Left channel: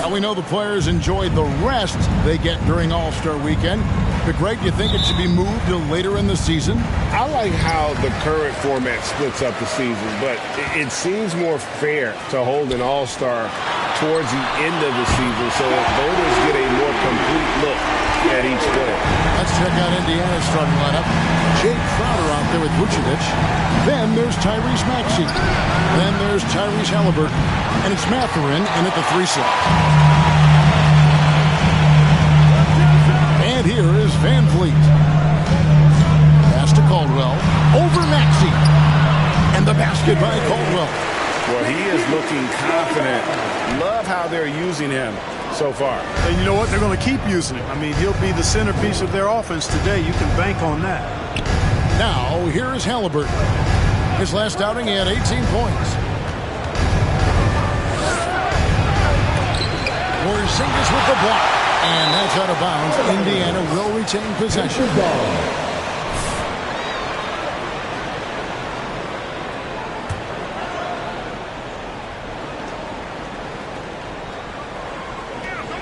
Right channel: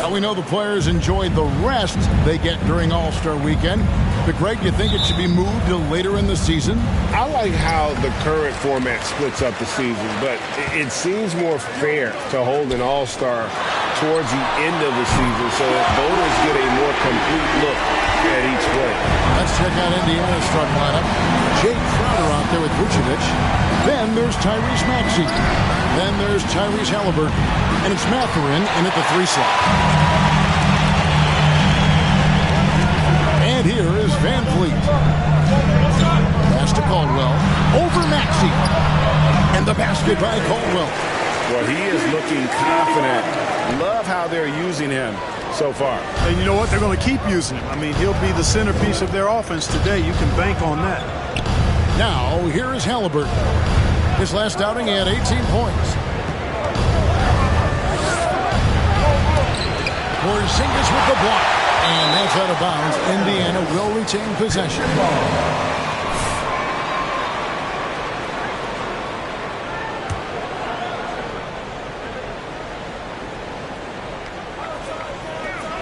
Now we know the players enjoy the rest they get during All-Star Weekend. But Greg, you think it should be moved to later in the season? I like how the current format splits up the season, but it seems more fair to hold an All-Star towards the end of the season so that voters get a more complete look at each player. Let's check out Indiana's starting lineup. Jake Crowder out there with Vucevic. Then there's Tyrese Maxey. Then there's Tyrese Halliburton. And it's Mathurin in at the 3 slot. And here is Van Vliet. Pass to Caldwell. Over Maxey. And the basket by Caldwell. Well, he is looking confident. Love how they're using him so far. And you know what? They're going to keep using him. I mean, he'll be the centerpiece of their offense today. You can bank on that. Now, here is Halliburton. His last outing, he had 18 points. Porzingis with the block. And that's out of bounds. Indiana will retain possession.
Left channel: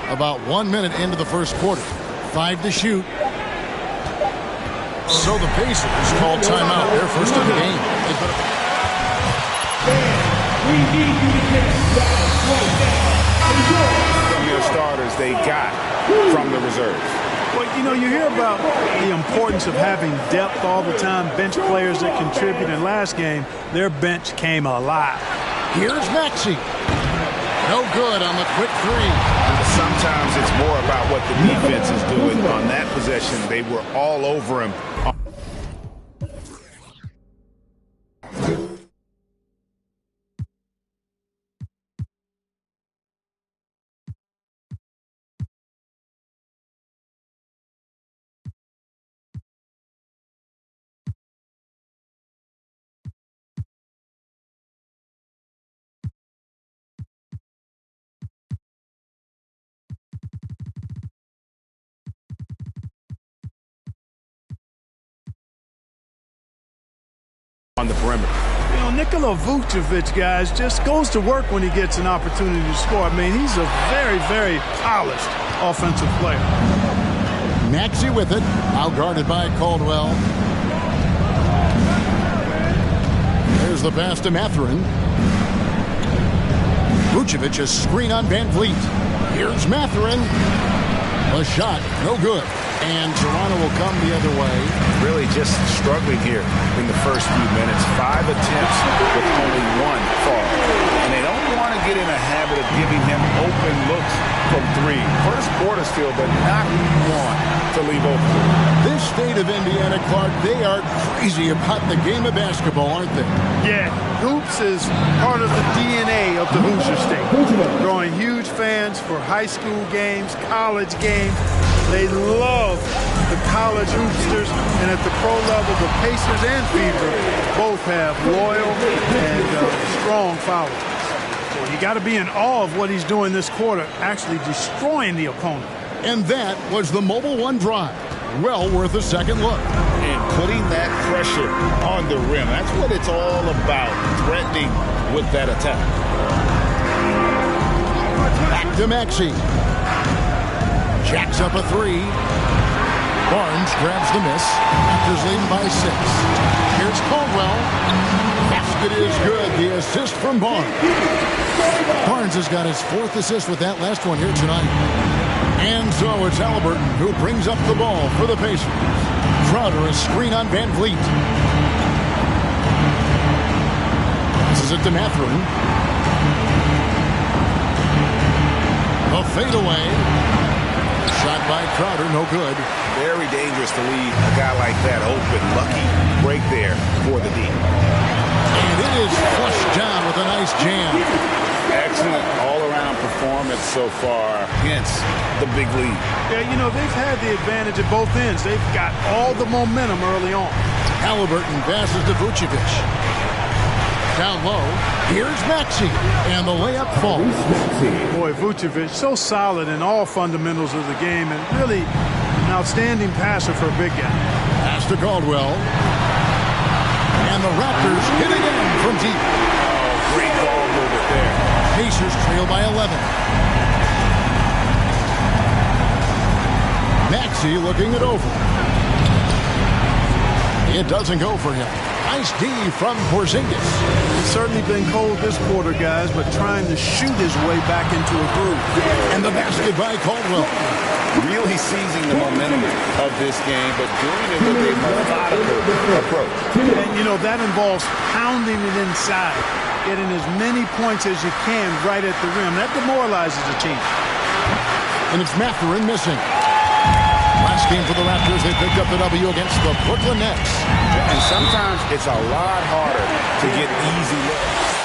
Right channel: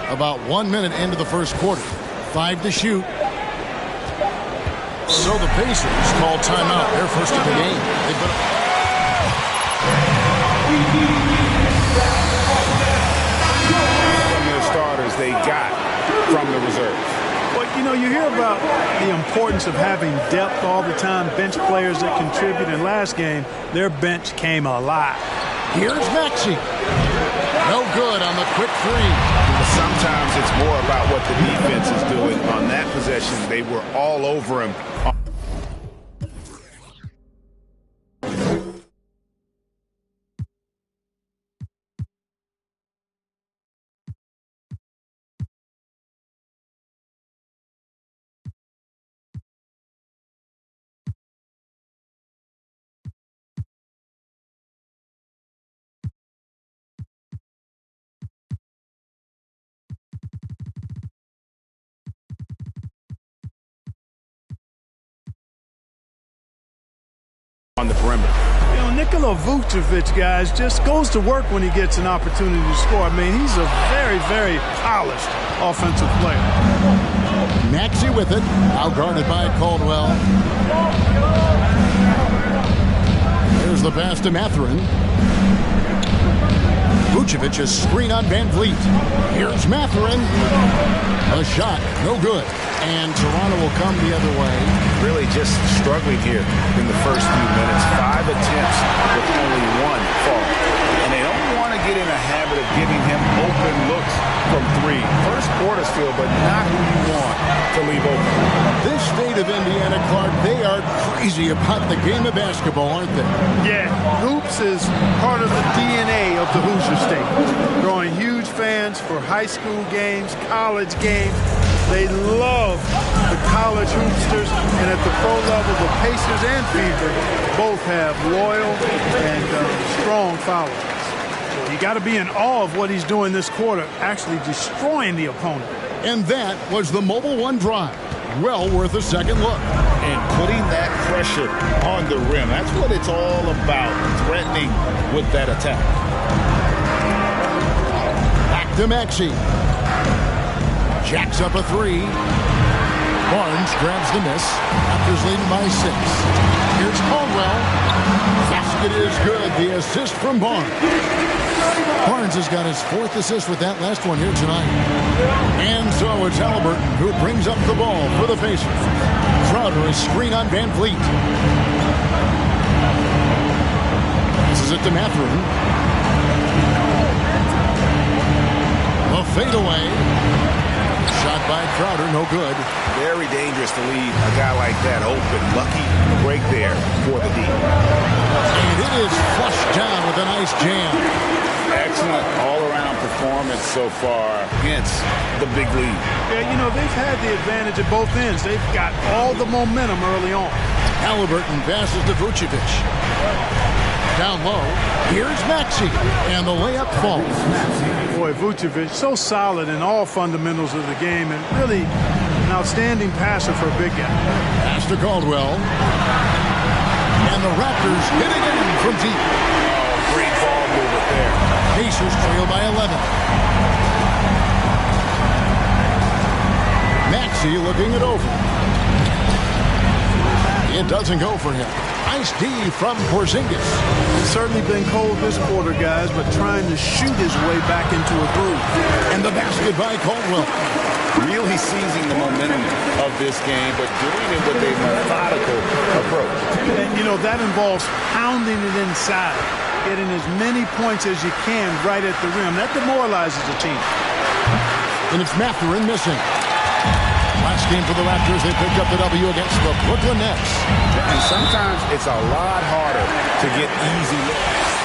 About 1 minute into the first quarter. 5 to shoot. So the Pacers call timeout. Their first of the game. They put up from their starters they got from the reserves. Well, you know, you hear about the importance of having depth all the time, bench players that contribute. In last game, their bench came alive. Here's Maxey. No good on the quick 3. But sometimes it's more about what the defense is doing. On that possession, they were all over him. On the perimeter. You know, Nikola Vucevic, guys, just goes to work when he gets an opportunity to score. I mean, he's a very, very polished offensive player. Maxey with it. Now guarded by Caldwell. There's the pass to Mathurin. Vucevic, a screen on Van Vliet. Here's Mathurin. A shot, no good. And Toronto will come the other way. Really just struggling here in the first few minutes. 5 attempts with only 1 fall. And they don't want to get in a habit of giving him open looks from 3. First quarter still, but not who you want to leave open. This state of Indiana, Clark, they are crazy about the game of basketball, aren't they? Yeah, hoops is part of the DNA of the Hoosier State. Drawing huge fans for high school games, college games. They love the college hoopsters, and at the pro level, the Pacers and Fever both have loyal and strong followers. Well, you got to be in awe of what he's doing this quarter, actually destroying the opponent. And that was the Mobile One drive. Well worth a second look. And putting that pressure on the rim. That's what it's all about, threatening with that attack. Back to Maxey. Jacks up a 3. Barnes grabs the miss. Raptors leading by 6. Here's Caldwell. Basket is good. The assist from Barnes. Barnes has got his 4th assist with that last one here tonight. And so it's Halliburton who brings up the ball for the Pacers. Crowder, a screen on Van Vliet. Passes it to Mathurin. The fadeaway. Shot by Crowder, no good. Very dangerous to leave a guy like that open. Lucky break there for the D. And it is flushed down with a nice jam. Excellent all-around performance so far, hence the big lead. Yeah, you know, they've had the advantage at both ends. They've got all the momentum early on. Halliburton passes to Vucevic. Down low, here's Maxey, and the layup falls. Boy, Vucevic, so solid in all fundamentals of the game, and really an outstanding passer for a big guy. Pass to Caldwell. And the Raptors hit again from deep. Oh, great ball movement there. Pacers trail by 11. Maxey looking it over. It doesn't go for him. Nice D from Porzingis. He's certainly been cold this quarter, guys, but trying to shoot his way back into a groove. And the basket by Caldwell. Really seizing the momentum of this game, but doing it with a methodical approach. And, you know, that involves pounding it inside, getting as many points as you can right at the rim. That demoralizes a team. And it's Mathurin missing. Last game for the Raptors, they picked up the W against the Brooklyn Nets. And sometimes it's a lot harder to get easy looks.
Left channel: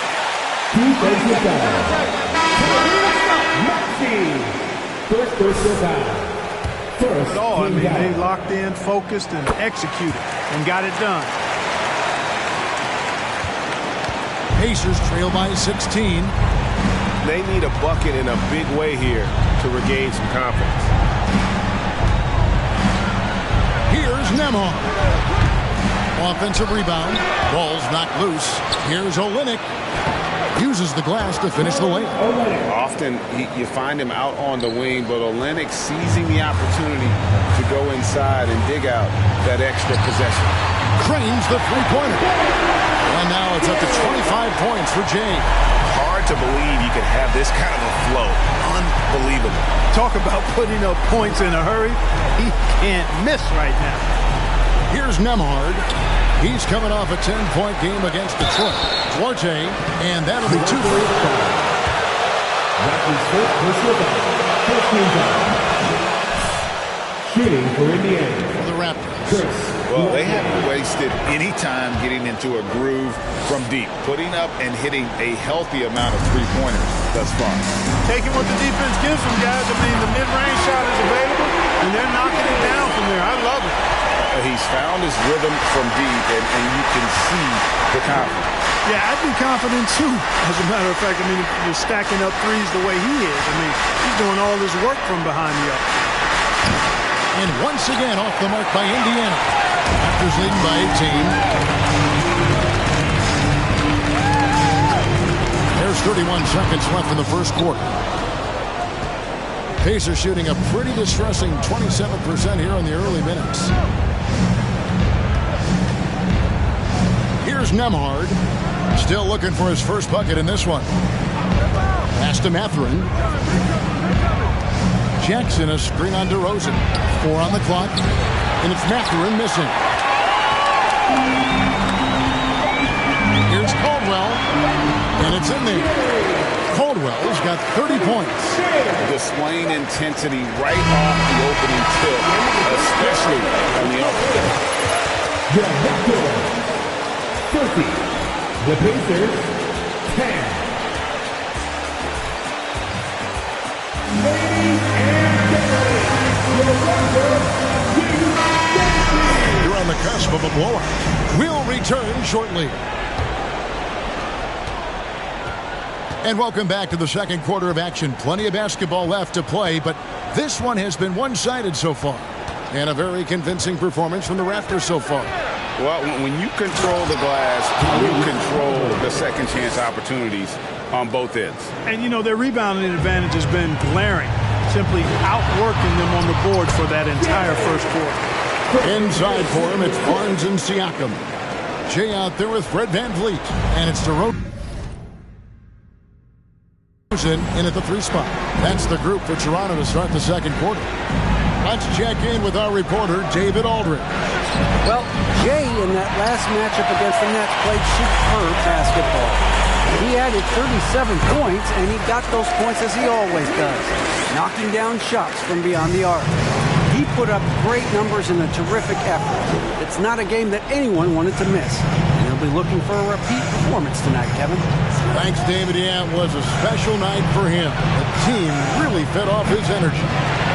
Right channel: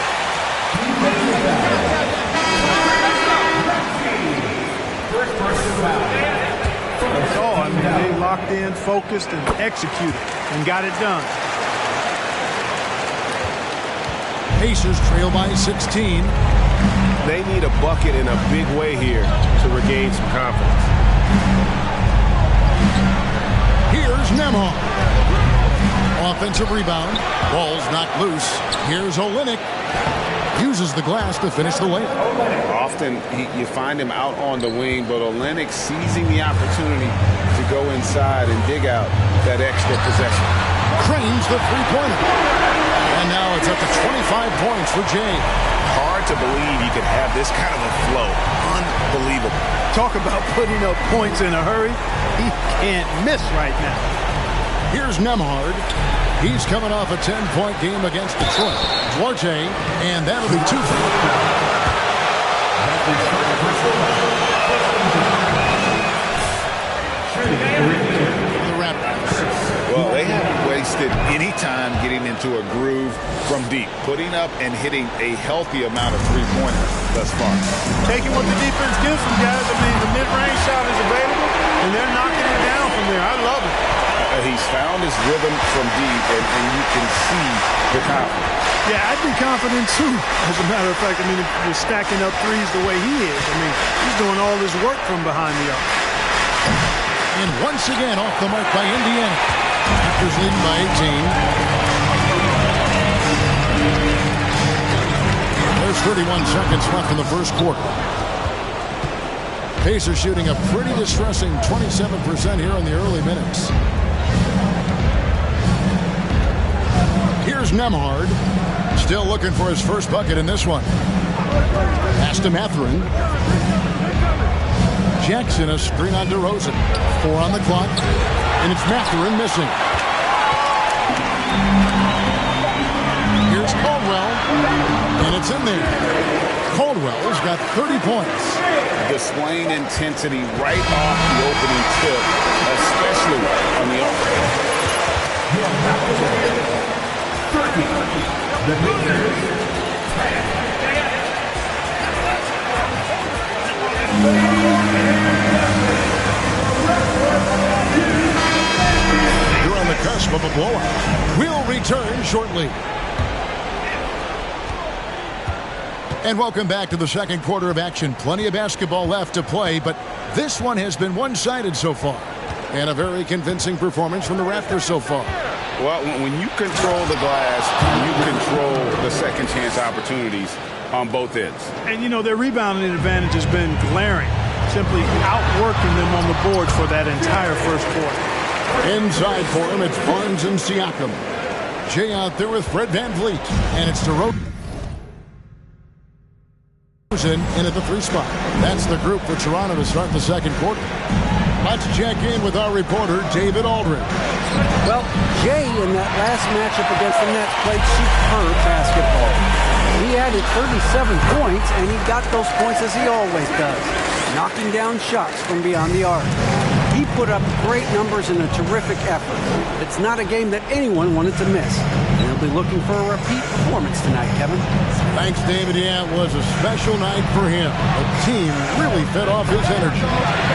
I mean, they locked in, focused, and executed, and got it done. Pacers trail by 16. They need a bucket in a big way here to regain some confidence. Here's Nembhard. Offensive rebound. Ball's knocked loose. Here's Olynyk. Uses the glass to finish the layup. Often you find him out on the wing, but Olynyk seizing the opportunity to go inside and dig out that extra possession. Cranes the three-pointer. And now it's up to 25 points for Jay. Hard to believe you could have this kind of a flow. Unbelievable. Talk about putting up points in a hurry. He can't miss right now. Here's Nembhard. He's coming off a 10-point game against Detroit. Duarte, and that'll be 2 for him. For the Raptors. Well, they haven't wasted any time getting into a groove from deep, putting up and hitting a healthy amount of three-pointers thus far. Taking what the defense gives them, guys. I mean, the mid-range shot is available, and they're knocking it down from there. I love it. He's found his rhythm from deep, and you can see the confidence. Yeah, I'd be confident, too, as a matter of fact. I mean, if you're stacking up threes the way he is, I mean, he's doing all his work from behind the arc. And once again, off the mark by Indiana. Raptors leading by 18. There's 31 seconds left in the first quarter. Pacers shooting a pretty distressing 27% here in the early minutes. Here's Nembhard. Still looking for his first bucket in this one. Pass to Mathurin. Jackson, a screen on DeRozan. 4 on the clock. And it's Mathurin missing. Here's Caldwell. And it's in there. Caldwell's got 30 points. Displaying intensity right off the opening tip, especially on the offense. 30. The Pacers, 10. You're on the cusp of a blowout. We'll return shortly. And welcome back to the second quarter of action. Plenty of basketball left to play, but this one has been one-sided so far. And a very convincing performance from the Raptors so far. Well, when you control the glass, you control the second chance opportunities on both ends. And, you know, their rebounding advantage has been glaring, simply outworking them on the board for that entire first quarter. Inside for him, it's Barnes and Siakam. Jay out there with Fred VanVleet. And it's DeRozan in at the 3 spot. That's the group for Toronto to start the second quarter. Let's check in with our reporter, David Aldridge. Well, Jay in that last matchup against the Nets played superb basketball. He added 37 points, and he got those points as he always does, knocking down shots from beyond the arc. He put up great numbers in a terrific effort. It's not a game that anyone wanted to miss, and they'll be looking for a repeat performance tonight, Kevin. Thanks, David. Yeah, it was a special night for him. The team really fed off his energy.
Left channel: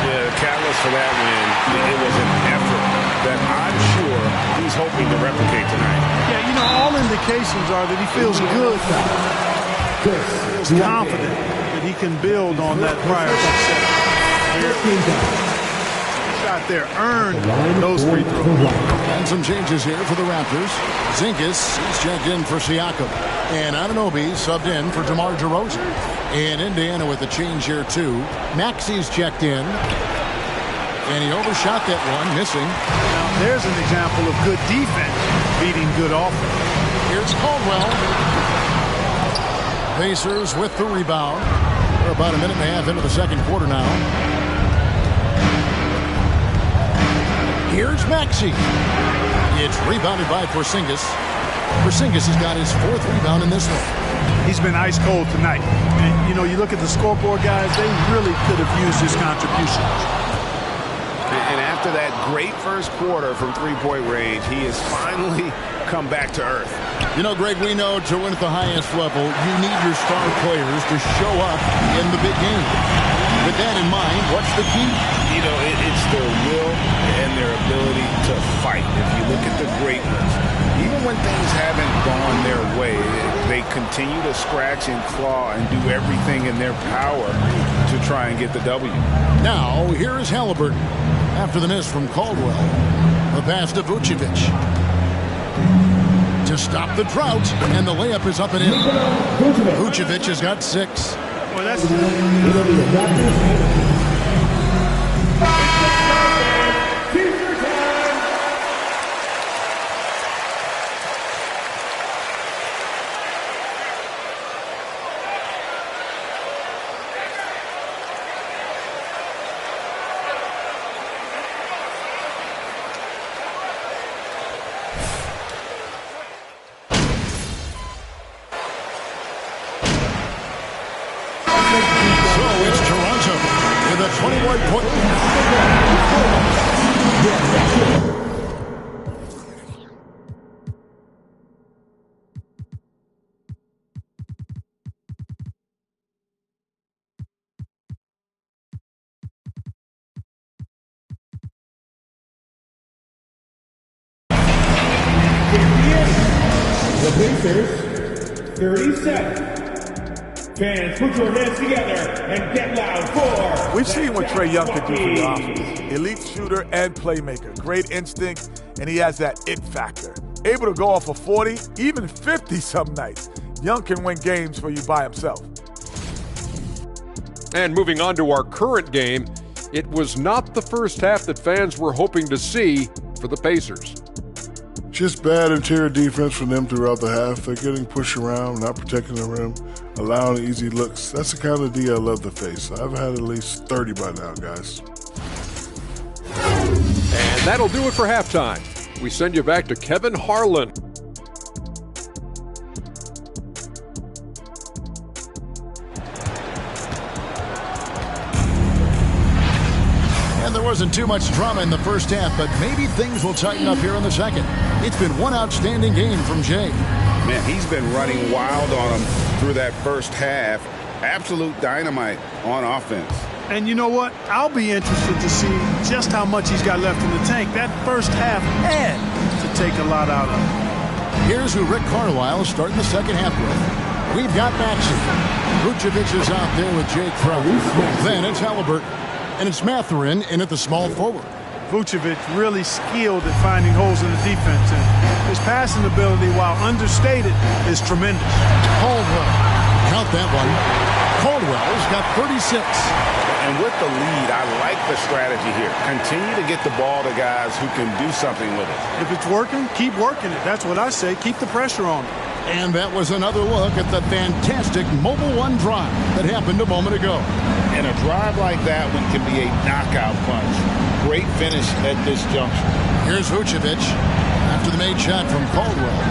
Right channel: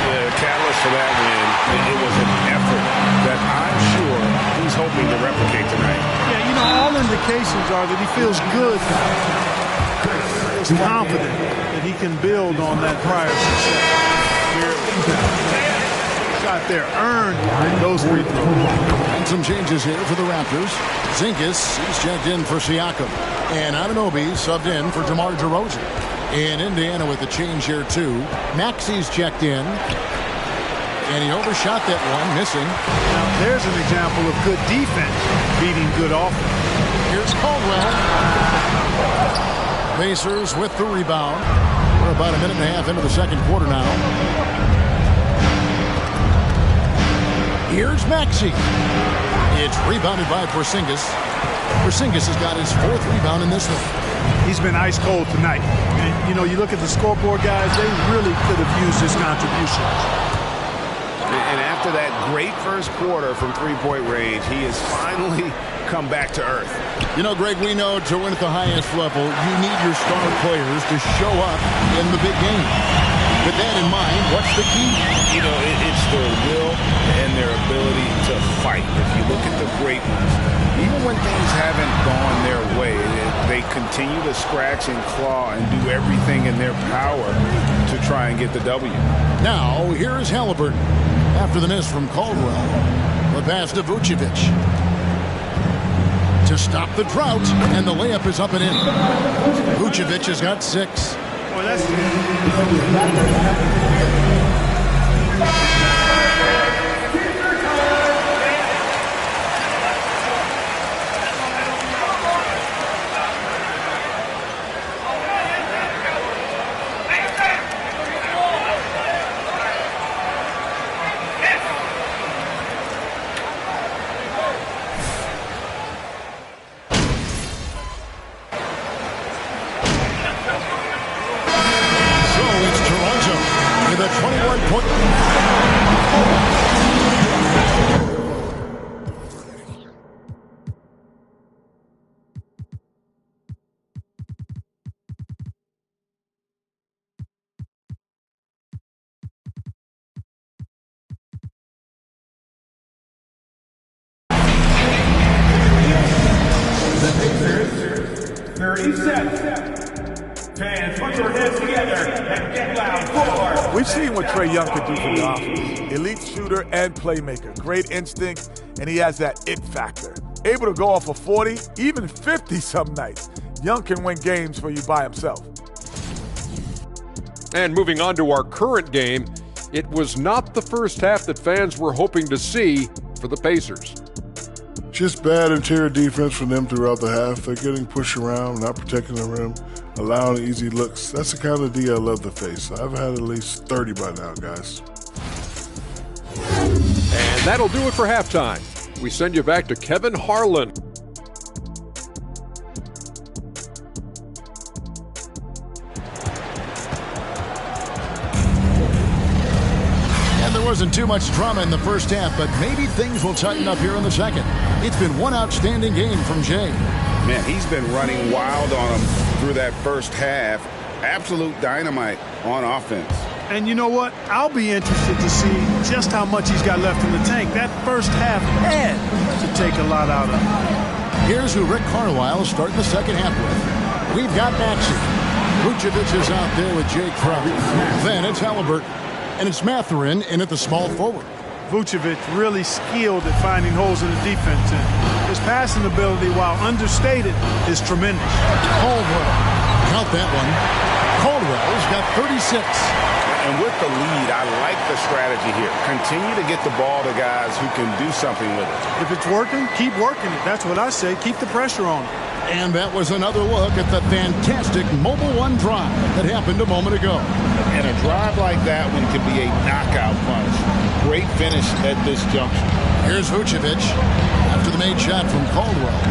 Yeah, the catalyst for that win, it was an effort that I'm sure he's hoping to replicate tonight. Yeah, you know, all indications are that he feels good, feels confident that he can build on that prior success. Shot there, earned those free throws. And some changes here for the Raptors. Zinkas, he's checked in for Siakam. And Anunoby subbed in for DeMar DeRozan. In Indiana with the change here, too. Maxey's checked in. And he overshot that one, missing. Now, there's an example of good defense beating good offense. Here's Caldwell. Pacers with the rebound. We're about a minute and a half into the second quarter now. Here's Maxey. It's rebounded by Porzingis. Porzingis has got his 4th rebound in this one. He's been ice cold tonight. And, you know, you look at the scoreboard, guys, they really could have used his contributions. And after that great first quarter from three-point range, he has finally come back to earth. You know, Greg, we know to win at the highest level, you need your star players to show up in the big game. With that in mind, what's the key? You know, it's their will and their ability to fight. If you look at the great ones, even when things haven't gone their way, they continue to scratch and claw and do everything in their power to try and get the W. Now, here is Halliburton. After the miss from Caldwell, the pass to Vucevic. To stop the drought, and the layup is up and in. Vucevic has got 6. Well, that's with a 21-point. The Pacers, 30 seconds. Fans, put your hands together and get loud for... We've seen what Trae Young could do for the offense. Elite shooter and playmaker. Great instinct, and he has that it factor. Able to go off of 40, even 50 some nights. Young can win games for you by himself. And moving on to our current game, it was not the first half that fans were hoping to see for the Pacers. Just bad interior defense from them throughout the half. They're getting pushed around, not protecting the rim, allowing easy looks. That's the kind of D I love to face. I've had at least 30 by now, guys. And that'll do it for halftime. We send you back to Kevin Harlan. And there wasn't too much drama in the first half, but maybe things will tighten up here in the second. It's been one outstanding game from Jay. Man, he's been running wild on him through that first half. Absolute dynamite on offense. And you know what? I'll be interested to see just how much he's got left in the tank. That first half had to take a lot out of him. Here's who Rick Carlisle is starting the second half with. We've got Maxey. Vucevic is out there with Jay Crowder. Then it's Halliburton. And it's Mathurin in at the small forward. Vucevic really skilled at finding holes in the defense, and his passing ability, while understated, is tremendous. Caldwell, count that one. Caldwell's got 36. And with the lead, I like the strategy here. Continue to get the ball to guys who can do something with it. If it's working, keep working it. That's what I say. Keep the pressure on it. And that was another look at the fantastic Mobile One drive that happened a moment ago. And a drive like that one can be a knockout punch. Great finish at this juncture. Here's Vucevic after the made shot from Caldwell.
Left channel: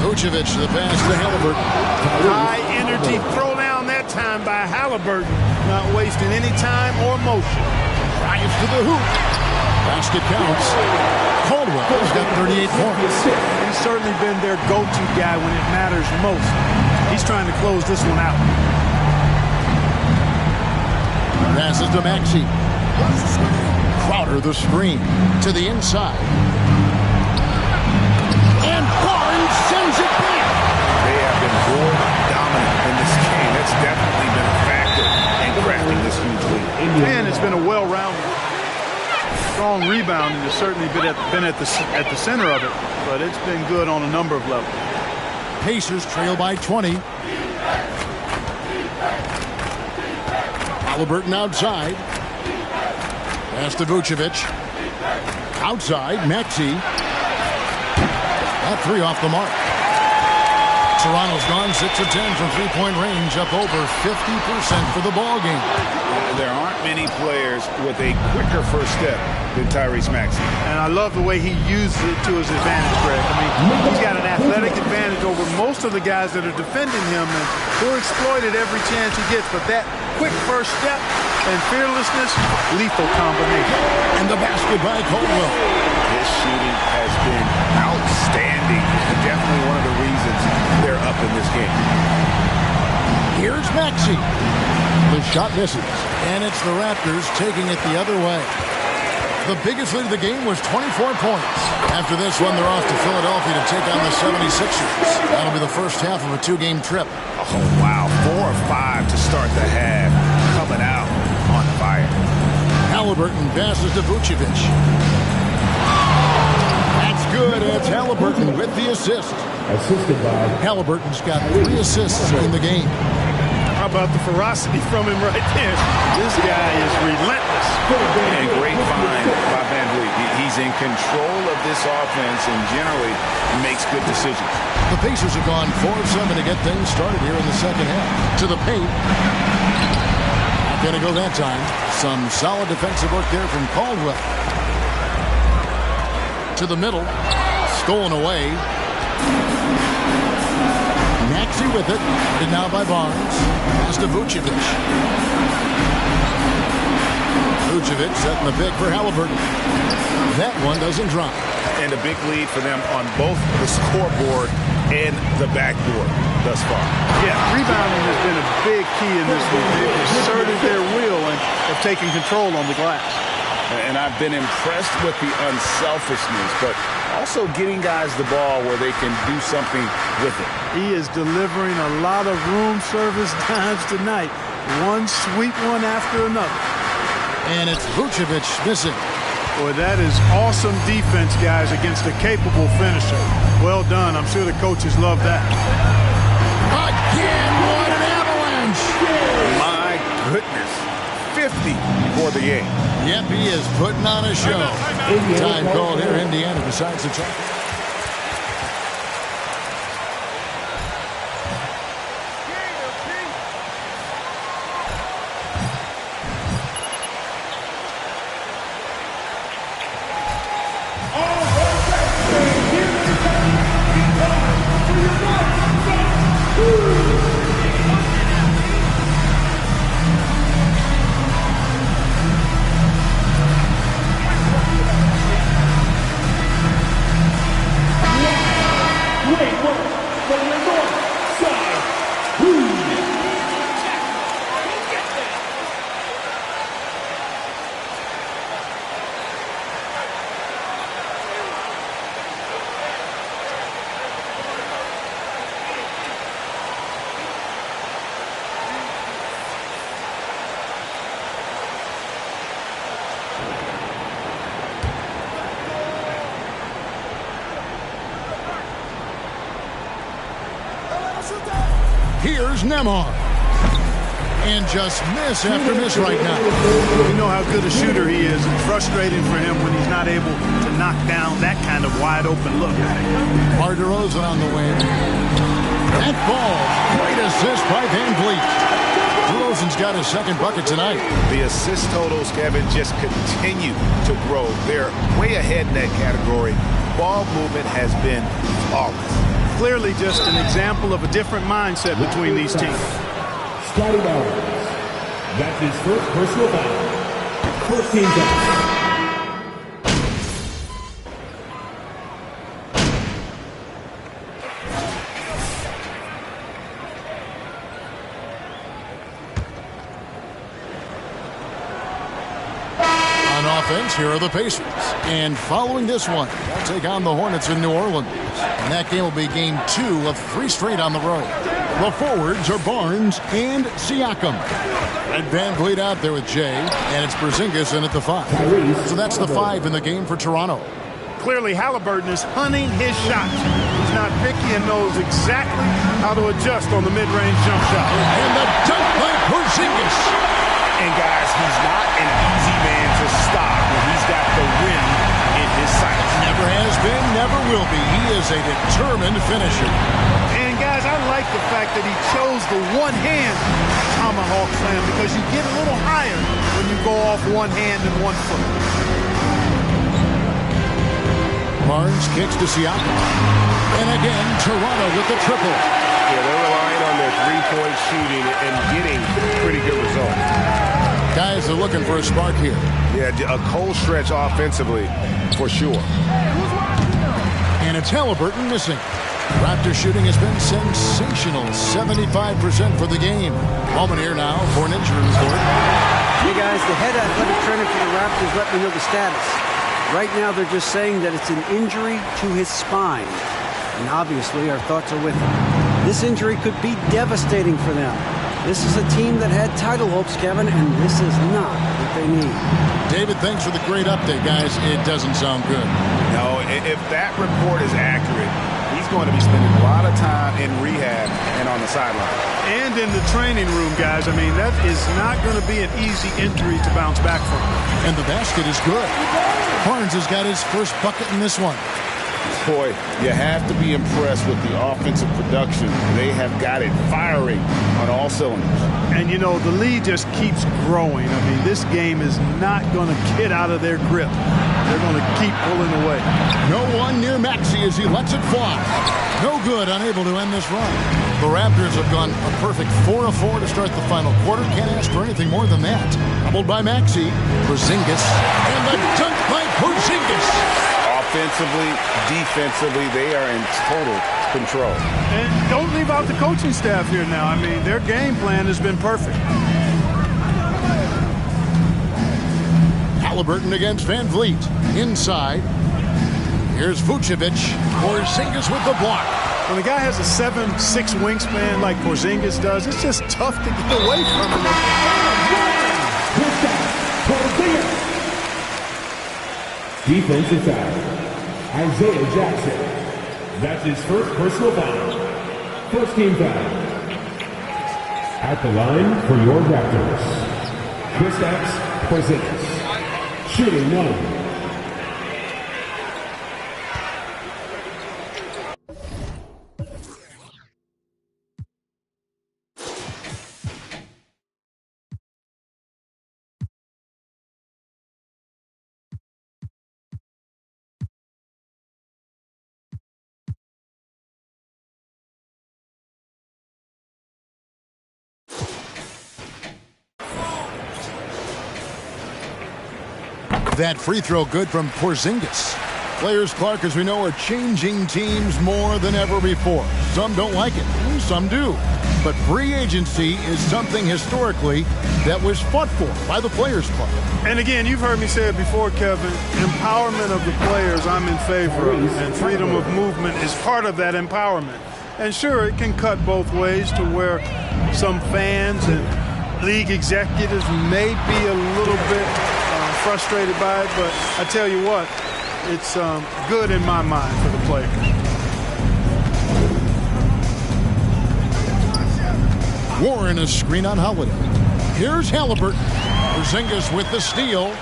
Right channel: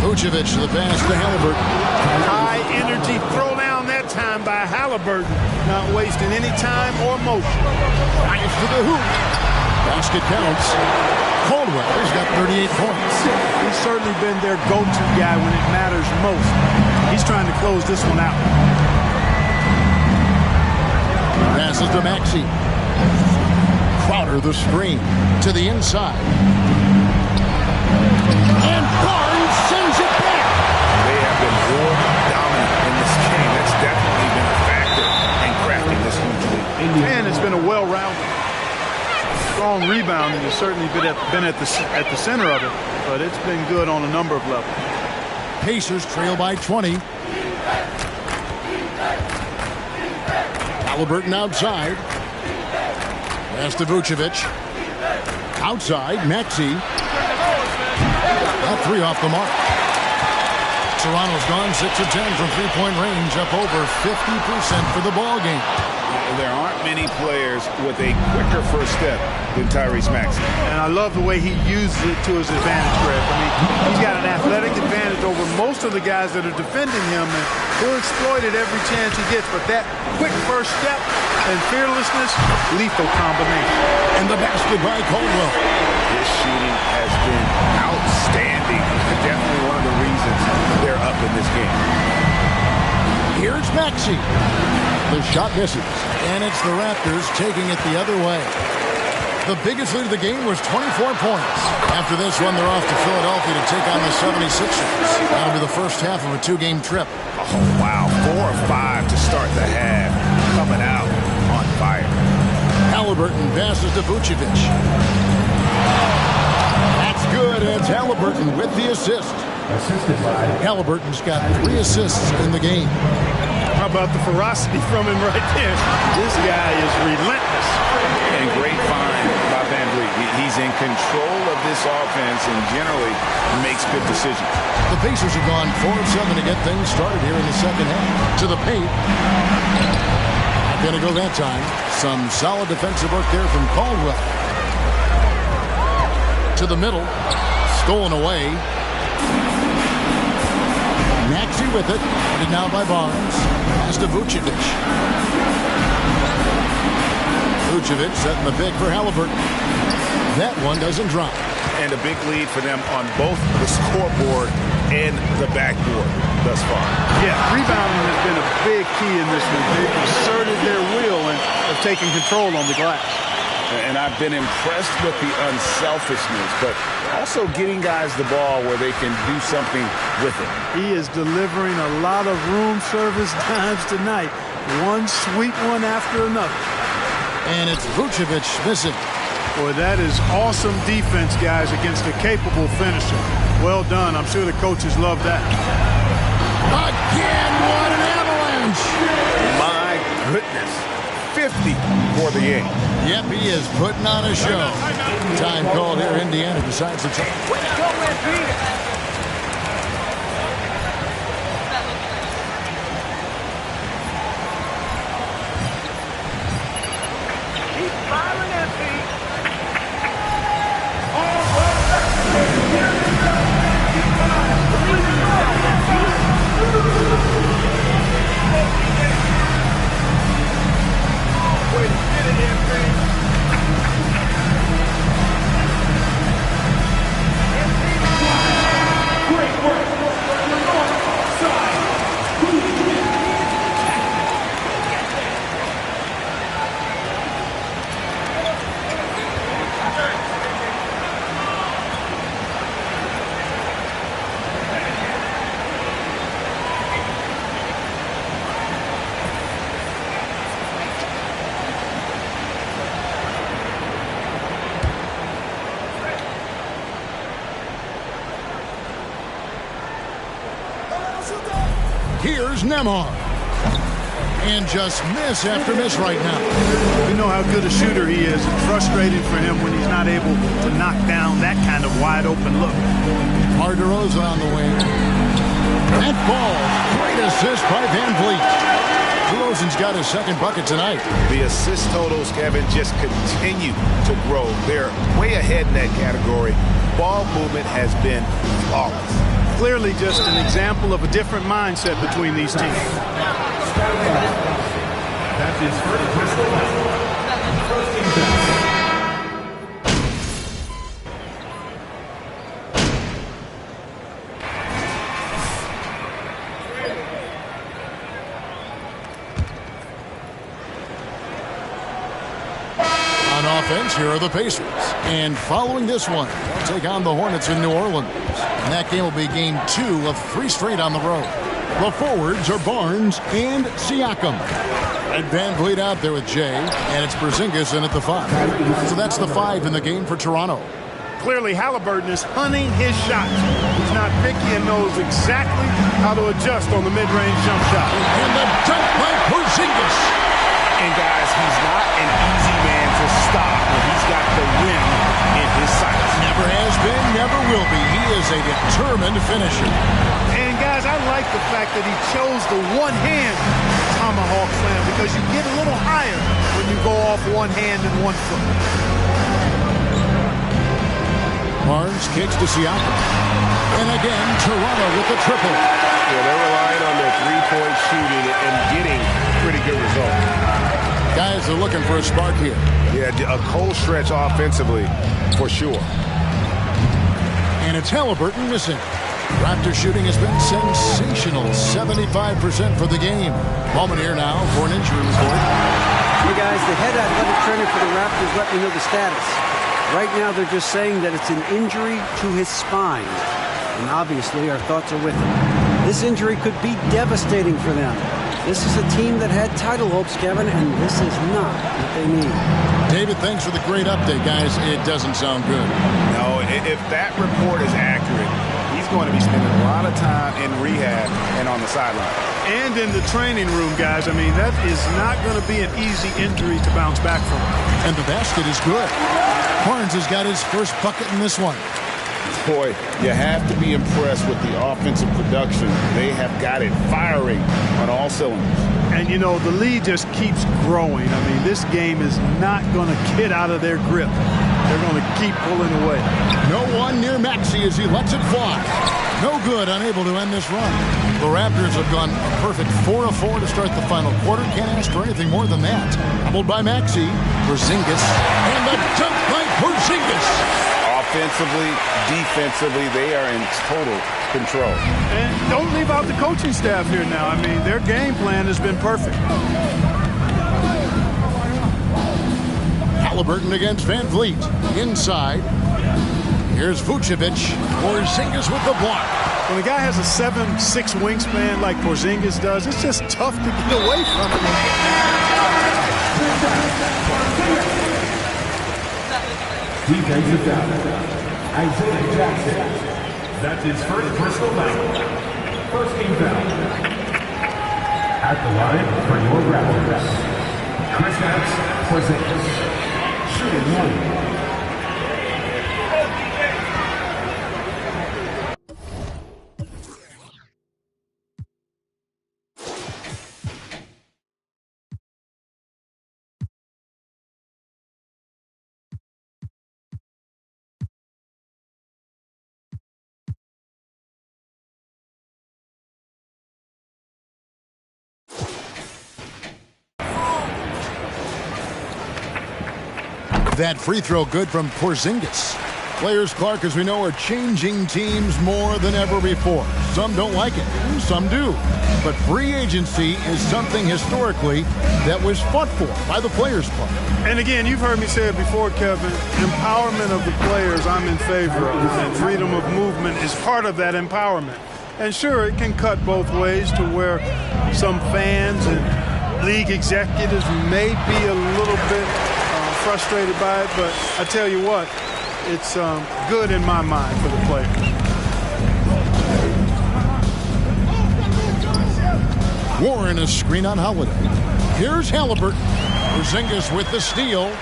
Vucevic the pass to Halliburton. High energy throw down that time by Halliburton. Not wasting any time or motion. Drives to the hoop. Basket counts. Caldwell's got 38 points. He's certainly been their go-to guy when it matters most. He's trying to close this one out. Passes to Maxey. Crowder the screen to the inside. And Barnes sends it back. They have been board dominant in this game. That's definitely been a factor in crafting this huge lead. And it's been a well-rounded, strong rebounding. Has certainly been at the center of it, but it's been good on a number of levels. Pacers trail by 20. Halliburton outside. Pass to Vucevic. Outside, Maxey. That three off the mark. Toronto's gone 6 of 10 from three-point range, up over 50% for the ball game. There aren't many players with a quicker first step than Tyrese Maxey. And I love the way he uses it to his advantage, Greg. I mean, he's got an athletic advantage over most of the guys that are defending him, and he'll exploit it every chance he gets. But that quick first step and fearlessness, lethal combination. And the basket by Caldwell. His shooting has been outstanding. Definitely one of the reasons they're up in this game. Here's Maxey. The shot misses. And it's the Raptors taking it the other way. The biggest lead of the game was 24 points. After this one, they're off to Philadelphia to take on the 76ers. That'll be the first half of a two-game trip. Oh, wow. 4 of 5 to start the half. Coming out on fire. Halliburton passes to Vucevic. That's good. It's Halliburton with the assist. Assisted by Halliburton's got 3 assists in the game. How about the ferocity from him right there? This guy is relentless. And great find by Van Vliet. He's in control of this offense and generally makes good decisions. The Pacers have gone 4 of 7 to get things started here in the second half. To the paint. Not going to go that time. Some solid defensive work there from Caldwell. To the middle. Stolen away. Maxey with it. And now by Barnes. Pass to Vucevic. Vucevic setting the pick for Halliburton. That one doesn't drop. And a big lead for them on both the scoreboard and the backboard thus far. Yeah, rebounding has been a big key in this one. They've asserted their will and have taken control on the glass. And I've been impressed with the unselfishness, but also getting guys the ball where they can do something with it. He is delivering a lot of room service times tonight. One sweet one after another. And it's Vucevic missing. Boy, that is awesome defense, guys, against a capable finisher. Well done. I'm sure the coaches love that. Again, what an avalanche! My goodness. 50 for the game. Yep, he is putting on a show. Time called here. Indiana decides to try. Here's Nembhard. And just miss after miss right now. We know how good a shooter he is. It's frustrating for him when he's not able to knock down that kind of wide open look. DeMar DeRozan on the wing. That ball. Great assist by Van Vliet. DeRozan's got his second bucket tonight. The assist totals, Kevin, just continue to grow. They're way ahead in that category. Ball movement has been flawless. Clearly just an example of a different mindset between these teams. Scotty Barnes. That's his first personal foul. First team foul. On offense, here are the Pacers. And following this one, they'll take on the Hornets in New Orleans. And that game will be game 2 of 3 straight on the road. The forwards are Barnes and Siakam. And Van Vliet out there with Jay. And it's Porzingis in at the 5. So that's the 5 in the game for Toronto. Clearly, Halliburton is hunting his shots. He's not picky and knows exactly how to adjust on the mid-range jump shot. And the dunk by Porzingis. And, guys, he's not an easy man to stop when he's got the rim in his sights. Never has been, never will be. He is a determined finisher. And, guys, I like the fact that he chose the one-hand tomahawk slam because you get a little higher when you go off one hand and one foot. Barnes kicks to Siakam. And again, Toronto with the triple. Yeah, they're relying on their three-point shooting and getting pretty good results. Guys are looking for a spark here. Yeah, a cold stretch offensively for sure. And it's Halliburton missing. Raptor shooting has been sensational. 75% for the game. Moment here now for an injury report. Hey guys, the head athletic trainer for the Raptors let me know the status. Right now they're just saying that it's an injury to his spine. And obviously our thoughts are with him. This injury could be devastating for them. This is a team that had title hopes, Kevin, and this is not what they need. David, thanks for the great update, guys. It doesn't sound good. No, if that report is accurate, he's going to be spending a lot of time in rehab and on the sideline. And in the training room, guys. I mean, that is not going to be an easy injury to bounce back from. And the basket is good. Barnes has got his first bucket in this one. Boy, you have to be impressed with the offensive production. They have got it firing on all cylinders. And, you know, the lead just keeps growing. I mean, this game is not going to get out of their grip. They're going to keep pulling away. No one near Maxey as he lets it fly. No good, unable to end this run. The Raptors have gone a perfect 4 of 4 to start the final quarter. Can't ask for anything more than that. Doubled by Maxey, Porzingis, and the dunk by Porzingis. Offensively, defensively, they are in total control. And don't leave out the coaching staff here now. I mean, their game plan has been perfect. Halliburton against Van Vliet. Inside. Here's Vucevic. Porzingis with the block. When a guy has a 7'6" wingspan like Porzingis does, it's just tough to get away from him. Defensive foul. Isaiah Jackson. That's his first personal foul. First team foul. At the line for your Raptors, Kristaps Porzingis. Shooting one. That free throw good from Porzingis. Players, Clark, as we know, are changing teams more than ever before. Some don't like it, some do. But free agency is something historically that was fought for by the Players Club. And again, you've heard me say it before, Kevin, empowerment of the players I'm in favor of, and freedom of movement is part of that empowerment. And sure, it can cut both ways to where some fans and league executives may be a little bit frustrated by it, but I tell you what, it's good in my mind for the players. Warren a screen on Holiday. Here's Halliburton. Porzingis with the steal.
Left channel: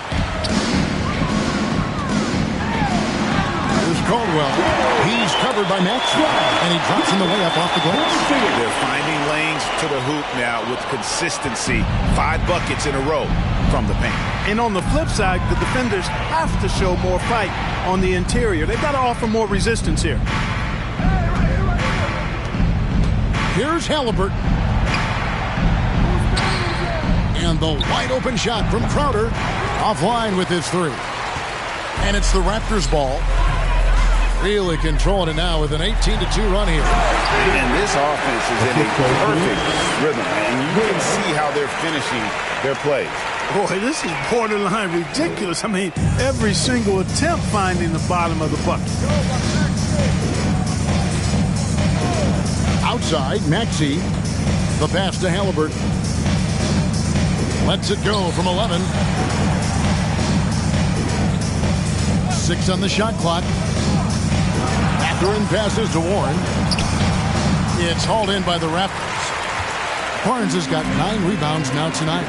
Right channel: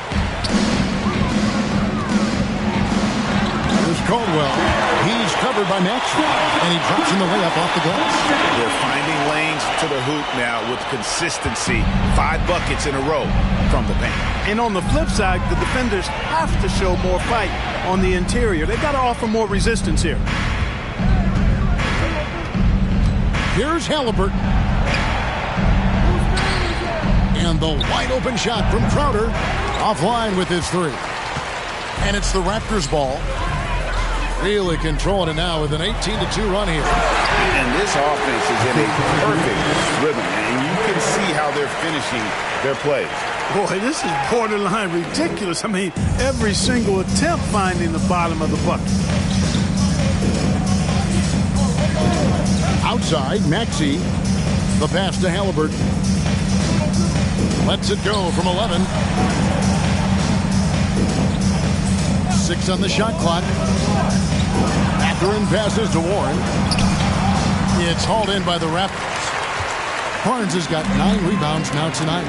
Here's Caldwell. He's covered by Maxey, and he drops in the layup off the glass. They're finding lanes to the hoop now with consistency. 5 buckets in a row from the paint. And on the flip side, the defenders have to show more fight on the interior. They've got to offer more resistance here. Here's Halliburton. And the wide open shot from Crowder. Offline with his 3. And it's the Raptors ball. Really controlling it now with an 18-2 run here. And this offense is in a perfect rhythm. And you can see how they're finishing their plays. Boy, this is borderline ridiculous. I mean, every single attempt finding the bottom of the bucket. Outside, Maxey. The pass to Halliburton. Lets it go from 11. 6 on the shot clock. Mathurin passes to Warren. It's hauled in by the Raptors. Barnes has got 9 rebounds now tonight.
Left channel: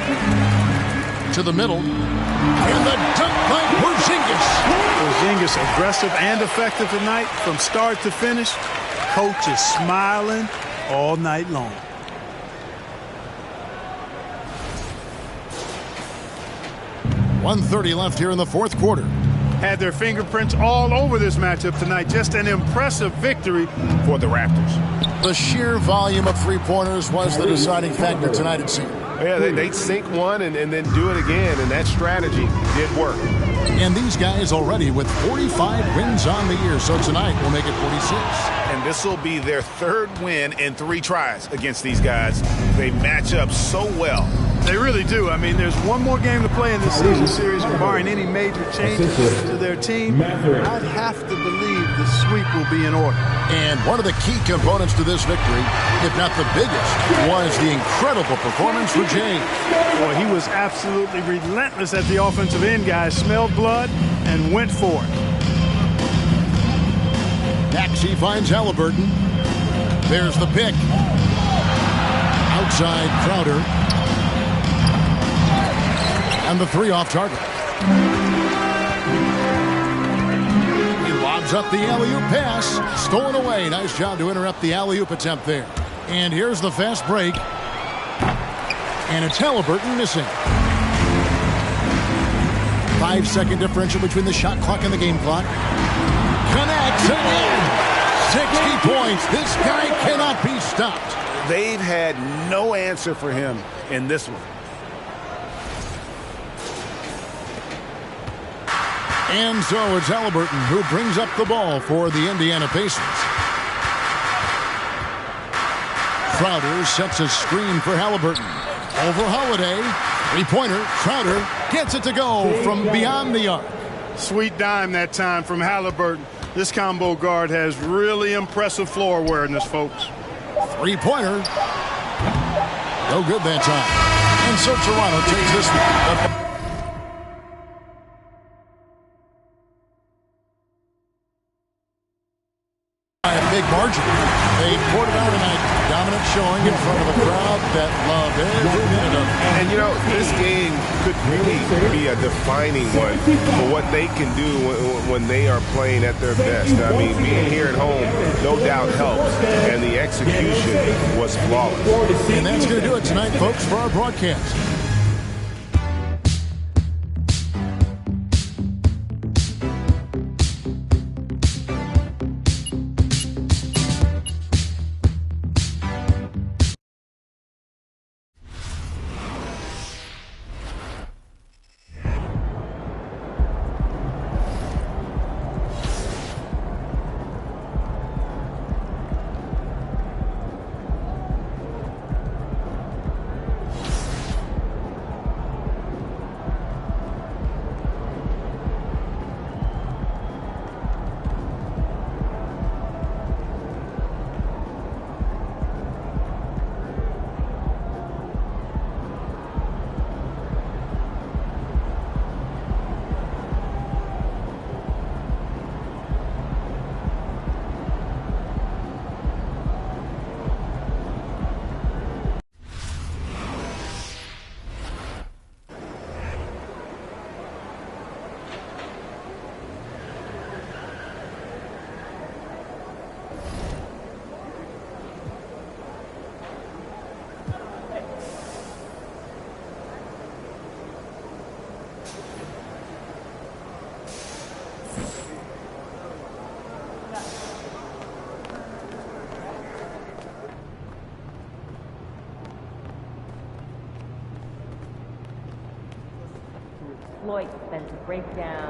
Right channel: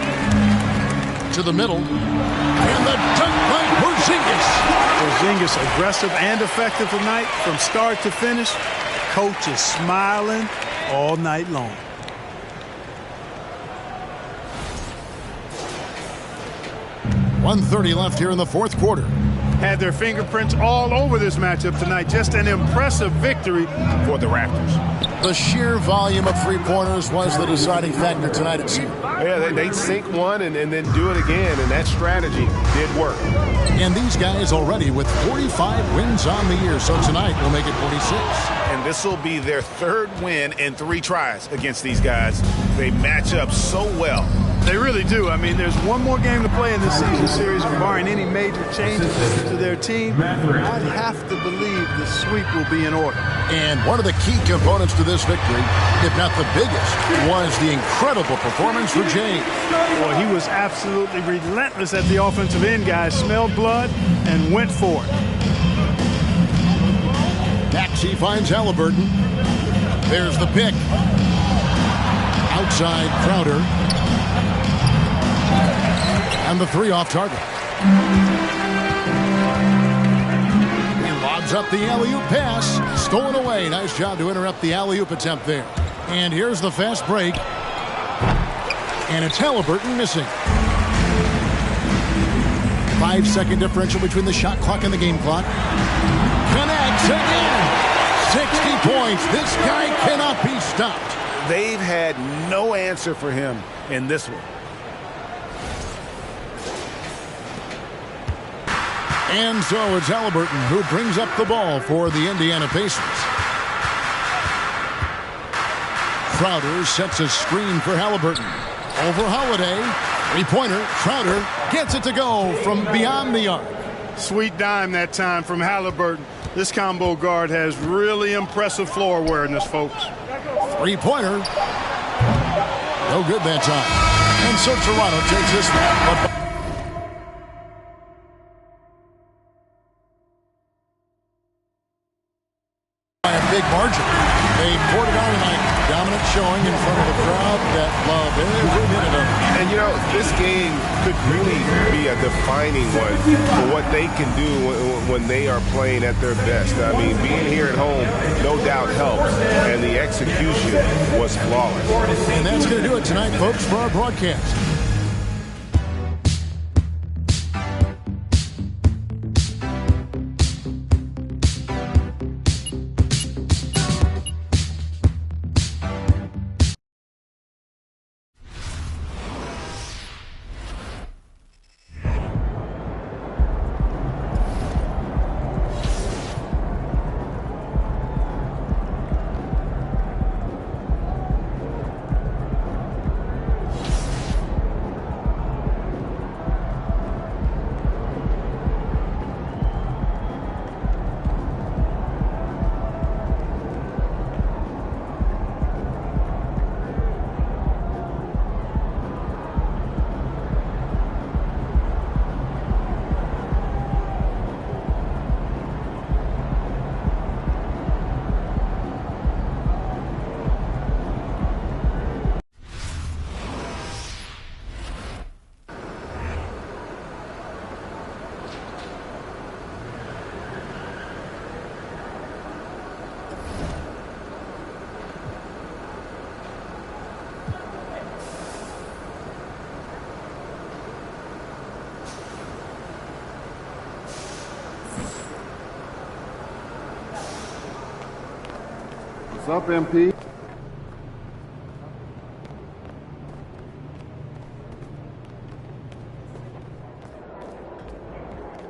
to the middle. And the dunk by Porzingis. Porzingis aggressive and effective tonight from start to finish. Coach is smiling all night long. .130 left here in the fourth quarter. Had their fingerprints all over this matchup tonight. Just an impressive victory for the Raptors. The sheer volume of three-pointers was the deciding factor tonight, it seemed. Yeah, they'd sink one and then do it again, and that strategy did work. And these guys already with 45 wins on the year, so tonight will make it 46. And this will be their third win in 3 tries against these guys. They match up so well. They really do. I mean, there's one more game to play in this season series, and barring any major changes to their team, I'd have to believe the sweep will be in order. And one of the key components to this victory, if not the biggest, was the incredible performance for James. Boy, he was absolutely relentless at the offensive end, guys. Smelled blood and went for it. Maxey finds Halliburton. There's the pick. Outside Crowder. And the 3 off target. He lobs up the alley-oop pass. Stolen away. Nice job to interrupt the alley-oop attempt there. And here's the fast break. And it's Halliburton missing. 5-second differential between the shot clock and the game clock. Connects again. 60 points. This guy cannot be stopped. They've had no answer for him in this one. And so it's Halliburton who brings up the ball for the Indiana Pacers. Crowder sets a screen for Halliburton. Over Holiday. Three-pointer. Crowder gets it to go from beyond the arc. Sweet dime that time from Halliburton. This combo guard has really impressive floor awareness, folks. Three-pointer. No good that time. And so Toronto takes this one. By a big margin. They poured it on tonight. Dominant showing in front of a crowd that loved every minute of it. And, you know, this game could really be a defining one for what they can do when they are playing at their best. I mean, being here at home, no doubt helps, and the execution was flawless. And that's going to do it tonight, folks, for our broadcast. What's up, MP? Floyd meant to break down.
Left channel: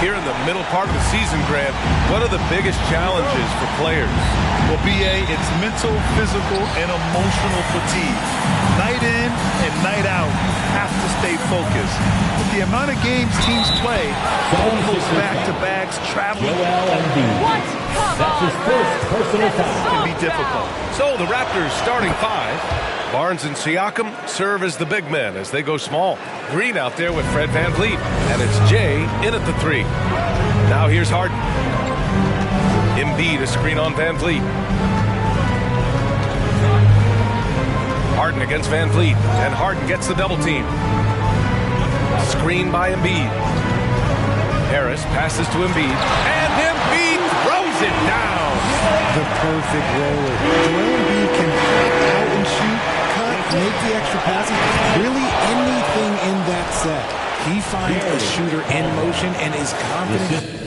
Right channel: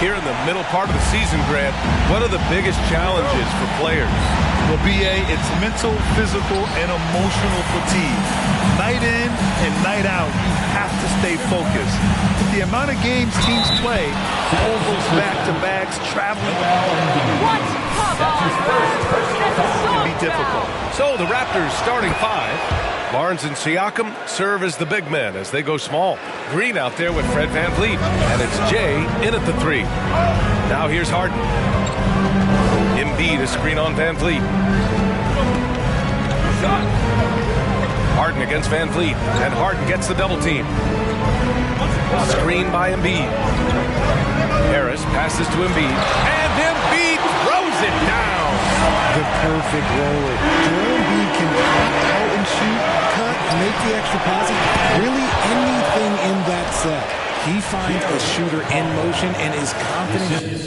Here in the middle part of the season, Grant, what are the biggest challenges for players? Well, BA, it's mental, physical, and emotional fatigue. Night in and night out, you have to stay focused. With the amount of games teams play, all those back-to-backs, traveling. What? Come on, Can be difficult. So the Raptors starting five. Barnes and Siakam serve as the big men as they go small. Green out there with Fred VanVleet. And it's Jay in at the three. Now here's Harden. Embiid a screen on VanVleet. Harden against VanVleet. And Harden gets the double team. Screen by Embiid. Harris passes to Embiid. And Embiid throws it down. The perfect roller. Joel Embiid can pop out and shoot, cut, make the extra passes. Really anything in that set. He finds a shooter in motion and is confident.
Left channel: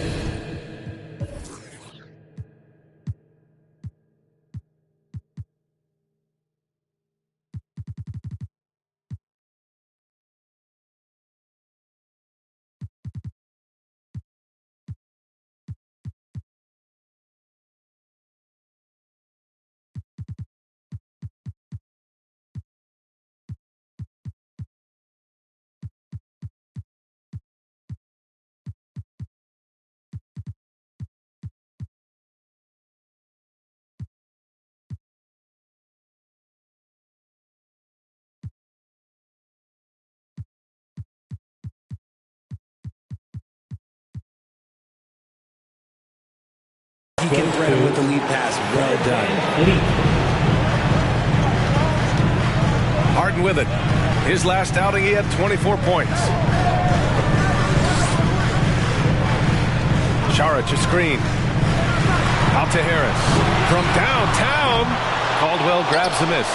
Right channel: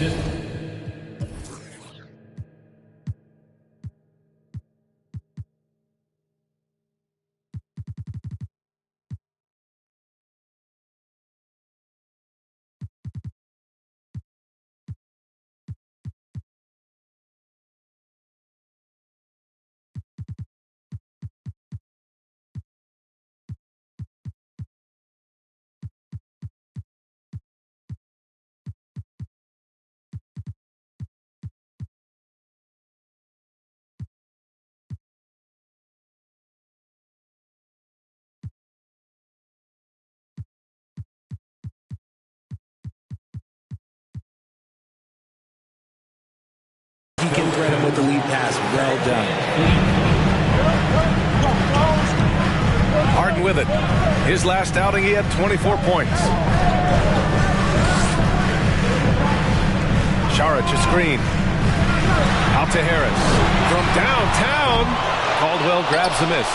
He can thread him with the lead pass. Well done. Harden with it. His last outing, he had 24 points. Saric a screen. Out to Harris. From downtown, Caldwell grabs the miss.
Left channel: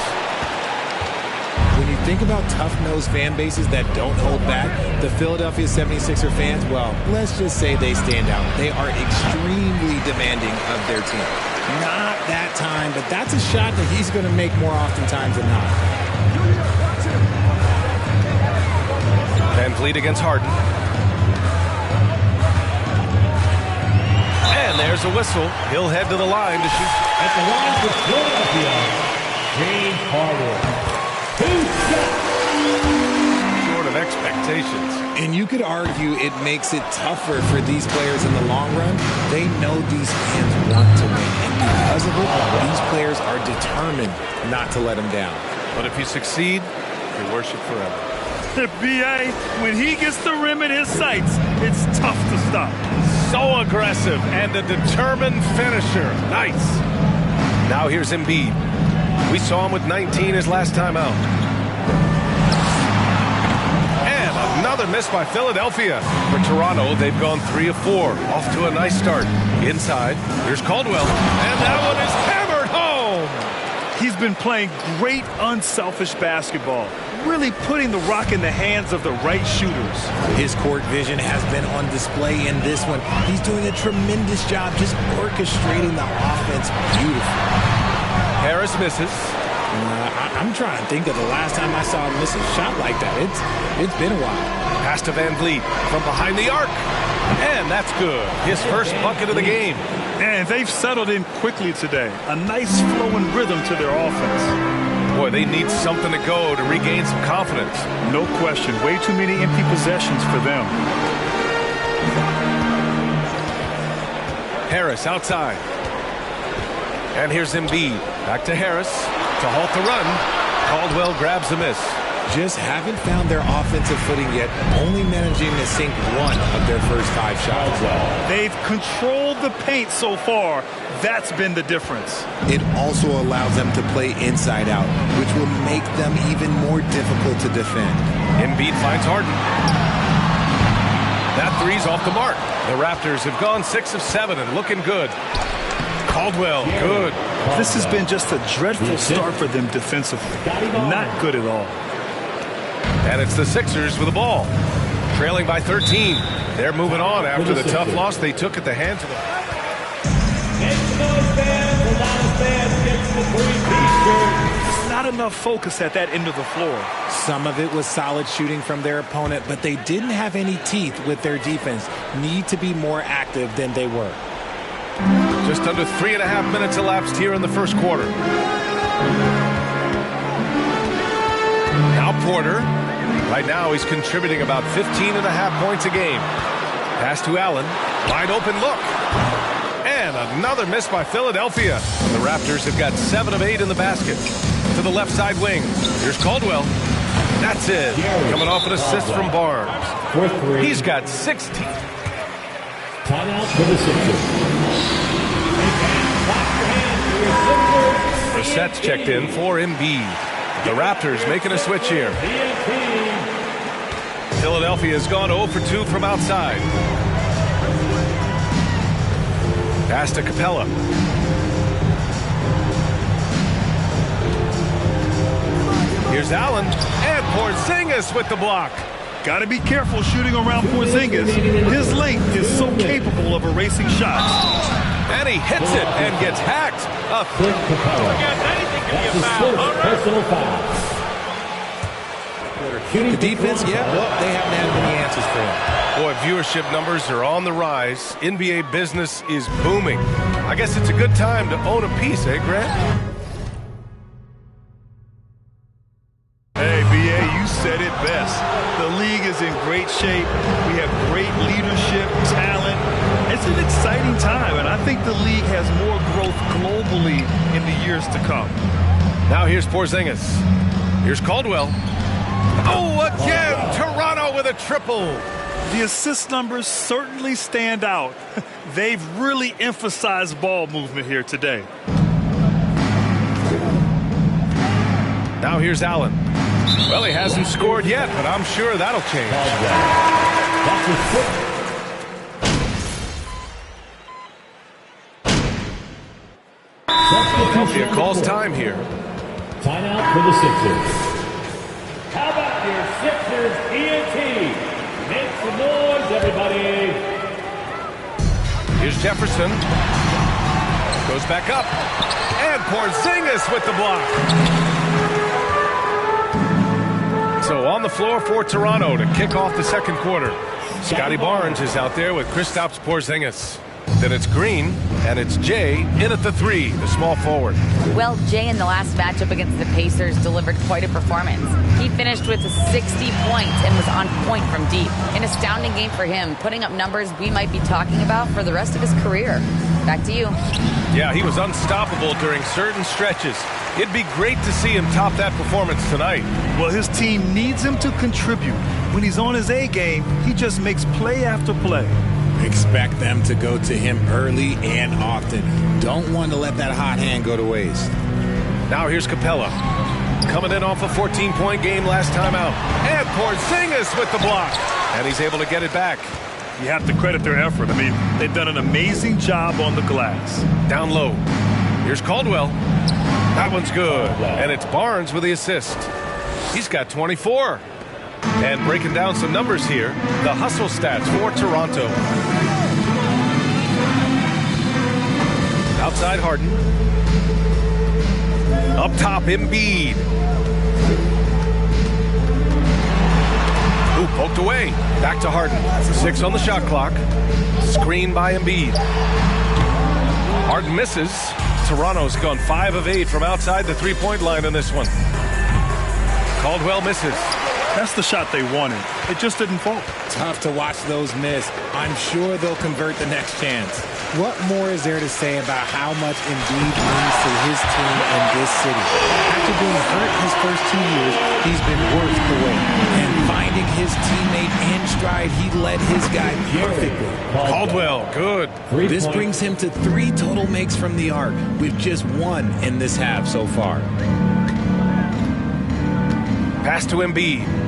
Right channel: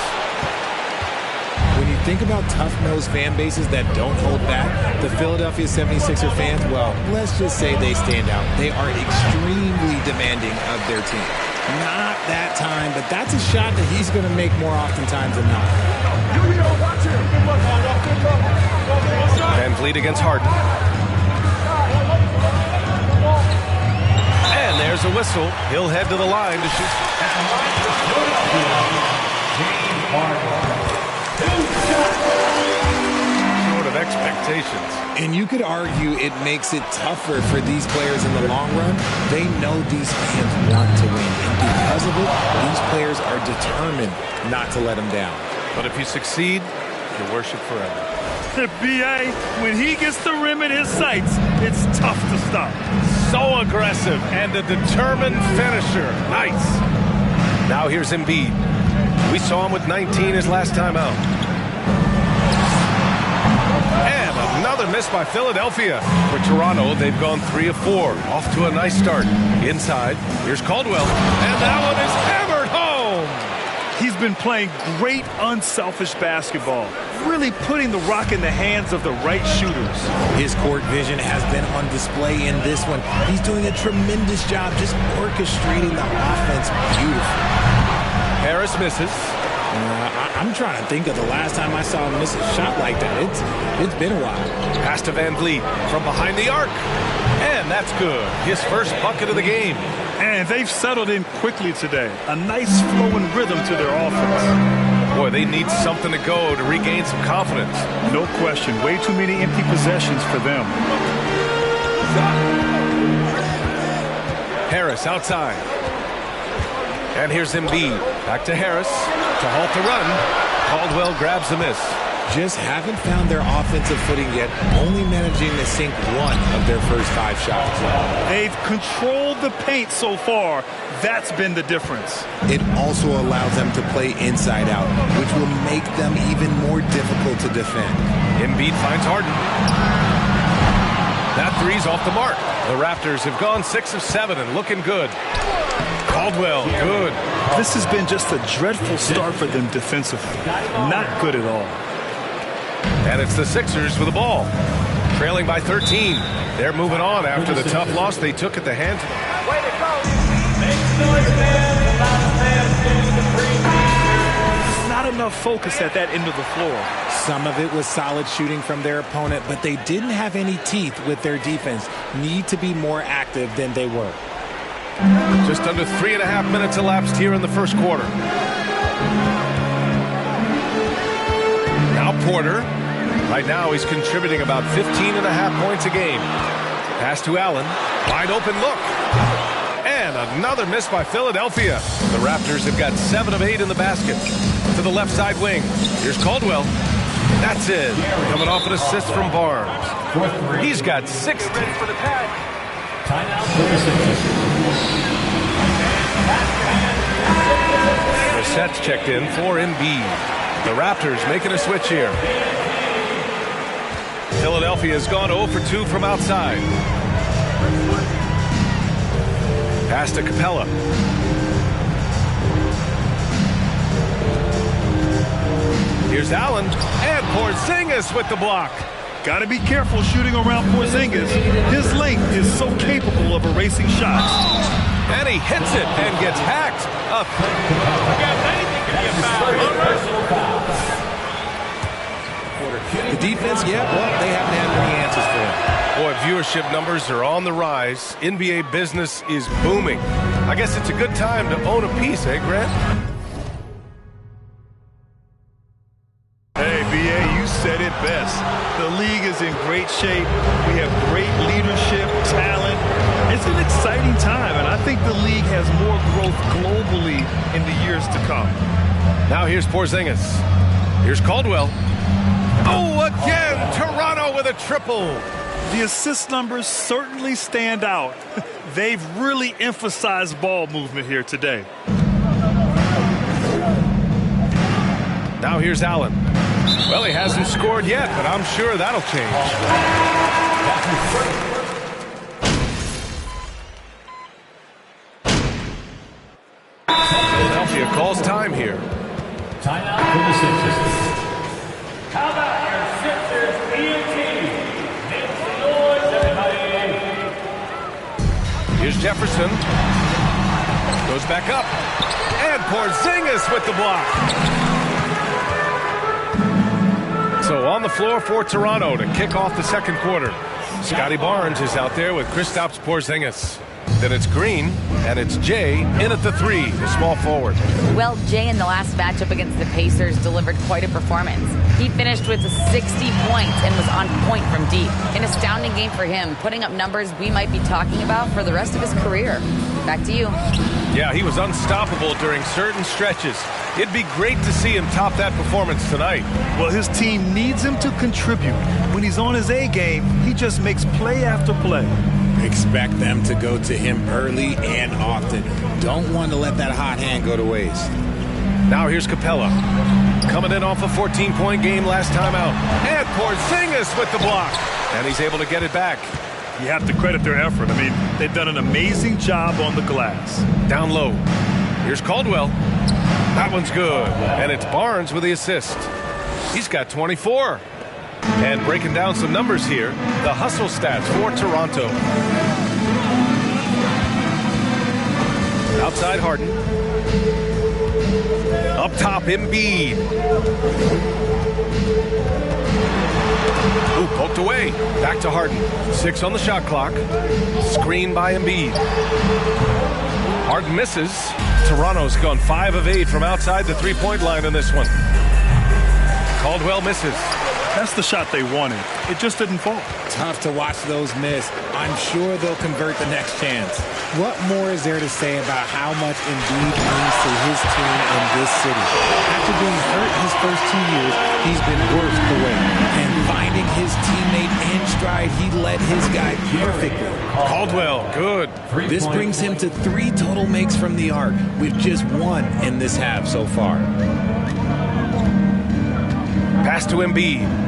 When you think about tough-nosed fan bases that don't hold back, the Philadelphia 76er fans, well, let's just say they stand out. They are extremely demanding of their team. Not that time, but that's a shot that he's going to make more oftentimes than not. VanVleet against Harden. And there's a whistle. He'll head to the line to shoot. At the line for Philadelphia, James Harden. Short of expectations. And you could argue it makes it tougher for these players in the long run. They know these fans want to win. And because of it, these players are determined not to let them down. But if you succeed, you're worshipped forever. BA, when he gets the rim in his sights, it's tough to stop. So aggressive and a determined finisher. Nice. Now here's Embiid. We saw him with 19 his last time out. And another miss by Philadelphia. For Toronto, they've gone 3 of 4. Off to a nice start. Inside, here's Caldwell. And that one is hammered home. He's been playing great unselfish basketball. Really putting the rock in the hands of the right shooters. His court vision has been on display in this one. He's doing a tremendous job just orchestrating the offense beautifully. Harris misses. I'm trying to think of the last time I saw him miss a shot like that. It's been a while. Pass to VanVleet from behind the arc. And that's good. His first bucket of the game. And they've settled in quickly today. A nice flowing rhythm to their offense. Boy, they need something to go to regain some confidence. No question. Way too many empty possessions for them. Harris outside. And here's Embiid. Back to Harris to halt the run. Caldwell grabs the miss. Just haven't found their offensive footing yet, only managing to sink one of their first 5 shots. They've controlled the paint so far. That's been the difference. It also allows them to play inside out, which will make them even more difficult to defend. Embiid finds Harden. That three's off the mark. The Raptors have gone 6 of 7 and looking good. Caldwell, good. This has been just a dreadful start for them defensively. Not good at all. And it's the Sixers with the ball. Trailing by 13. They're moving on after the tough loss they took at the hands of the... There's not enough focus at that end of the floor. Some of it was solid shooting from their opponent, but they didn't have any teeth with their defense. Need to be more active than they were. Just under 3.5 minutes elapsed here in the first quarter. Now Porter. Right now he's contributing about 15.5 points a game. Pass to Allen. Wide open look. And another miss by Philadelphia. The Raptors have got 7 of 8 in the basket. To the left side wing. Here's Caldwell. That's it. Coming off an assist from Barnes. He's got 16 for the tag. Timeout for the Sixers. Brissett's checked in for Embiid. The Raptors making a switch here. Philadelphia has gone 0 for 2 from outside. Pass to Capella. Here's Allen, and Porzingis with the block. Got to be careful shooting around Porzingis. His length is so capable of erasing shots. And he hits it and gets hacked. Anything can be a foul. All right. Personal foul. The defense, well, they haven't had many answers for him. Boy, viewership numbers are on the rise. NBA business is booming. I guess it's a good time to own a piece, eh, Grant? Hey, B.A., you said it best. The league is in great shape. We have great leadership, talent. It's an exciting time, and I think the league has more growth globally in the years to come. Now here's Porzingis. Here's Caldwell. Oh, again, Toronto with a triple. The assist numbers certainly stand out. They've really emphasized ball movement here today. Now here's Allen. Well, he hasn't scored yet, but I'm sure that'll change. Philadelphia calls time here. Timeout for the Sixers. How about your Sixers EOT? Make some noise, everybody. Here's Jefferson. Goes back up. And Porzingis with the block. So on the floor for Toronto to kick off the second quarter. Scotty Barnes is out there with Kristaps Porzingis. Then it's Green, and it's Jay in at the 3, the small forward. Well, Jay in the last matchup against the Pacers delivered quite a performance. He finished with 60 points and was on point from deep. An astounding game for him, putting up numbers we might be talking about for the rest of his career. Back to you. Yeah, he was unstoppable during certain stretches. It'd be great to see him top that performance tonight. Well, his team needs him to contribute. When he's on his A game, he just makes play after play. Expect them to go to him early and often. Don't want to let that hot hand go to waste. Now here's Capella. Coming in off a 14-point game last time out. And Porzingis with the block. And he's able to get it back. You have to credit their effort. I mean, they've done an amazing job on the glass. Down low. Here's Caldwell. That one's good. And it's Barnes with the assist. He's got 24. And breaking down some numbers here, the hustle stats for Toronto. Outside Harden. Up top, Embiid. Ooh, poked away. Back to Harden. 6 on the shot clock. Screen by Embiid. Harden misses. Toronto's gone 5 of 8 from outside the three-point line in this one. Caldwell misses. That's the shot they wanted. It just didn't fall. Tough to watch those miss. I'm sure they'll convert the next chance. What more is there to say about how much Embiid means to his team in this city? After being hurt his first 2 years, he's been worth the wait. And finding his teammate in stride, he led his guy perfectly. Caldwell, good. This brings him to 3 total makes from the arc, with just 1 in this half so far. Pass to Embiid.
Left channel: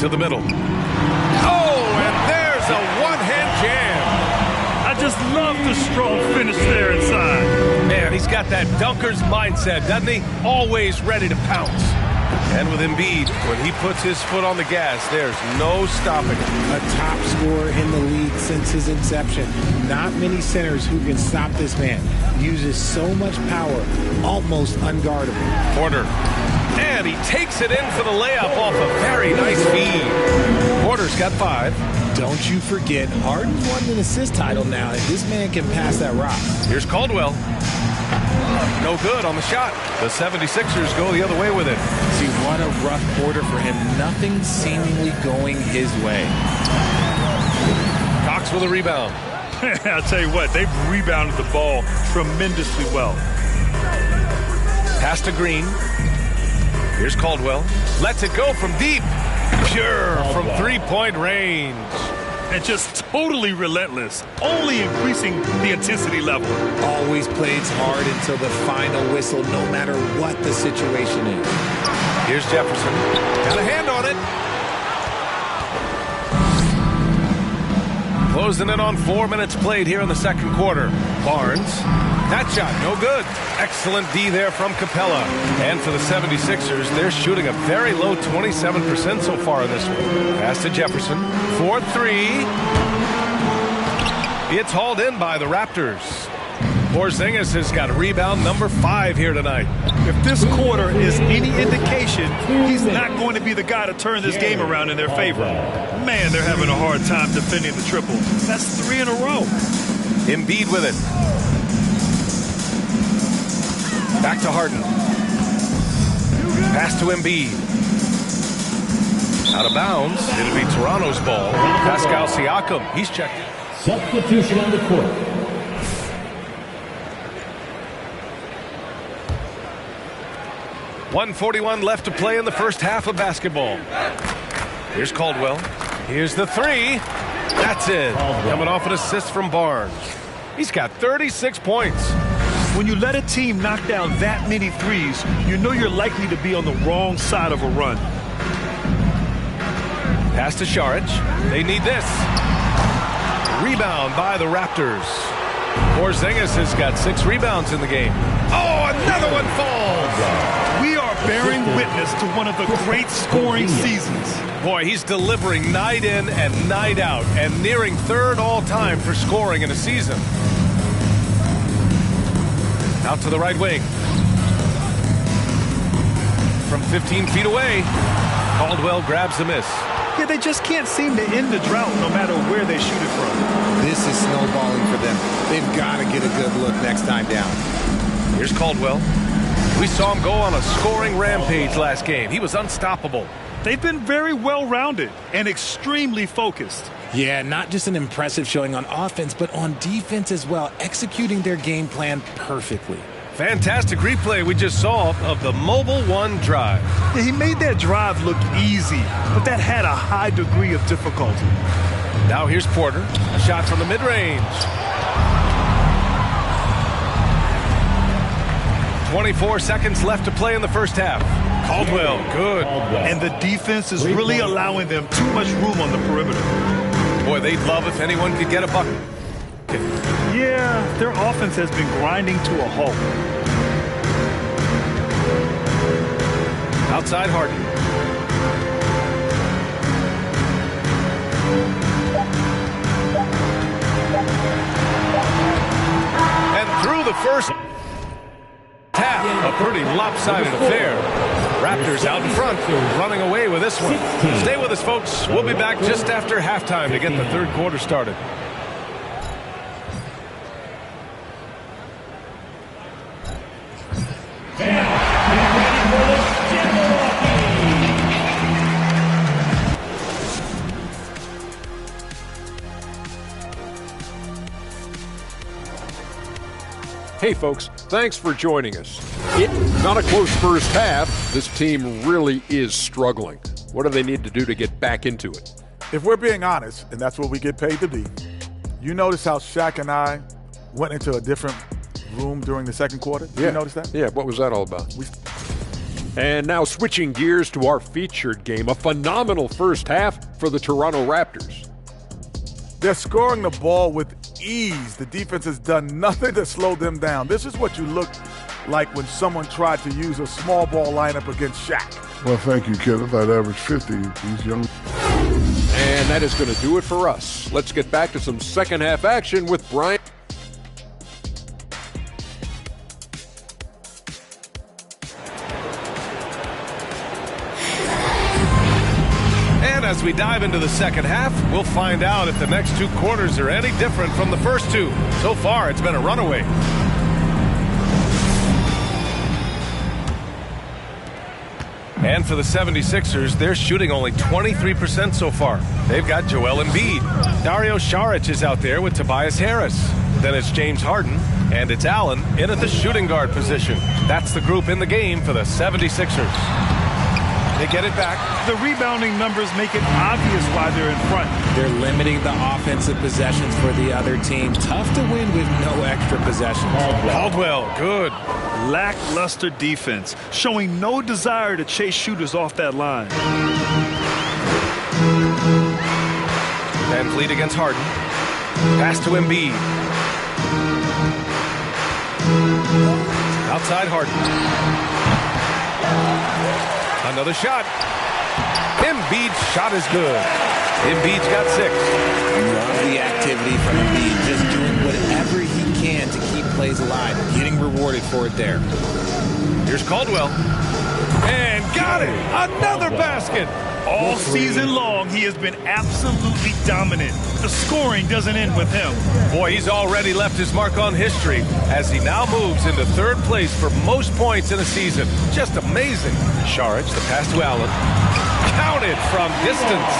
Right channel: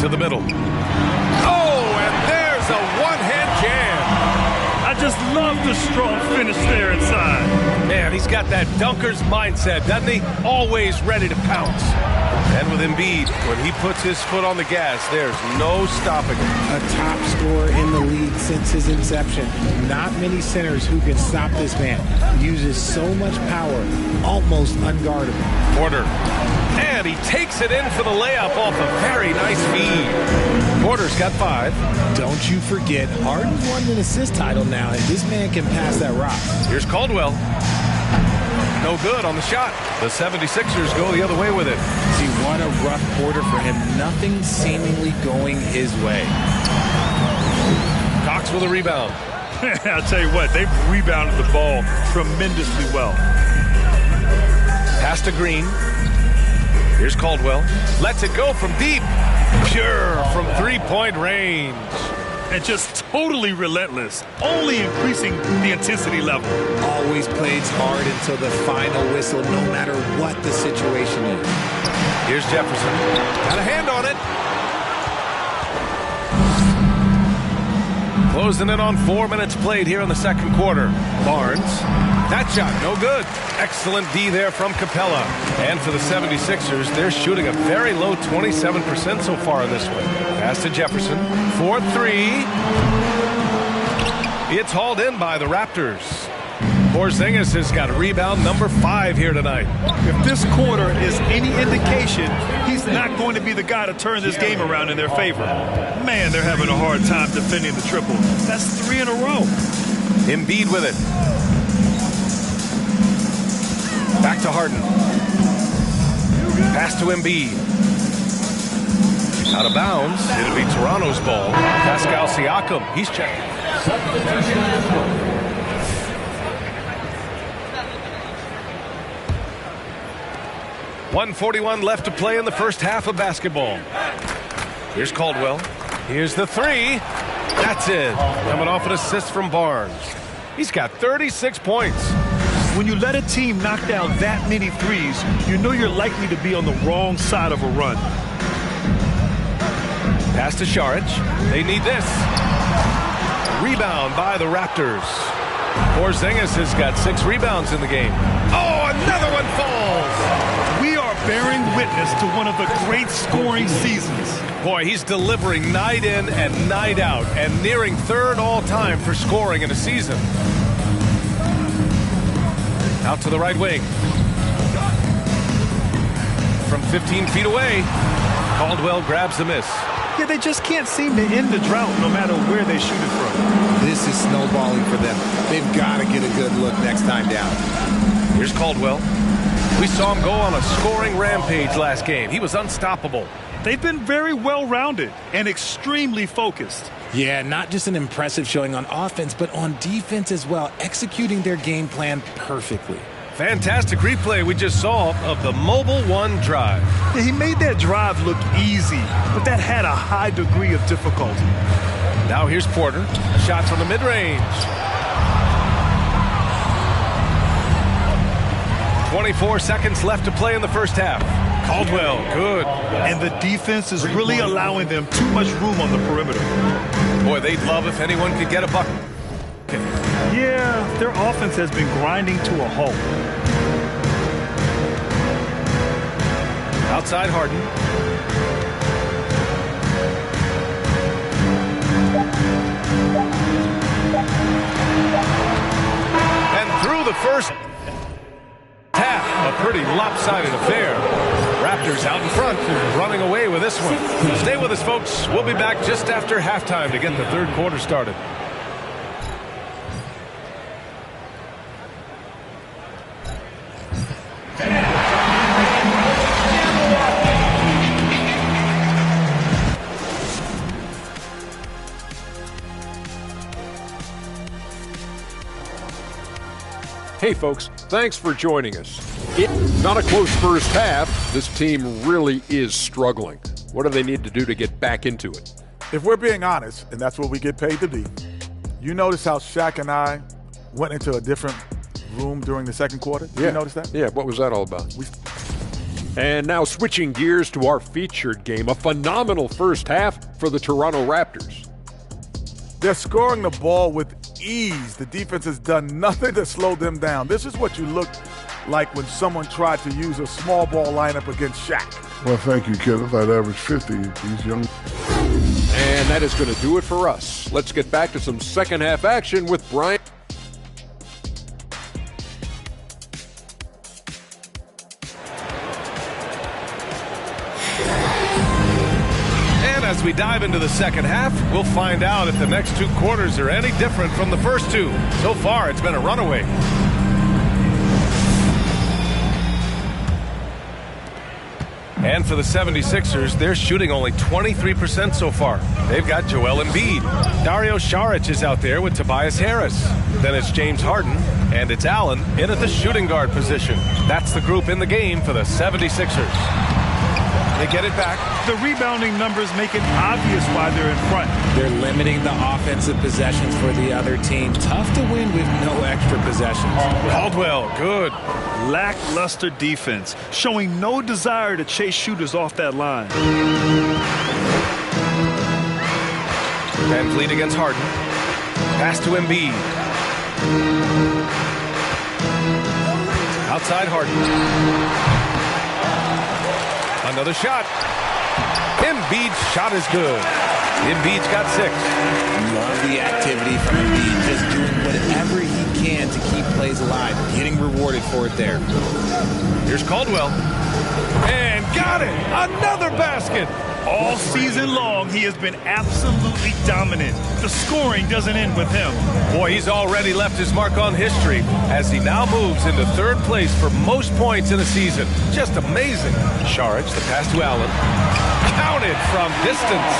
To the middle. Oh, and there's a one-hand jam. I just love the strong finish there inside. Man, he's got that dunker's mindset, doesn't he? Always ready to pounce. And with Embiid, when he puts his foot on the gas, there's no stopping him. A top scorer in the league since his inception. Not many centers who can stop this man. Uses so much power, almost unguardable. Porter. And he takes it in for the layup off a very nice feed. Porter's got 5. Don't you forget, Harden's won an assist title now, and this man can pass that rock. Here's Caldwell. No good on the shot. The 76ers go the other way with it. See, what a rough quarter for him. Nothing seemingly going his way. Cox with a rebound. I'll tell you what, they've rebounded the ball tremendously well. Pass to Green. Here's Caldwell. Lets it go from deep. Pure from three-point range. And just totally relentless, only increasing the intensity level. Always plays hard until the final whistle, no matter what the situation is. Here's Jefferson. Got a hand on it. Closing in on 4 minutes played here in the second quarter. Barnes. That shot, no good. Excellent D there from Capella. And for the 76ers, they're shooting a very low 27% so far in this one. Pass to Jefferson. 4-3. It's hauled in by the Raptors. Porzingis has got rebound number 5 here tonight. If this quarter is any indication, he's not going to be the guy to turn this game around in their favor. Man, they're having a hard time defending the triple. That's 3 in a row. Embiid with it. Back to Harden. Pass to Embiid. Out of bounds. It'll be Toronto's ball. Pascal Siakam. He's checked. Substitution on the court. .141 left to play in the first half of basketball. Here's Caldwell. Here's the 3. That's it. Coming off an assist from Barnes. He's got 36 points. When you let a team knock down that many threes, you know you're likely to be on the wrong side of a run. Pass to Šarić. They need this. Rebound by the Raptors. Porzingis has got 6 rebounds in the game. Oh, another one falls. We are bearing witness to one of the great scoring seasons. Boy, he's delivering night in and night out and nearing 3rd all-time for scoring in a season. Out to the right wing. From 15 feet away, Caldwell grabs the miss. Yeah, they just can't seem to end the drought no matter where they shoot it from. This is snowballing for them. They've got to get a good look next time down. Here's Caldwell. We saw him go on a scoring rampage last game. He was unstoppable. They've been very well-rounded and extremely focused. Yeah, not just an impressive showing on offense, but on defense as well, executing their game plan perfectly. Fantastic replay we just saw of the Mobile One drive. Yeah, he made that drive look easy, but that had a high degree of difficulty. Now here's Porter. A shot from the mid-range. 24 seconds left to play in the first half. Caldwell, good. And the defense is really allowing them too much room on the perimeter. Boy, they'd love if anyone could get a bucket. Okay. Yeah, their offense has been grinding to a halt. Outside Harden. And through the first half, a pretty lopsided affair. Raptors out in front, running away with this one. Stay with us, folks. We'll be back just after halftime to get the third quarter started. Hey folks, thanks for joining us. Not a close first half. This team really is struggling. What do they need to do to get back into it? If we're being honest, and that's what we get paid to be, you notice how Shaq and I went into a different room during the second quarter? Did you notice that? Yeah, what was that all about? And now switching gears to our featured game, a phenomenal first half for the Toronto Raptors. They're scoring the ball with ease. The defense has done nothing to slow them down. This is what you look like when someone tried to use a small ball lineup against Shaq. Well, thank you, Kenneth. I'd average 50 these young. And that is going to do it for us. Let's get back to some second half action with Brian. And as we dive into the second half, we'll find out if the next 2 quarters are any different from the first 2. So far, it's been a runaway. And for the 76ers, they're shooting only 23% so far. They've got Joel Embiid. Dario Saric is out there with Tobias Harris. Then it's James Harden, and it's Allen in at the shooting guard position. That's the group in the game for the 76ers. They get it back. The rebounding numbers make it obvious why they're in front. They're limiting the offensive possessions for the other team. Tough to win with no extra possessions. Caldwell, good. Lackluster defense, showing no desire to chase shooters off that line. Van Vliet against Harden. Pass to Embiid. Outside Harden. Another shot. Embiid's shot is good. Embiid's got 6. Love the activity from Embiid, just doing whatever he can to keep plays alive, getting rewarded for it there. Here's Caldwell. And got it! Another basket! All season long, he has been absolutely dominant. The scoring doesn't end with him. Boy, he's already left his mark on history as he now moves into 3rd place for most points in a season. Just amazing. Saric, the pass to Allen. Counted from distance.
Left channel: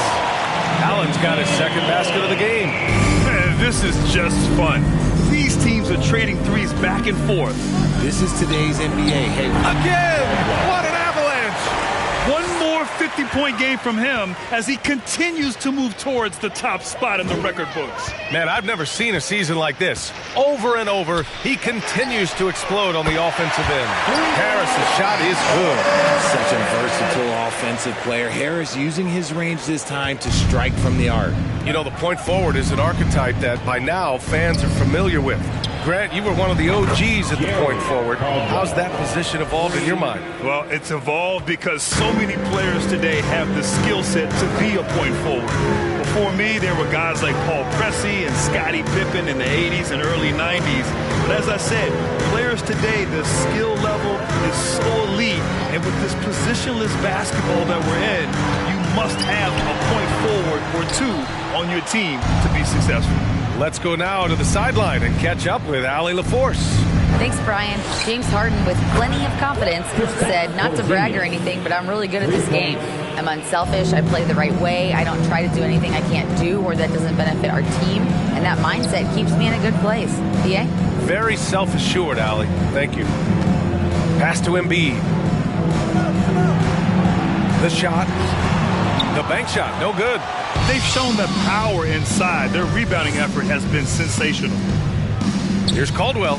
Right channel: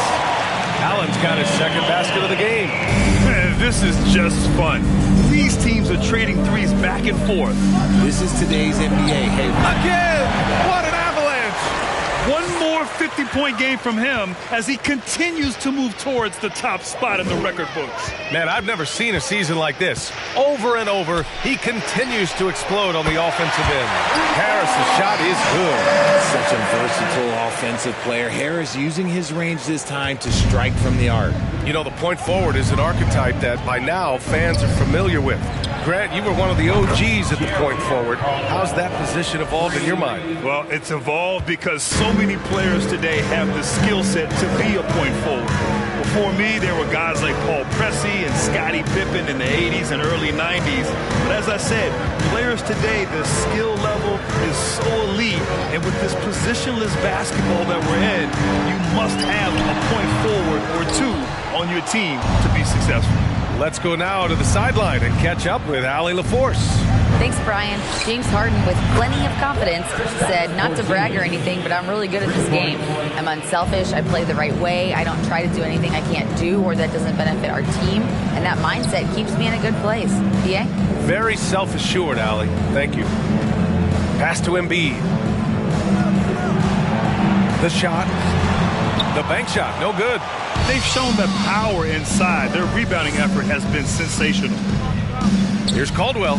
Allen's got his 2nd basket of the game. Man, this is just fun. These teams are trading threes back and forth. This is today's NBA. Hey, again! What an avalanche! One more 50-point game from him as he continues to move towards the top spot in the record books. Man, I've never seen a season like this. Over and over, he continues to explode on the offensive end. Harris's shot is good. Such a versatile offensive player. Harris using his range this time to strike from the arc. You know, the point forward is an archetype that by now fans are familiar with. Grant, you were one of the OGs at the point forward. How's that position evolved in your mind? Well, it's evolved because so many players today have the skill set to be a point forward. Before me, there were guys like Paul Pressey and Scottie Pippen in the 80s and early 90s. But as I said, players today, the skill level is so elite. And with this positionless basketball that we're in, you must have a point forward or 2 on your team to be successful. Let's go now to the sideline and catch up with Allie LaForce. Thanks, Brian. James Harden, with plenty of confidence, said not to brag or anything, but I'm really good at this game. I'm unselfish. I play the right way. I don't try to do anything I can't do or that doesn't benefit our team. And that mindset keeps me in a good place. PA? Very self-assured, Allie. Thank you. Pass to Embiid. The shot. The bank shot. No good. They've shown the power inside. Their rebounding effort has been sensational. Here's Caldwell.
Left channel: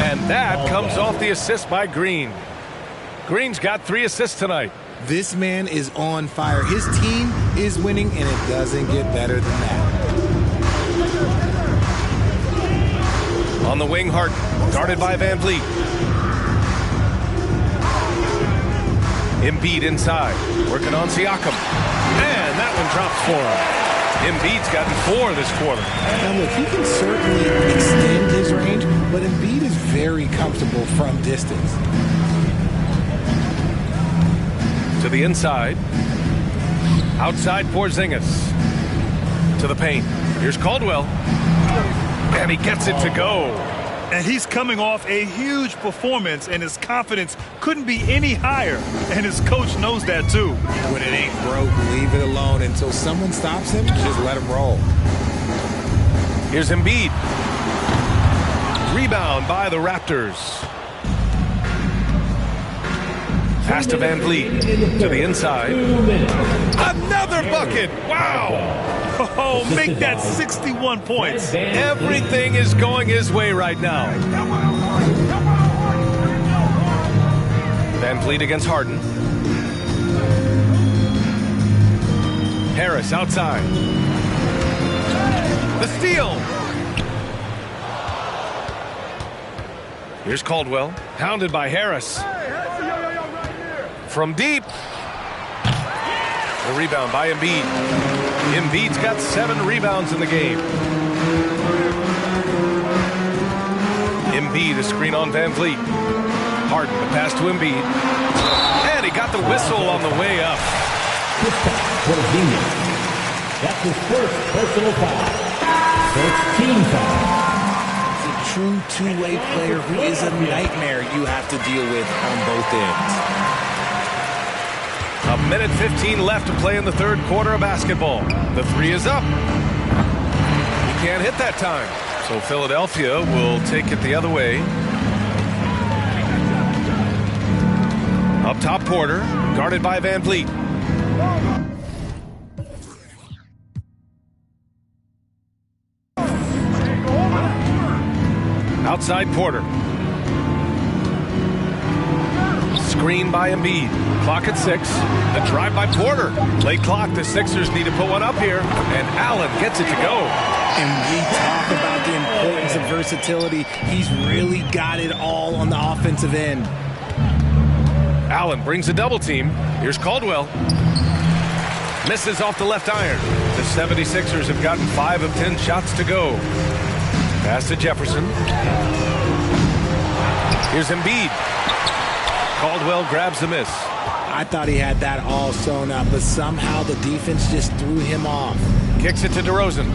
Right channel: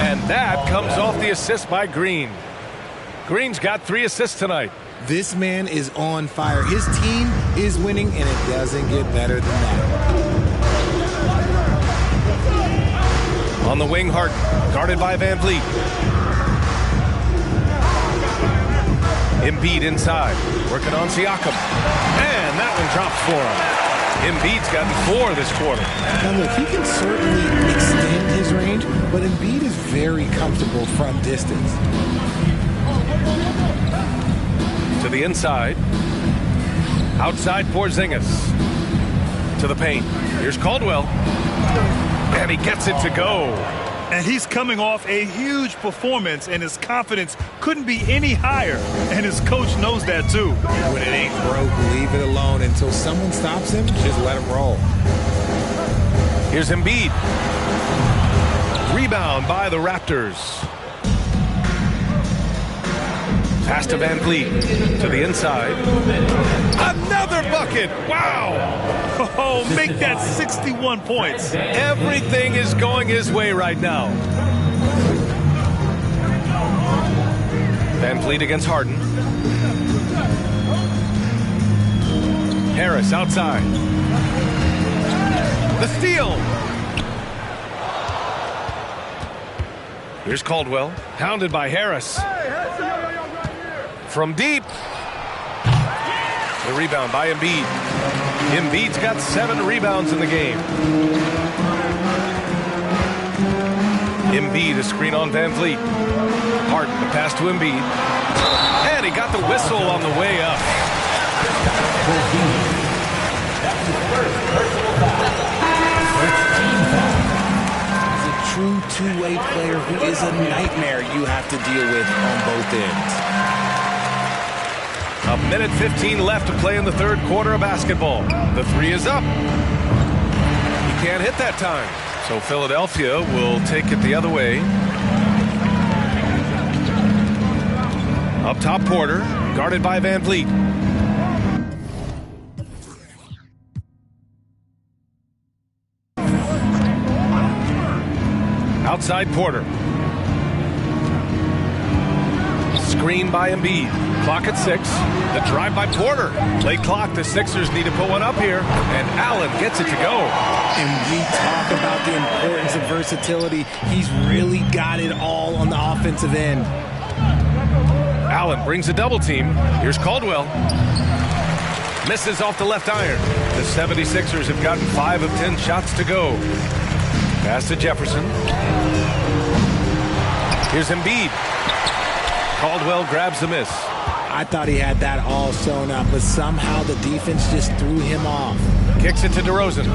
And that comes off the assist by Green. Green's got 3 assists tonight. This man is on fire. His team is winning, and it doesn't get better than that. On the wing, Harden, guarded by Van Vliet. Embiid inside, working on Siakam. And that one drops for him. Embiid's gotten 4 this quarter. Now look, he can certainly extend his range, but Embiid is very comfortable from distance. To the inside. Outside Porzingis. To the paint. Here's Caldwell. And he gets it to go. And he's coming off a huge performance, and his confidence couldn't be any higher. And his coach knows that, too. When it ain't broke, leave it alone. Until someone stops him, just let him roll. Here's Embiid. Rebound by the Raptors. Pass to Van Vliet. To the inside. Another bucket! Wow! Oh, make that 61 points. Everything is going his way right now. Van Vliet against Harden. Harris outside. The steal. Here's Caldwell, hounded by Harris. From deep. The rebound by Embiid. Embiid's got 7 rebounds in the game. Embiid, a screen on Van Vliet. Harden, the pass to Embiid. And he got the whistle on the way up. That's his first personal foul. First team foul. He's a true two-way player who is a nightmare you have to deal with on both ends. A minute 15 left to play in the third quarter of basketball. The 3 is up. He can't hit that time. So Philadelphia will take it the other way. Up top, Porter, guarded by Van Vliet. Outside Porter. Screen by Embiid. Clock at 6. The drive by Porter. Late clock. The Sixers need to put one up here. And Allen gets it to go. And we talk about the importance of versatility. He's really got it all on the offensive end. Allen brings a double team. Here's Caldwell. Misses off the left iron. The 76ers have gotten 5 of 10 shots to go. Pass to Jefferson. Here's Embiid. Caldwell grabs the miss. I thought he had that all sewn up, but somehow the defense just threw him off. Kicks it to DeRozan.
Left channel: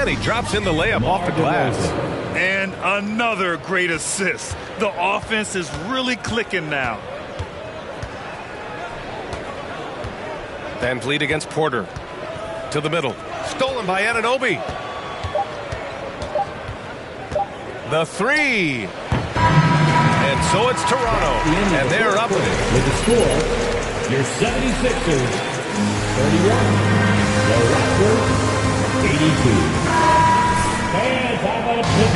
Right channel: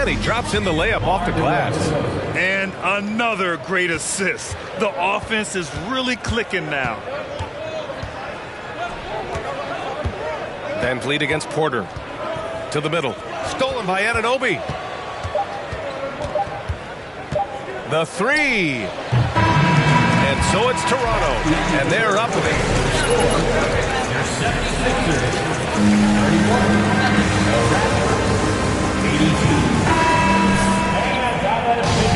And he drops in the layup off the glass. And another great assist. The offense is really clicking now. Van Vliet against Porter. To the middle. Stolen by Anunoby. The 3. And so it's Toronto. And they're up. With the score, your 76ers 31, the Raptors 82.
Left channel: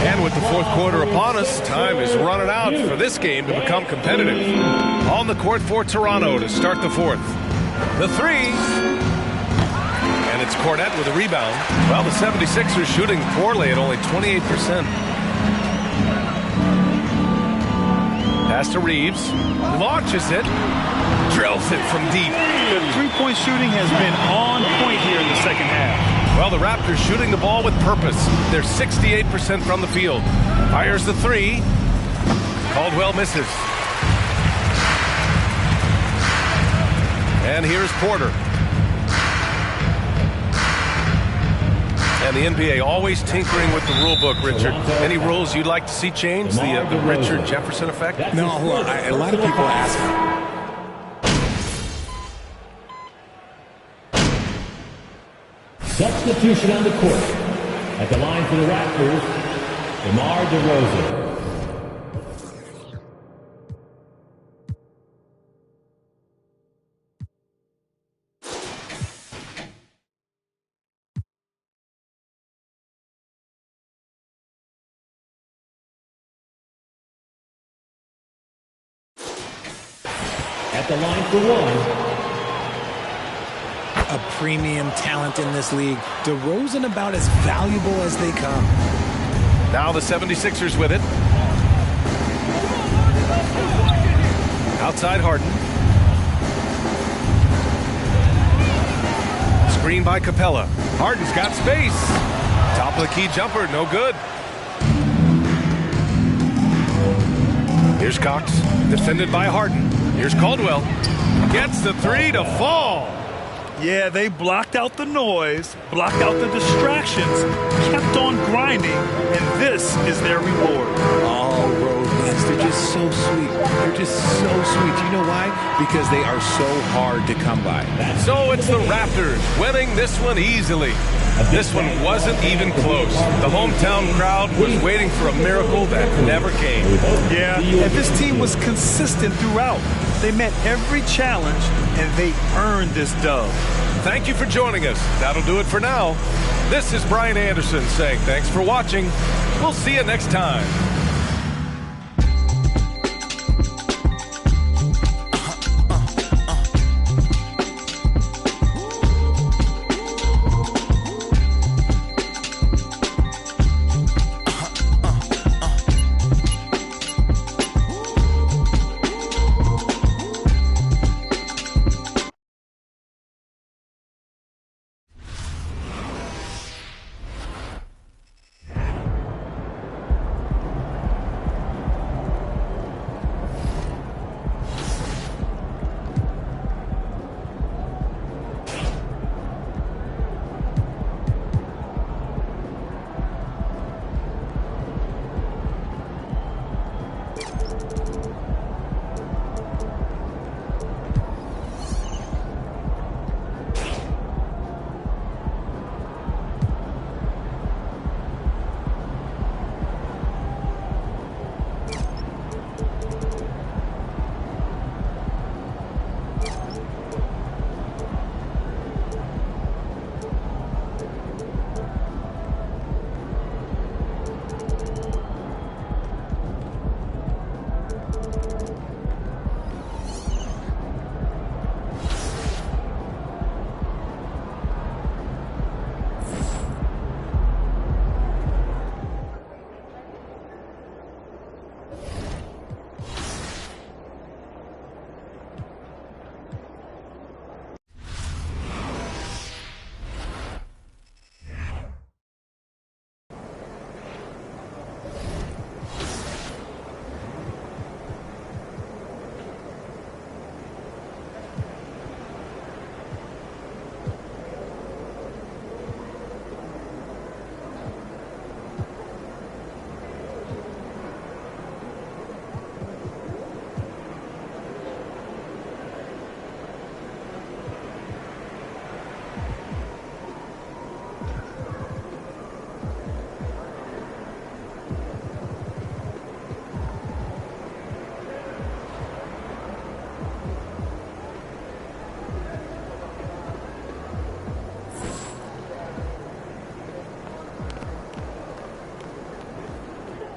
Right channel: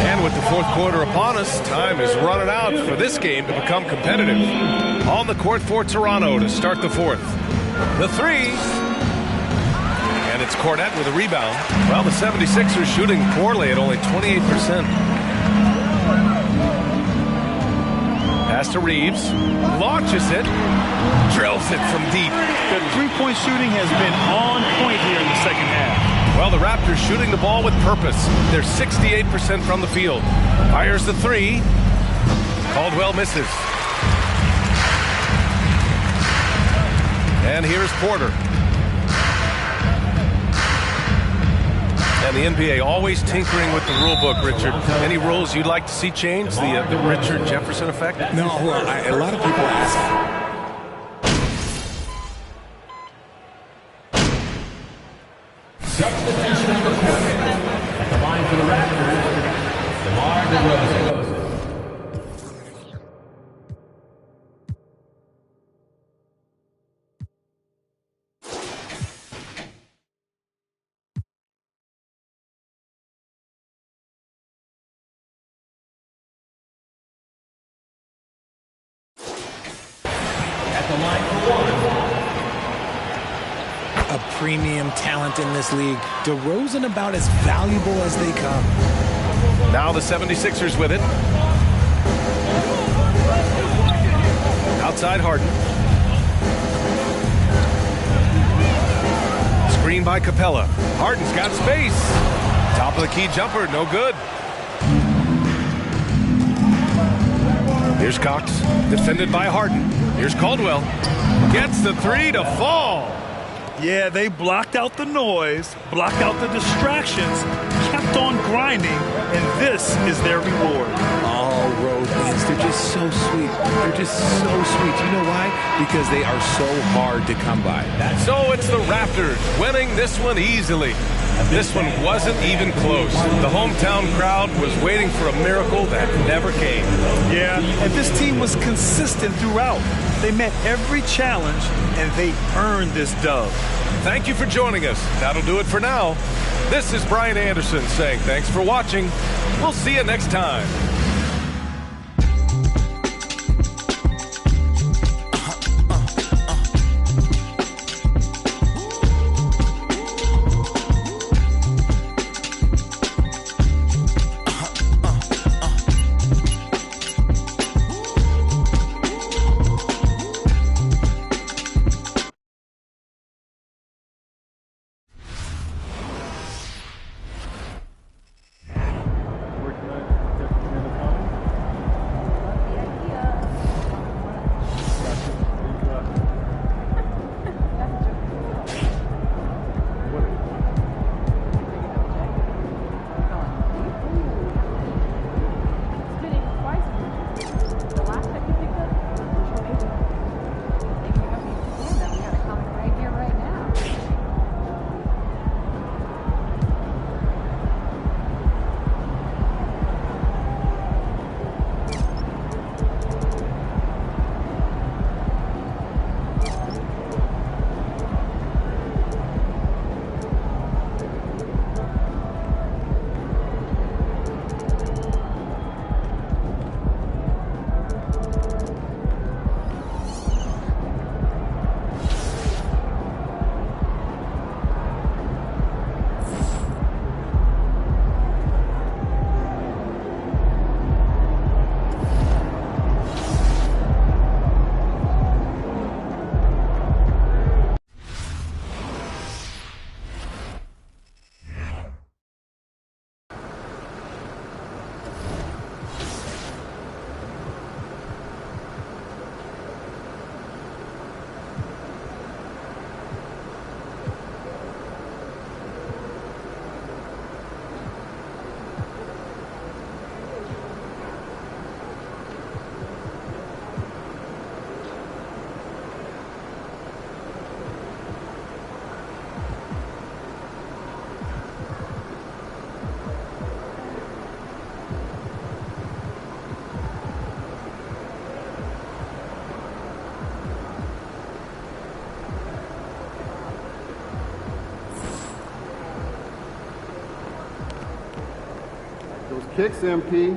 And with the fourth quarter upon us, time is running out for this game to become competitive. On the court for Toronto to start the fourth. The 3. And it's Cornette with a rebound. Well, the 76ers shooting poorly at only 28%. Pass to Reeves. Launches it. Drills it from deep. The three-point shooting has been on point here in the second half. Well, the Raptors shooting the ball with purpose. They're 68% from the field. Fires the 3. Caldwell misses. And here's Porter. And the NBA always tinkering with the rule book, Richard. Any rules you'd like to see changed? The Richard Jefferson effect? No, a lot of people ask me. Substitution on the court. At the line for the Raptors, DeMar DeRozan. At the line for one. A premium talent in this league. DeRozan about as valuable as they come. Now the 76ers with it. Outside Harden. Screen by Capella. Harden's got space. Top of the key jumper, no good. Here's Cox, defended by Harden. Here's Caldwell. Gets the 3 to fall. Yeah, they blocked out the noise, blocked out the distractions, kept on grinding, and this is their reward. All road wins. They're just so sweet. They're just so sweet. You know why? Because they are so hard to come by. So it's the Raptors winning this one easily. This one wasn't even close. The hometown crowd was waiting for a miracle that never came. Yeah, and this team was consistent throughout. They met every challenge, and they earned this dub. Thank you for joining us. That'll do it for now. This is Brian Anderson saying thanks for watching. We'll see you next time. Kicks, MP.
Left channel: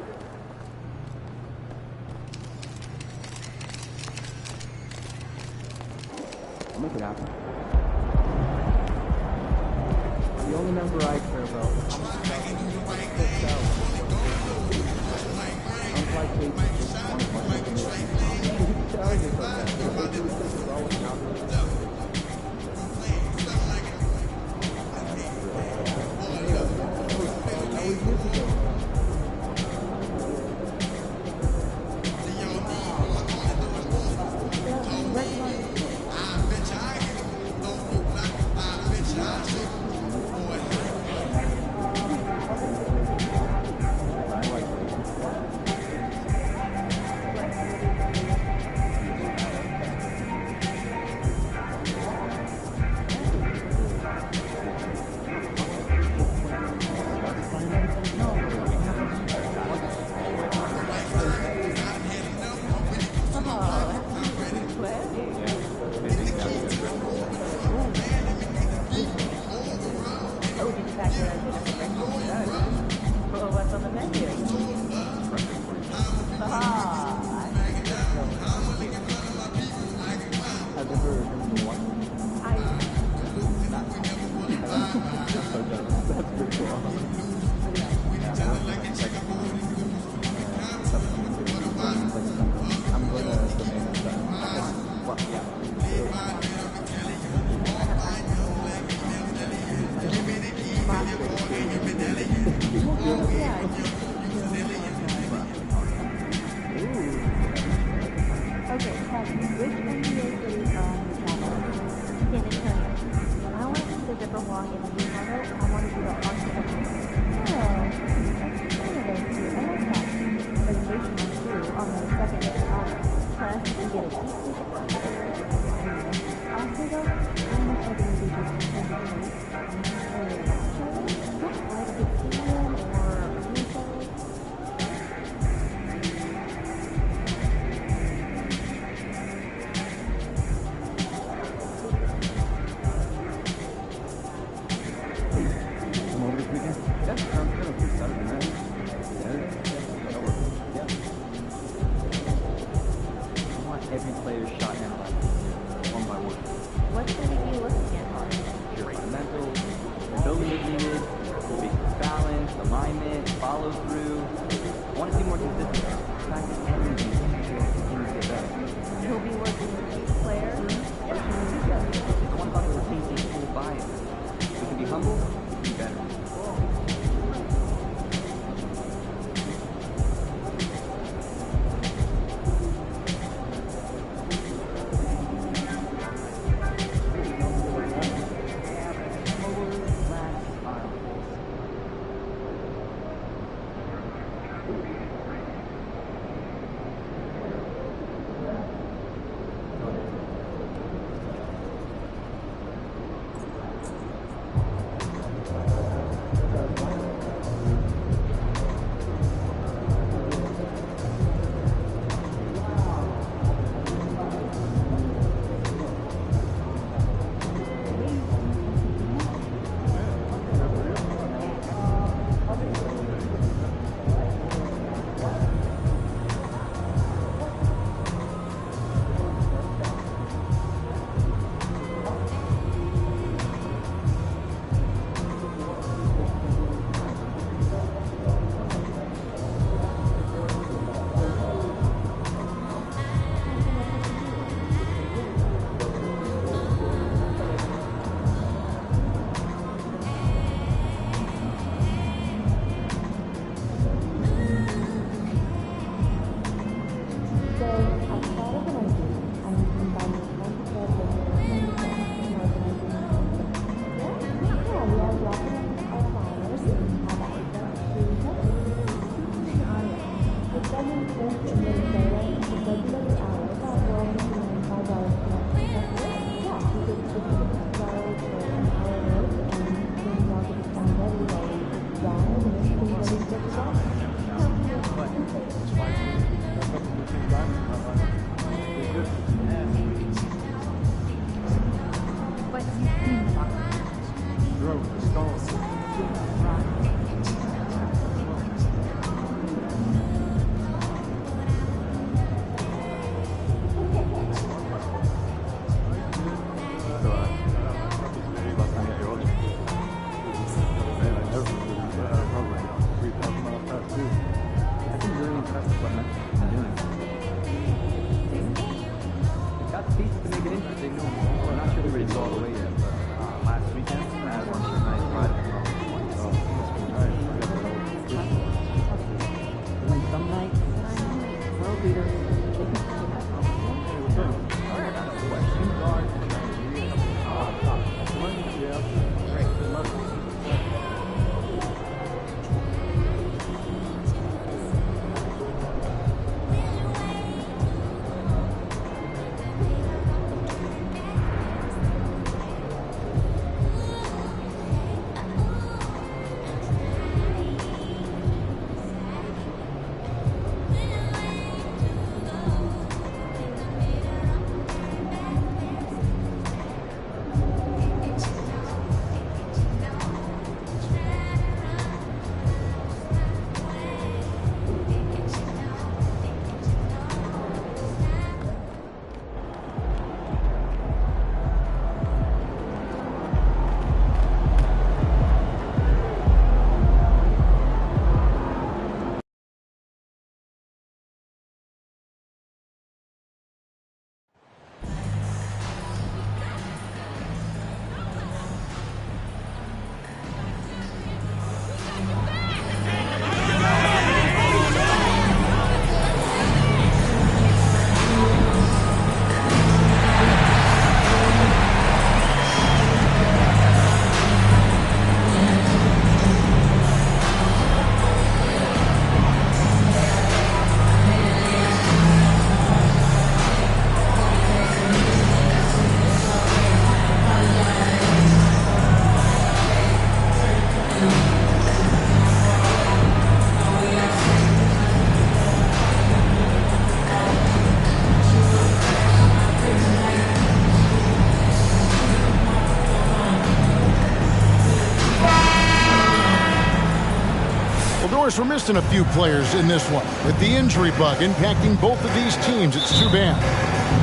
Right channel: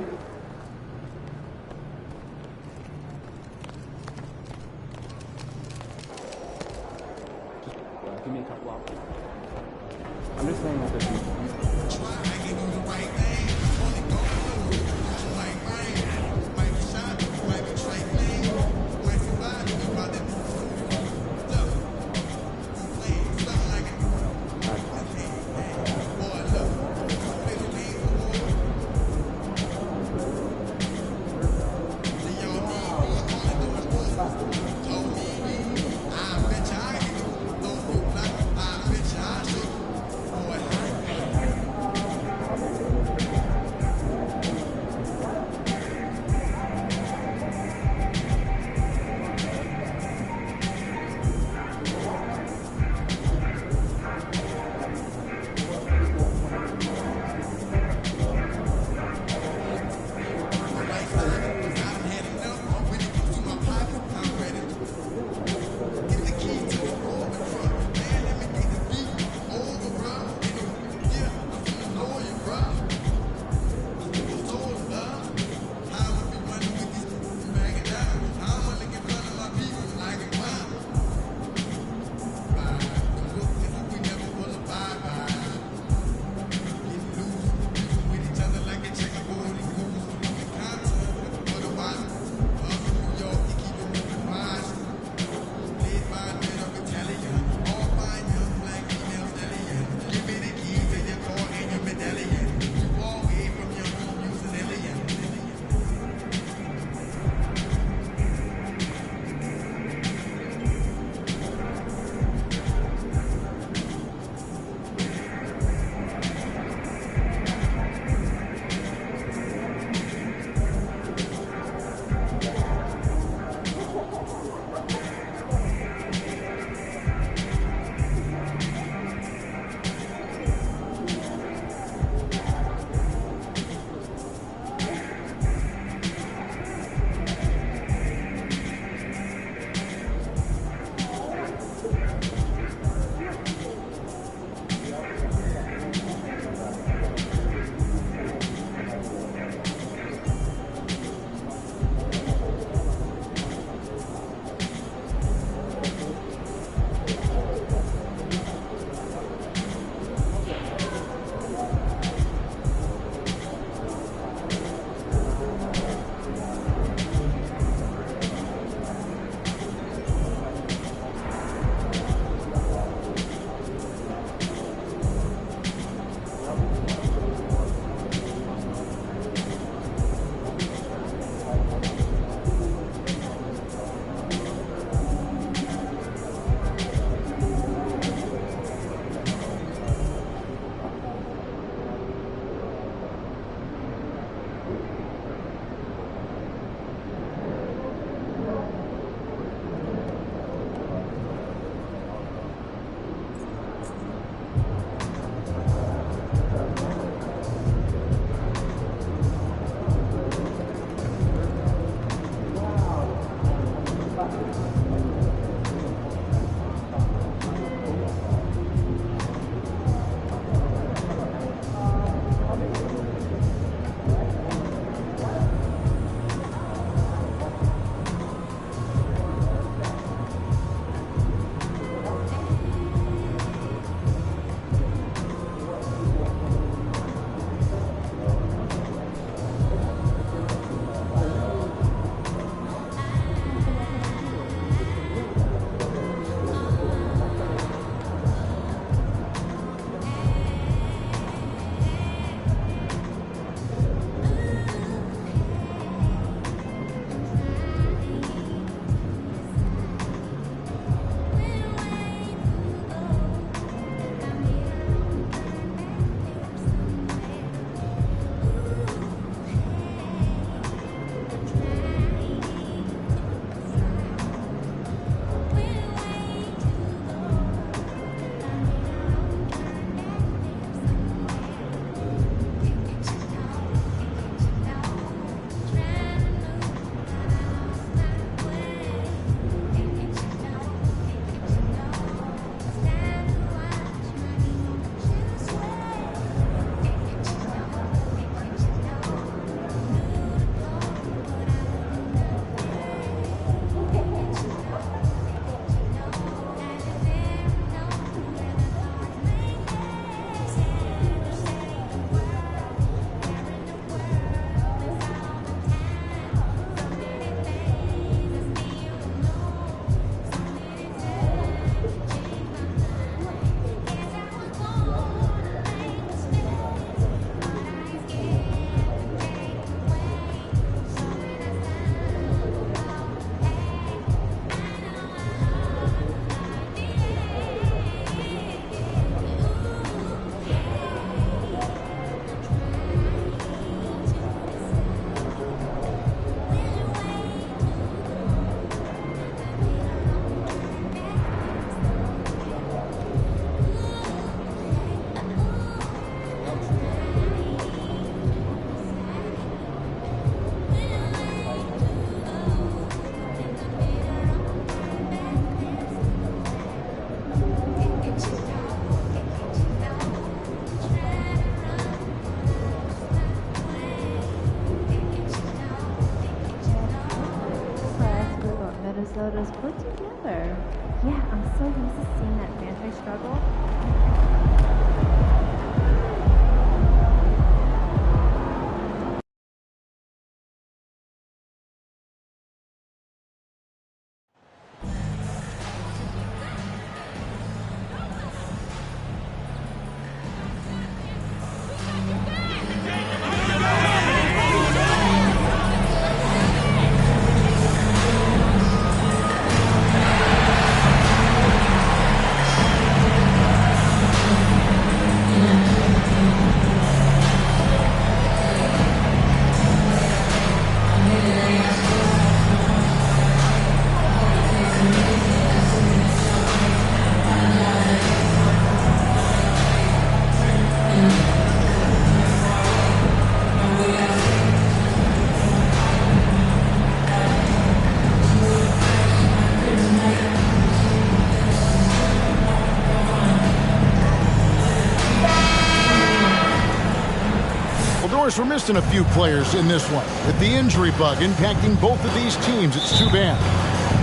course, we're missing a few players in this one. With the injury bug impacting both of these teams, it's too bad.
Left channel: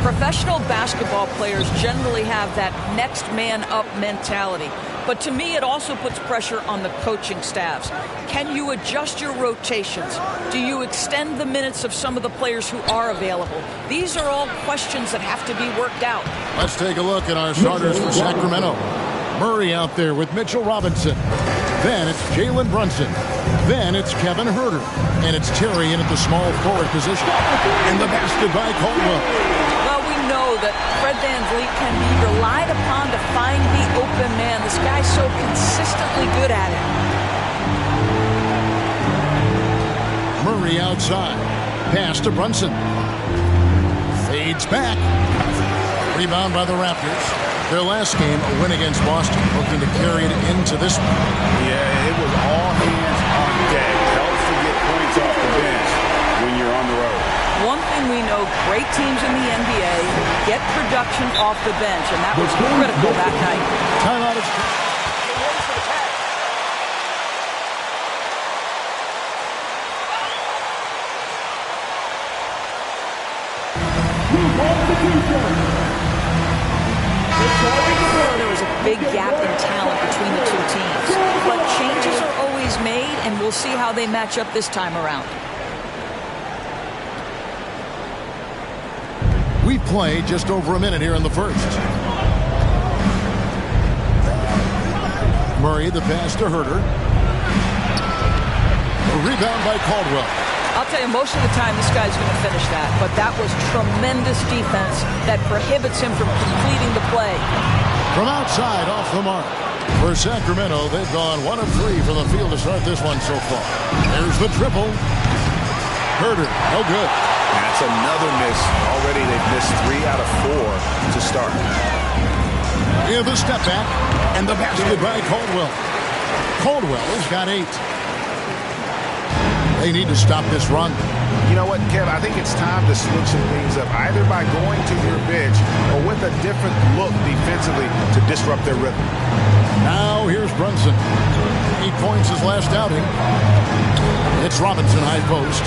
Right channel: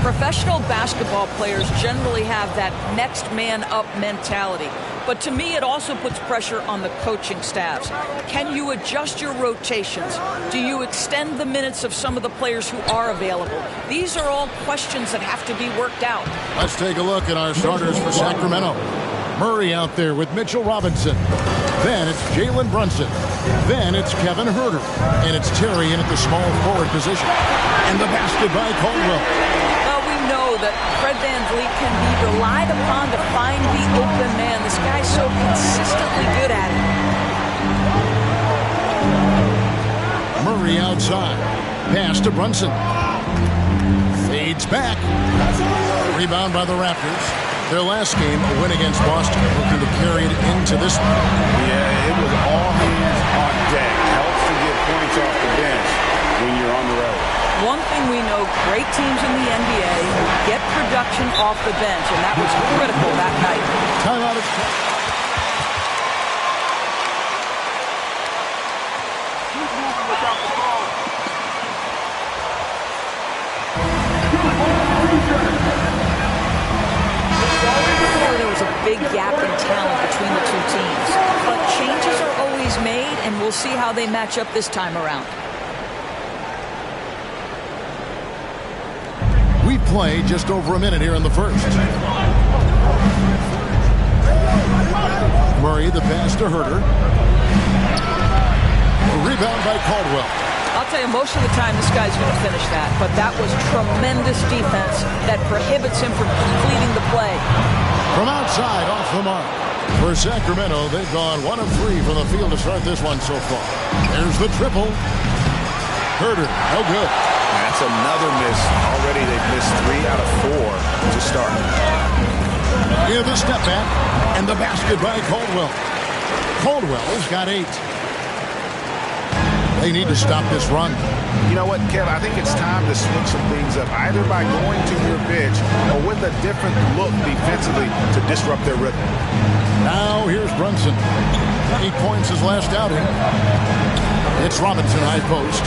Professional basketball players generally have that next man up mentality. But to me, it also puts pressure on the coaching staffs. Can you adjust your rotations? Do you extend the minutes of some of the players who are available? These are all questions that have to be worked out. Let's take a look at our starters for Sacramento. Murray out there with Mitchell Robinson. Then it's Jalen Brunson. Then it's Kevin Huerter. And it's Terry in at the small forward position. And the basket by Caldwell. Well, we know that Fred VanVleet can be relied upon to find the open man. This guy's so consistently good at it. Murray outside. Pass to Brunson. Fades back. Rebound by the Raptors. Their last game, a win against Boston, looking to carry it into this one. Yeah, it was all hands on deck. Helps to get points off the bench when you're on the road. One thing we know, great teams in the NBA get production off the bench, and that was critical that night. Timeout. There was a big gap in talent between the two teams, but changes are always made, and we'll see how they match up this time around. We've played just over a minute here in the first. Murray, the pass to Huerter. A rebound by Caldwell. I'll tell you, most of the time this guy's going to finish that, but that was tremendous defense that prohibits him from completing the play. From outside, off the mark. For Sacramento, they've gone 1 of 3 from the field to start this one so far. There's the triple. Huerter, no good. That's another miss. Already they've missed 3 out of 4 to start. Yeah, the step back and the basket by Caldwell. Caldwell's got 8. They need to stop this run. You know what, Kev? I think it's time to switch some things up, either by going to your bench or with a different look defensively to disrupt their rhythm. Now here's Brunson. 8 points his last outing. It's Robinson high post.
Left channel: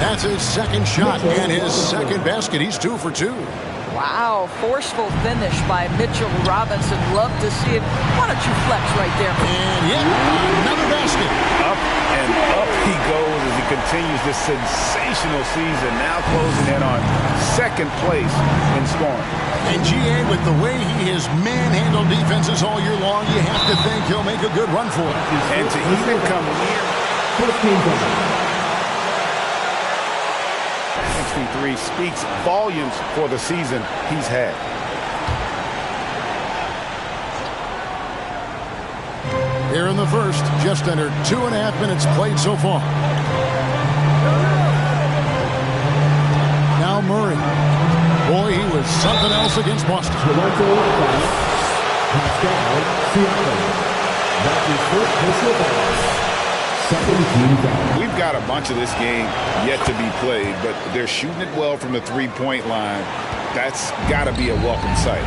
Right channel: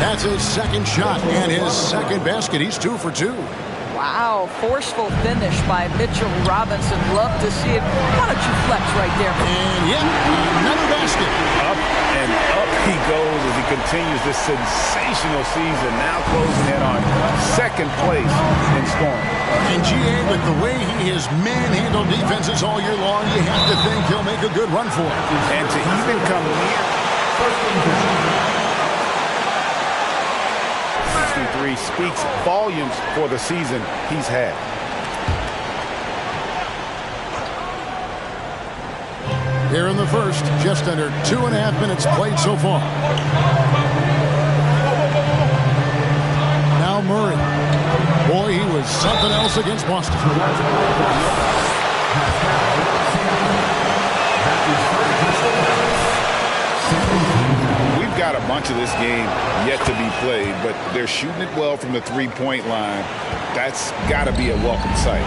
That's his second shot and his second basket. He's 2 for 2. Wow, forceful finish by Mitchell Robinson. Love to see it. Why don't you flex right there? And yet another basket. Up and up he goes as he continues this sensational season. Now closing in on second place in scoring. And GA, with the way he has manhandled defenses all year long, you have to think he'll make a good run for it. And to even come near 63 speaks volumes for the season he's had. Here in the first, just under 2.5 minutes played so far. Now Murray. Boy, he was something else against Boston. We've got a bunch of this game yet to be played, but they're shooting it well from the three-point line. That's got to be a welcome sight.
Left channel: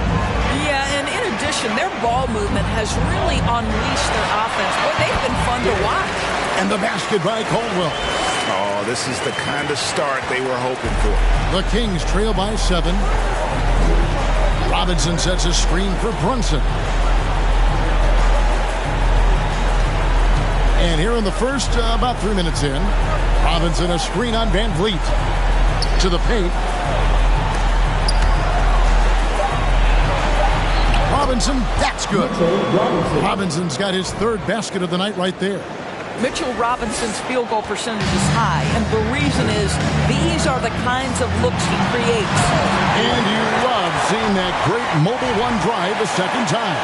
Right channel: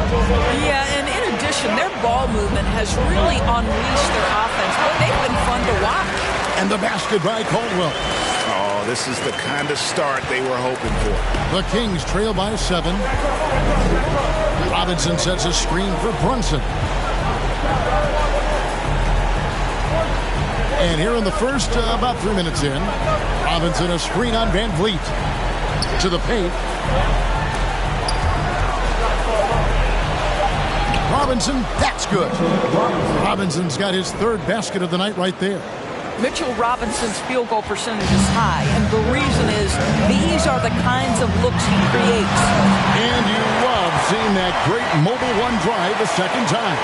Yeah, and in addition, their ball movement has really unleashed their offense. Boy, they've been fun to watch. And the basket by Caldwell. Oh, this is the kind of start they were hoping for. The Kings trail by 7. Robinson sets a screen for Brunson. And here in the first, about 3 minutes in, Robinson a screen on VanVleet. To the paint. Robinson, that's good. Robinson's got his 3rd basket of the night right there. Mitchell Robinson's field goal percentage is high, and the reason is these are the kinds of looks he creates. And you love seeing that great mobile one drive a second time.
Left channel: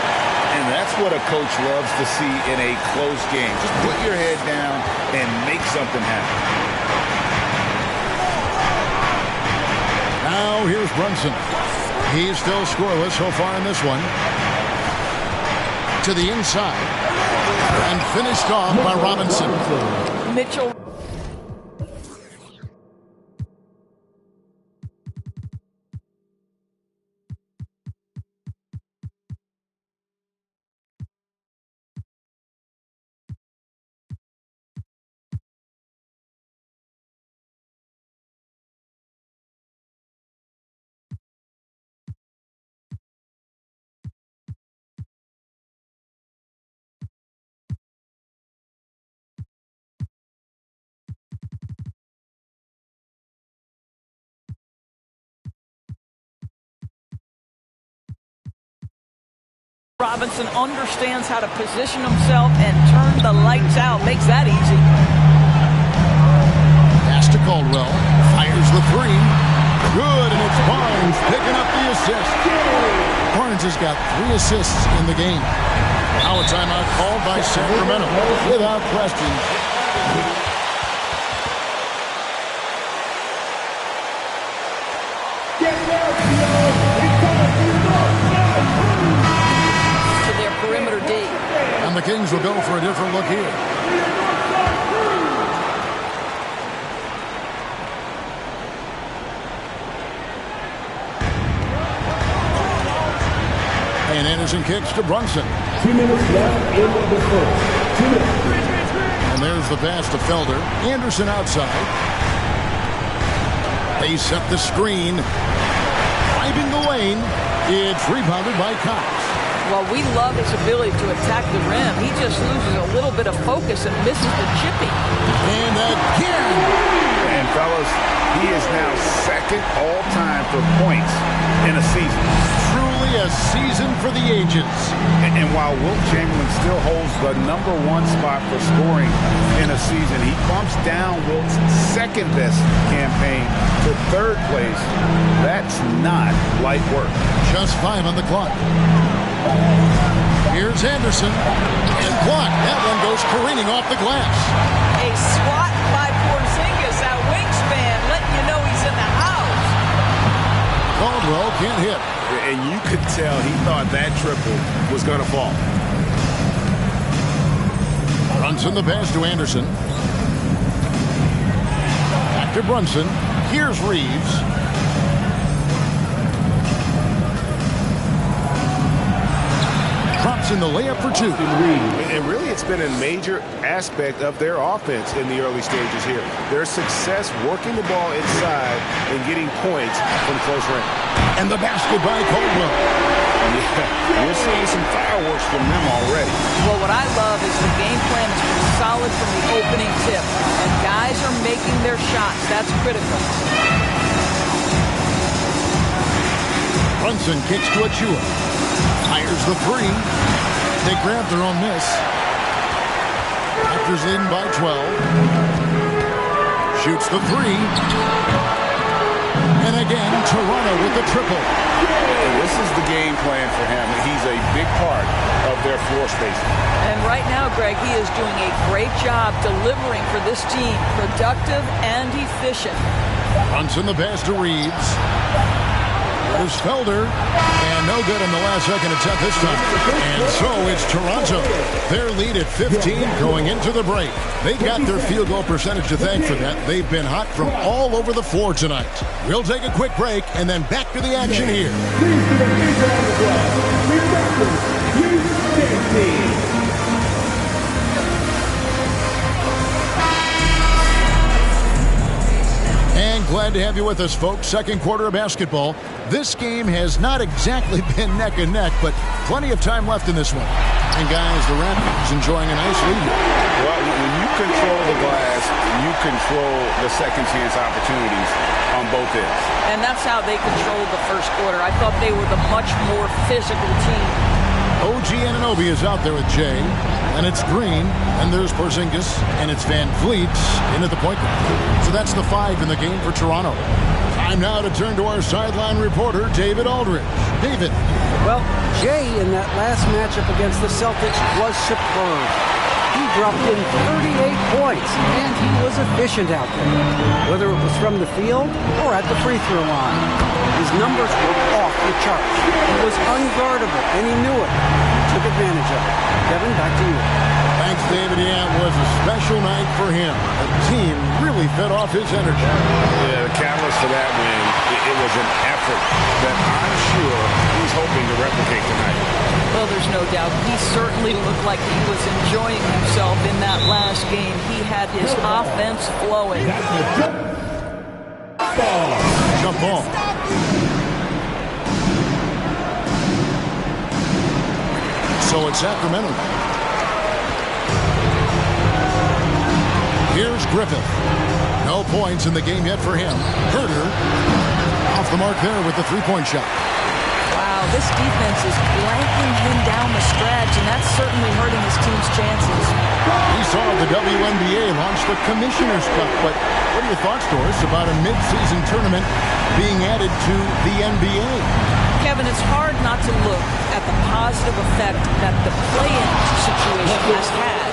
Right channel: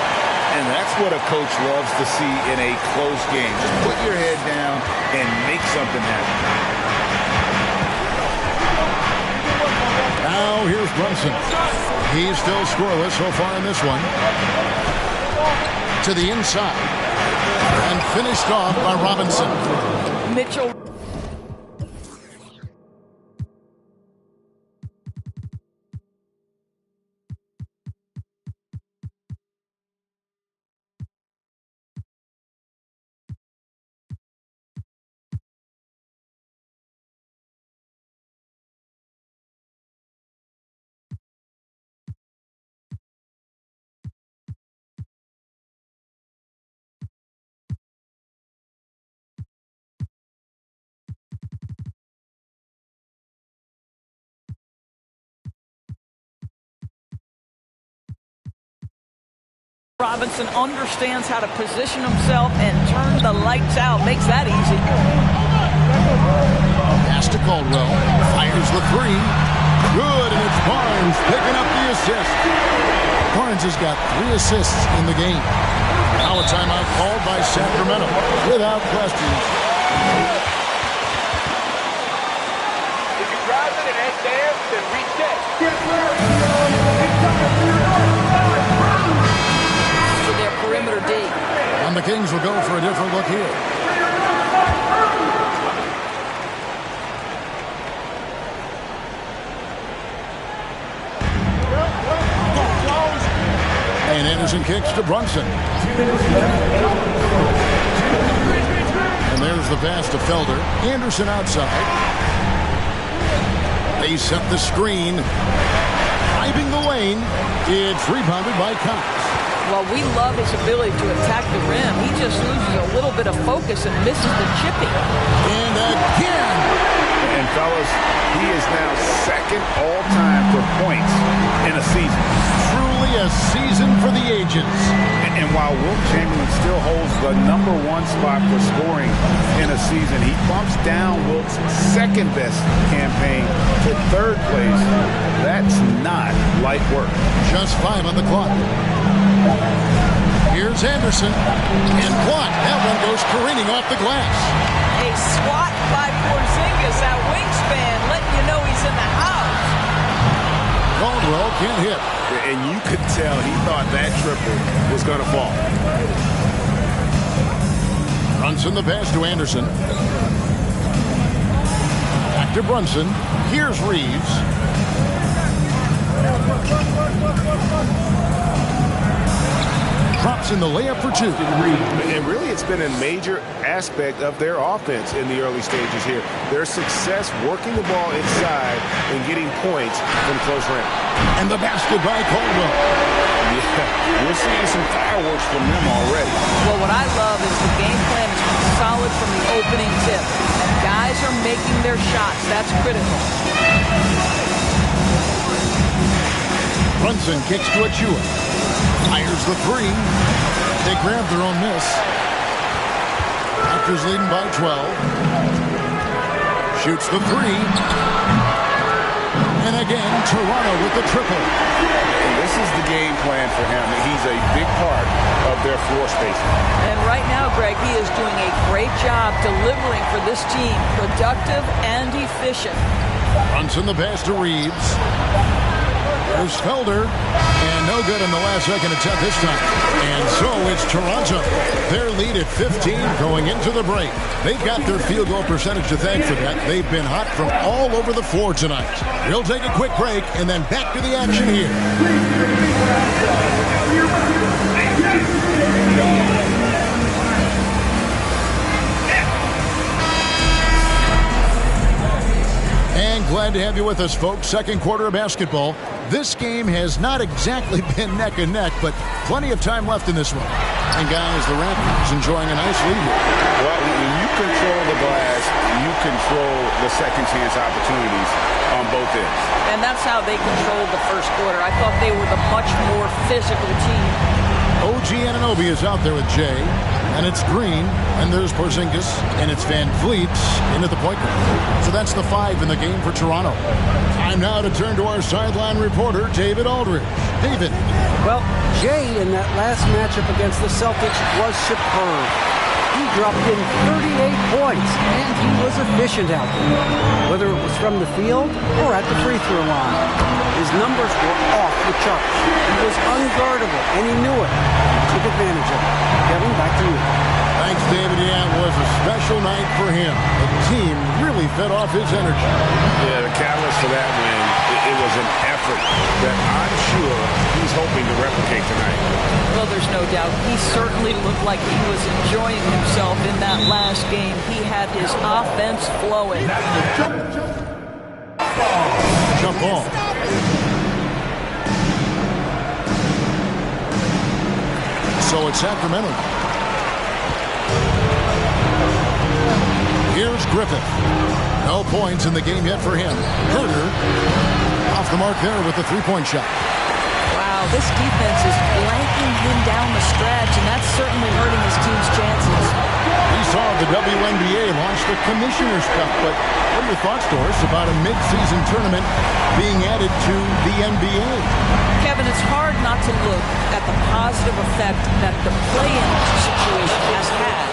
And that's what a coach loves to see in a close game. Just put your head down and make something happen. Now here's Brunson. He's still scoreless so far in this one. To the inside. And finished off by Robinson. Mitchell Robinson understands how to position himself and turn the lights out. Makes that easy. Pass to Caldwell. Fires the three. Good, and it's Barnes picking up the assist. Barnes has got 3 assists in the game. Now a timeout called by Sacramento. Without questions. To their perimeter D. And the Kings will go for a different look here. And Anderson kicks to Brunson. 2 minutes left in the first. And there's the pass to Felder. Anderson outside. They set the screen. Driving the lane. It's rebounded by Cox. Well, we love his ability to attack the rim. He just loses a little bit of focus and misses the chippy. And again. And fellas, he is now second all-time for points in a season. Truly a season for the ages. And while Wilt Chamberlain still holds the #1 spot for scoring in a season, he bumps down Wilt's second-best campaign to 3rd place. That's not light work. Just 5 on the clock. Here's Anderson. And blocked. That one goes careening off the glass. A swat by Porzingis, that wingspan, letting you know he's in the house. Caldwell can't hit. And you could tell he thought that triple was going to fall. Brunson the pass to Anderson. Back to Brunson. Here's Reeves. Drops in the layup for 2. And really, it's been a major aspect of their offense in the early stages here. Their success working the ball inside and getting points from close range. And the basket by Caldwell. Yeah, we're seeing some fireworks from them already. Well, what I love is the game plan has been solid from the opening tip. And guys are making their shots. That's critical. Brunson kicks to Achua. Fires the 3. They grab their own miss. Raptors leading by 12. Shoots the 3. And again, Toronto with the triple. And this is the game plan for him. He's a big part of their floor spacing. And right now, Greg, he is doing a great job delivering for this team. Productive and efficient. Brunson the pass to Reeves. There's Felder. And no good in the last second attempt this time. And so it's Toronto. Their lead at 15 going into the break. They've got their field goal percentage to thank for that. They've been hot from all over the floor tonight. We'll take a quick break and then back to the action here. And glad to have you with us, folks. Second quarter of basketball. This game has not exactly been neck and neck, but plenty of time left in this one. And guys, the Raptors enjoying a nice lead. Well, when you control the glass, you control the second chance opportunities on both ends. And that's how they controlled the first quarter. I thought they were the much more physical team. OG Anunoby is out there with Jay, and it's Green, and there's Porzingis, and it's Van Vliet in at the point guard. So that's the 5 in the game for Toronto. Time now to turn to our sideline reporter, David Aldridge. David. Well, Jay in that last matchup against the Celtics was superb. He dropped in 38 points, and he was efficient out there, whether it was from the field or at the free throw line. His numbers were off the charts. He was unguardable, and he knew it. He took advantage of it. Kevin, back to you. Thanks, David. Yeah, it was a special night for him. The team really fed off his energy. Yeah, the catalyst for that win, it was an effort that I'm sure he's hoping to replicate tonight. Well, there's no doubt. He certainly looked like he was enjoying himself in that last game. He had his offense flowing. Jump ball. So it's Sacramento. Here's Griffith. No points in the game yet for him. Herter off the mark there with the 3-point shot. Wow, now, this defense is blanking him down the stretch, and that's certainly hurting his team's chances. We saw the WNBA launch the Commissioner's Cup, but what are your thoughts, Doris, about a mid-season tournament being added to the NBA? Kevin, it's hard not to look at the positive effect that the play-in situation has had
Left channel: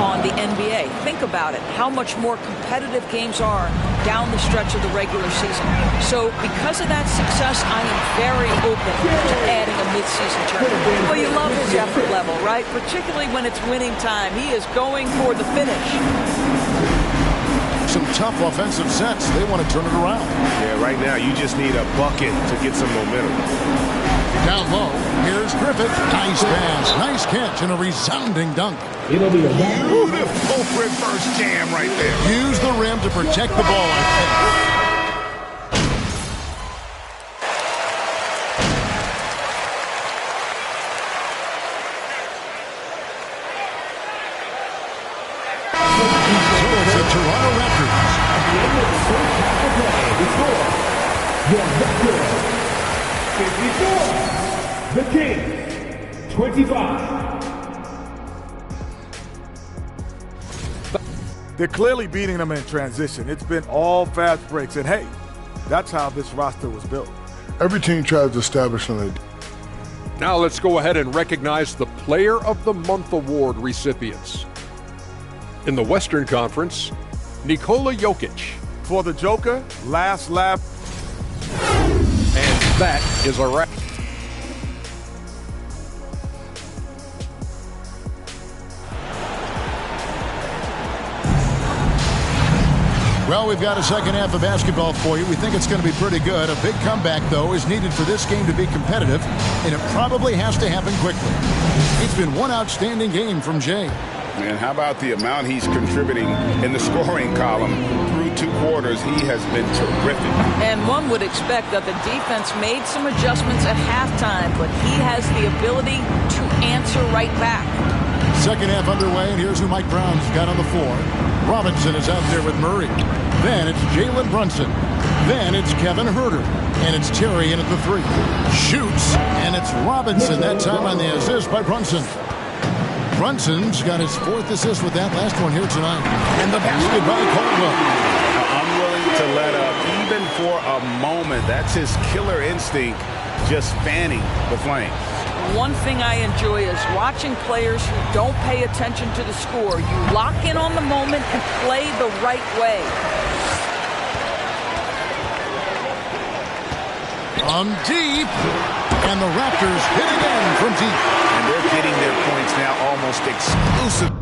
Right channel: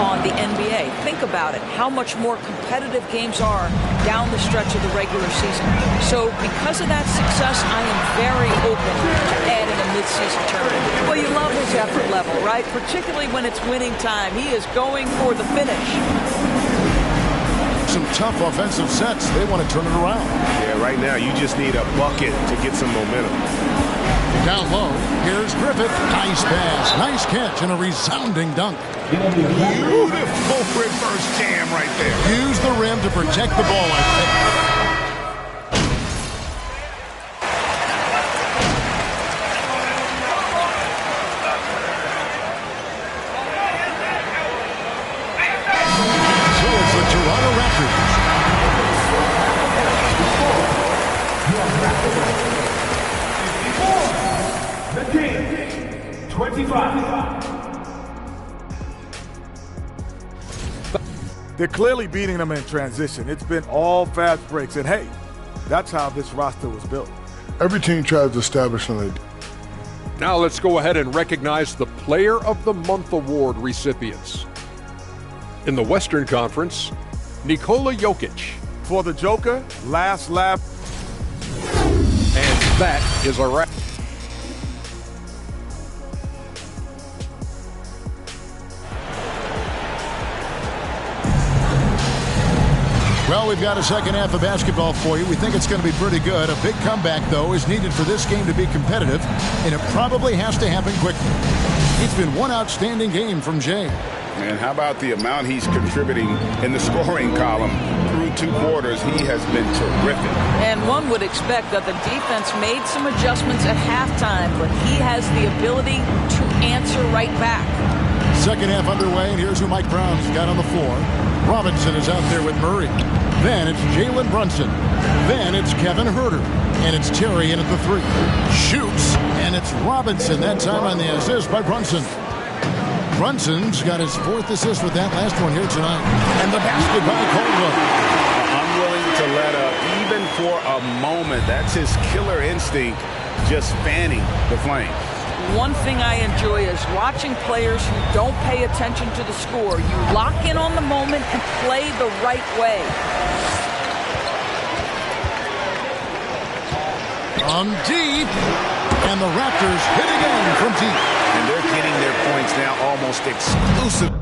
on the NBA. Think about it, how much more competitive games are down the stretch of the regular season. So because of that success, I am very open to adding a mid-season tournament. Well, you love his effort level, right? Particularly when it's winning time. He is going for the finish. Some tough offensive sets. They want to turn it around. Yeah, right now you just need a bucket to get some momentum. Down low, here's Griffith. Nice pass, nice catch, and a resounding dunk. Beautiful reverse jam right there. Use the rim to protect the ball, I think. Toronto Raptors. The Kings, 25. They're clearly beating them in transition. It's been all fast breaks, and hey, that's how this roster was built. Every team tries to establish an. Now let's go ahead and recognize the Player of the Month award recipients. In the Western Conference, Nikola Jokic. For the Joker, last lap. And that is a wrap. Well, we've got a second half of basketball for you. We think it's going to be pretty good. A big comeback, though, is needed for this game to be competitive, and it probably has to happen quickly. It's been one outstanding game from Jay. And how about the amount he's contributing in the scoring column through 2 quarters? He has been terrific. And one would expect that the defense made some adjustments at halftime, but he has the ability to answer right back. Second half underway, and here's who Mike Brown's got on the floor. Robinson is out there with Murray. Then it's Jalen Brunson. Then it's Kevin Huerter. And it's Terry in at the 3. Shoots, and it's Robinson, that time on the assist by Brunson. Brunson's got his 4th assist with that last one here tonight. And the basket by Caldwell. Unwilling to let up, even for a moment. That's his killer instinct, just fanning the flames. One thing I enjoy is watching players who don't pay attention to the score. You lock in on the moment and play the right way. From deep, and the Raptors hit again from deep. And they're getting their points now almost exclusively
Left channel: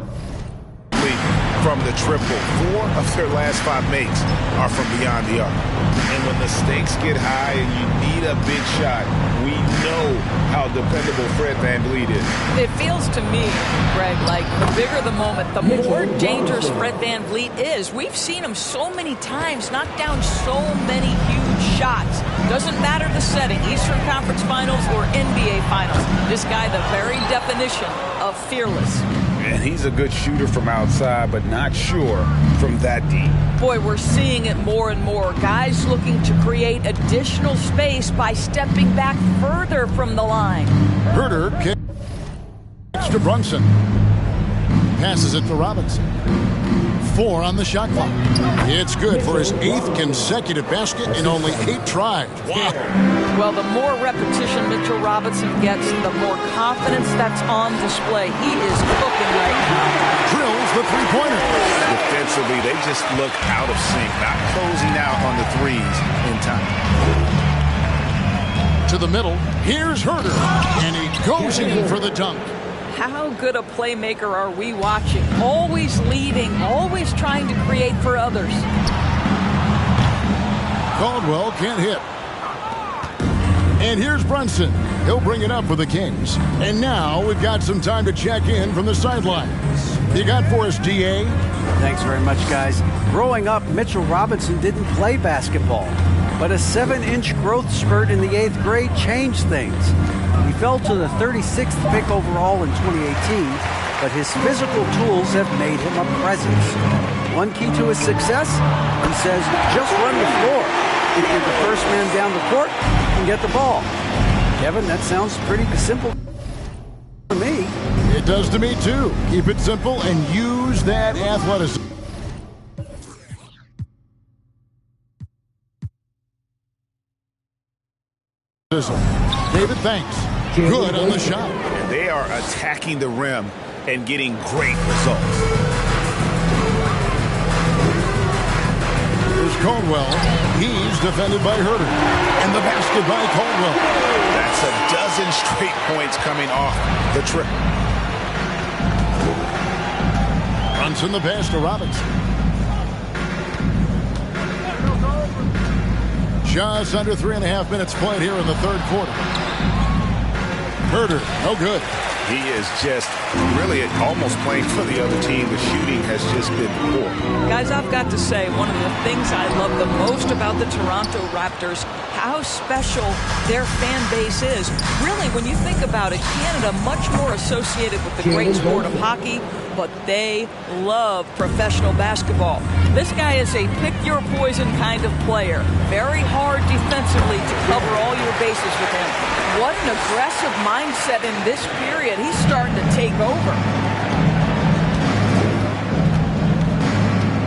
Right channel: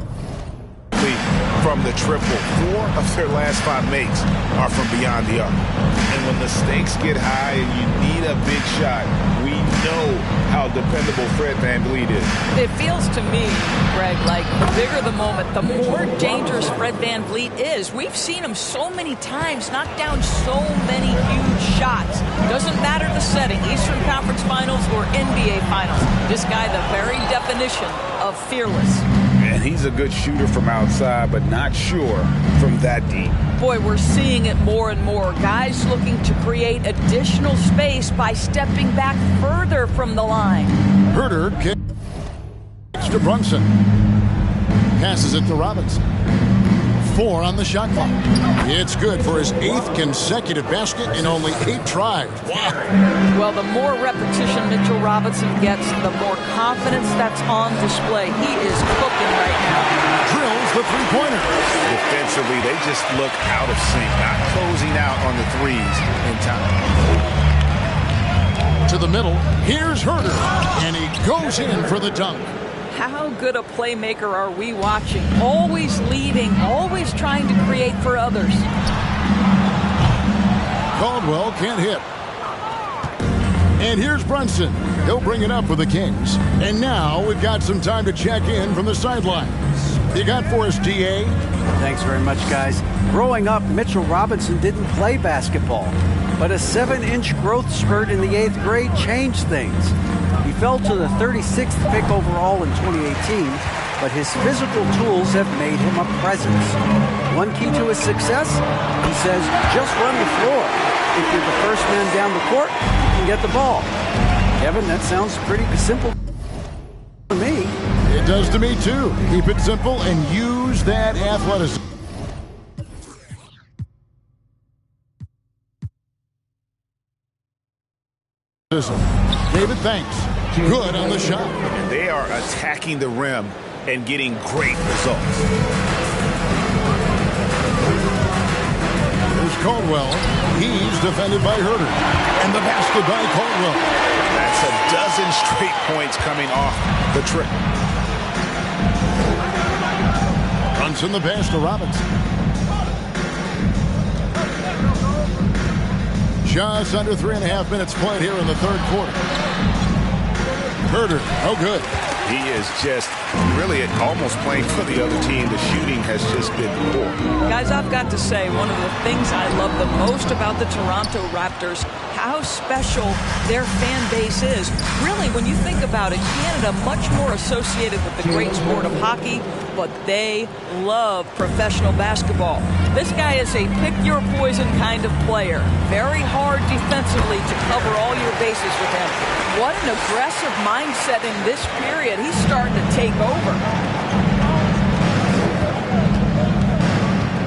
from the triple. 4 of their last 5 makes are from beyond the arc. And when the stakes get high and you need a big shot, we know how dependable Fred VanVleet is. It feels to me, Greg, like the bigger the moment, the more dangerous Fred VanVleet is. We've seen him so many times knock down so many huge shots. Doesn't matter the setting, Eastern Conference Finals or NBA Finals. This guy, the very definition of fearless. And he's a good shooter from outside, but not sure from that deep. Boy, we're seeing it more and more. Guys looking to create additional space by stepping back further from the line. Huerter kicks to Brunson. Passes it to Robinson. 4 on the shot clock. It's good for his 8th consecutive basket in only 8 tries. Wow. Well, the more repetition Mitchell Robinson gets, the more confidence that's on display. He is cooking right now. Drills the 3-pointer. Defensively, they just look out of sync, not closing out on the 3s in time. To the middle, here's Huerter, and he goes in for the dunk. How good a playmaker are we watching? Always leading, always trying to create for others. Caldwell can't hit. And here's Brunson. He'll bring it up for the Kings. And now we've got some time to check in from the sidelines. You got for us, DA? Thanks very much, guys. Growing up, Mitchell Robinson didn't play basketball, but a 7-inch growth spurt in the 8th grade changed things. He fell to the 36th pick overall in 2018, but his physical tools have made him a presence. One key to his success, he says, just run the floor. If you're the first man down the court, you can get the ball. Kevin, that sounds pretty simple to me. It does to me, too. Keep it simple and use that athleticism. David, thanks. Good on the shot. And they are attacking the rim and getting great results. Here's Caldwell. He's defended by Herter. And the basket by Caldwell. That's a dozen straight points coming off the trip. Brunson the pass to Robinson. Just under 3.5 minutes played here in the third quarter. Herter, no good. He is just really almost playing for the other team. The shooting has just been poor. Guys, I've got to say, one of the things I love the most about the Toronto Raptors, how special their fan base is. Really, when you think about it, Canada much more associated with the great sport of hockey, but they love professional basketball. This guy is a pick-your-poison kind of player. Very hard defensively to cover all your bases with him. What an aggressive mindset in this period. He's starting to take over.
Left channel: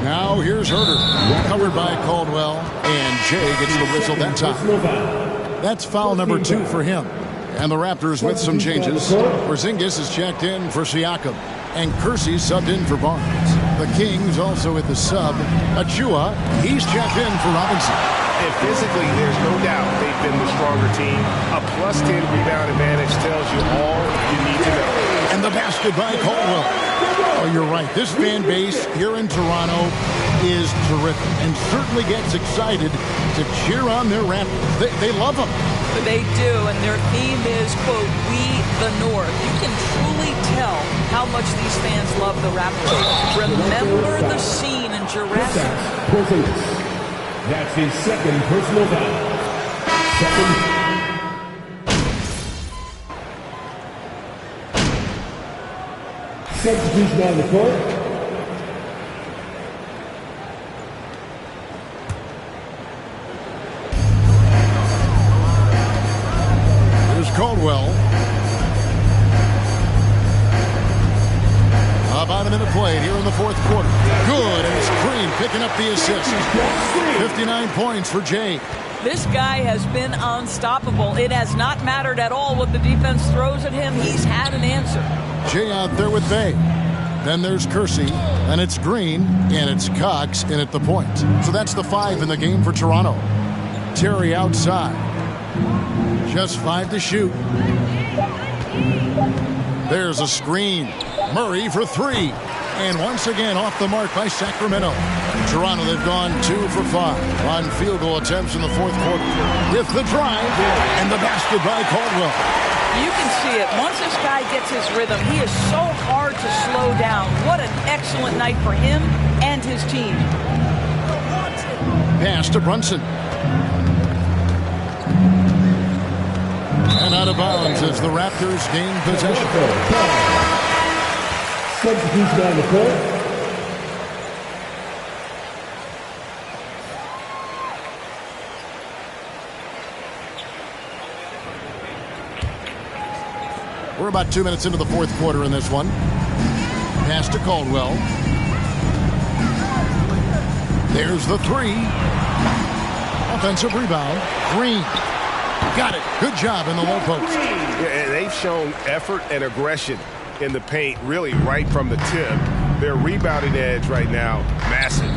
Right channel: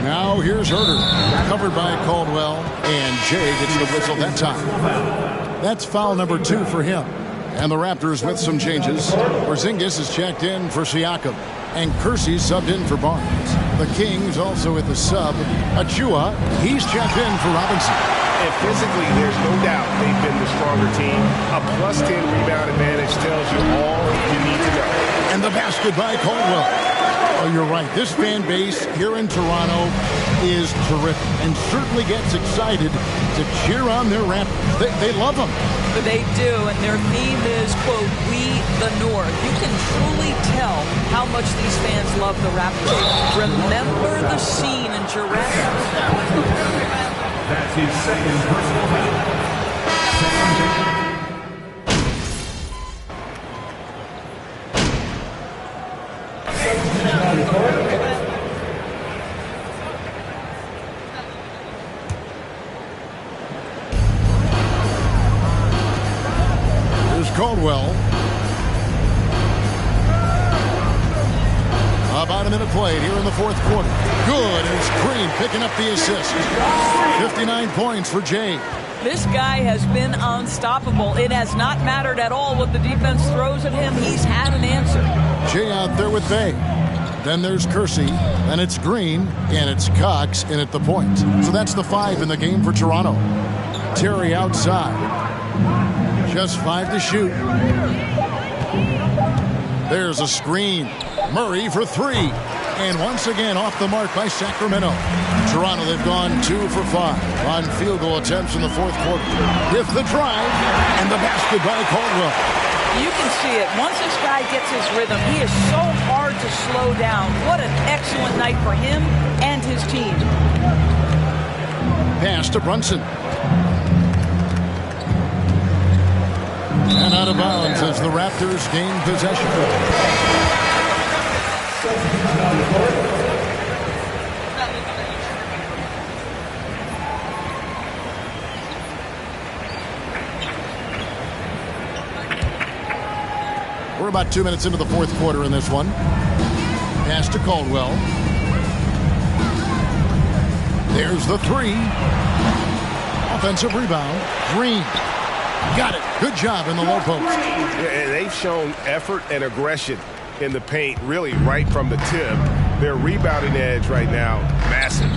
Now here's Herter, covered by Caldwell, and Jay gets the whistle that time. That's foul number 2 for him. And the Raptors with some changes. Porzingis is checked in for Siakam, and Kersey subbed in for Barnes. The Kings also with the sub. Achua, he's checked in for Robinson. And physically, there's no doubt they've been the stronger team. A +10 rebound advantage tells you all you need to know. And the basket by Caldwell. Oh, you're right. This fan base here in Toronto is terrific and certainly gets excited to cheer on their Raptors. They love them. They do, and their theme is, quote, "We the North." You can truly tell how much these fans love the Raptors. Remember the scene in Jurassic. That's his second personal foul. Substitution on the court. Here's Caldwell. About a minute played here in the fourth quarter. Good, and it's Green picking up the assist. 59 points for Jay. This guy has been unstoppable. It has not mattered at all what the defense throws at him. He's had an answer. Jay out there with Bay. Then there's Kersey, then it's Green, and it's Cox in at the point. So that's the 5 in the game for Toronto. Terry outside. Just 5 to shoot. There's a screen. Murray for 3. And once again off the mark by Sacramento. Toronto, they've gone 2 for 5 on field goal attempts in the fourth quarter. With the drive and the basket by Caldwell. You can see it. Once this guy gets his rhythm, he is so hard to slow down. What an excellent night for him and his team. Pass to Brunson. And out of bounds as the Raptors gain possession. Substitution on the court. We're about 2 minutes into the fourth quarter in this one. Pass to Caldwell. There's the 3. Offensive rebound. Green. Got it. Good job in the low post. Yeah, they've shown effort and aggression in the paint, really right from the tip. Their rebounding edge right now, massive.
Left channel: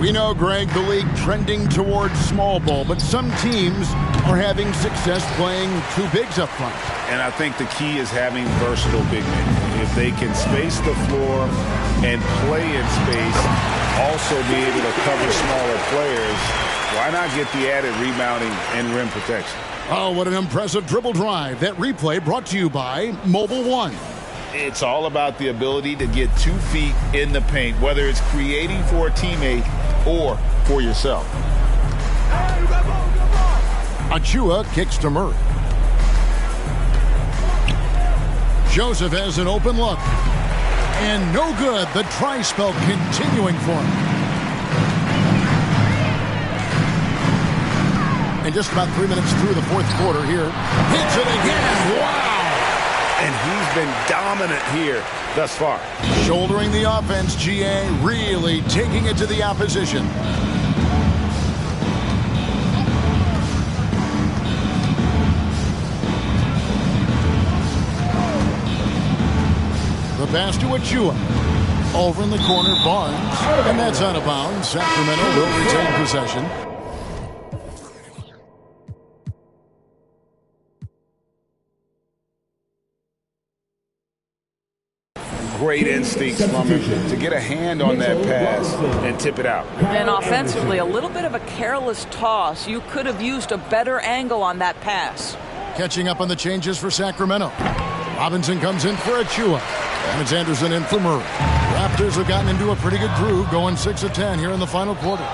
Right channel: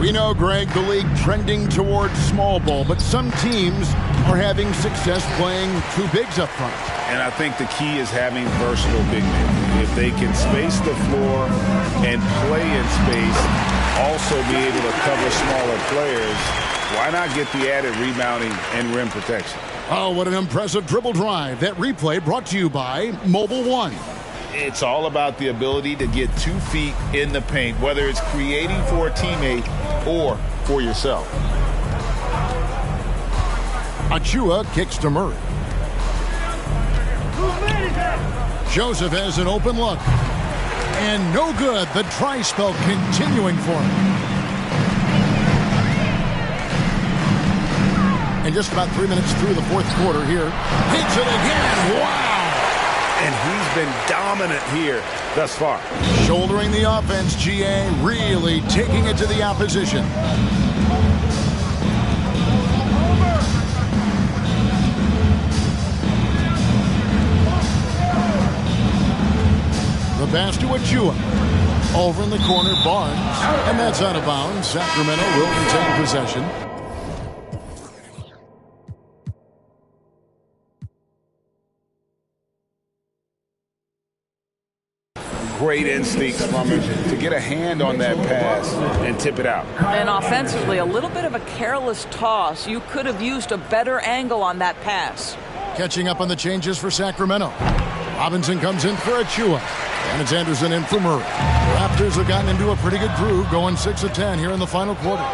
We know, Greg, the league trending towards small ball, but some teams are having success playing 2 bigs up front. And I think the key is having versatile big men. If they can space the floor and play in space, also be able to cover smaller players, why not get the added rebounding and rim protection? Oh, what an impressive dribble drive. That replay brought to you by Mobile One. It's all about the ability to get 2 feet in the paint, whether it's creating for a teammate or for yourself. Achua kicks to Murray. Joseph has an open look. And no good. The dry spell continuing for him. And just about 3 minutes through the fourth quarter here. Hits it again. Wow. And he's been dominant here thus far. Shouldering the offense, GA, really taking it to the opposition. The pass to Achua. Over in the corner, Barnes. And that's out of bounds. Sacramento will retain possession. Great instincts from him to get a hand on that pass and tip it out. And offensively, a little bit of a careless toss. You could have used a better angle on that pass. Catching up on the changes for Sacramento. Robinson comes in for Achua. And it's Anderson in for Murray. Raptors have gotten into a pretty good groove, going 6 of 10 here in the final quarter.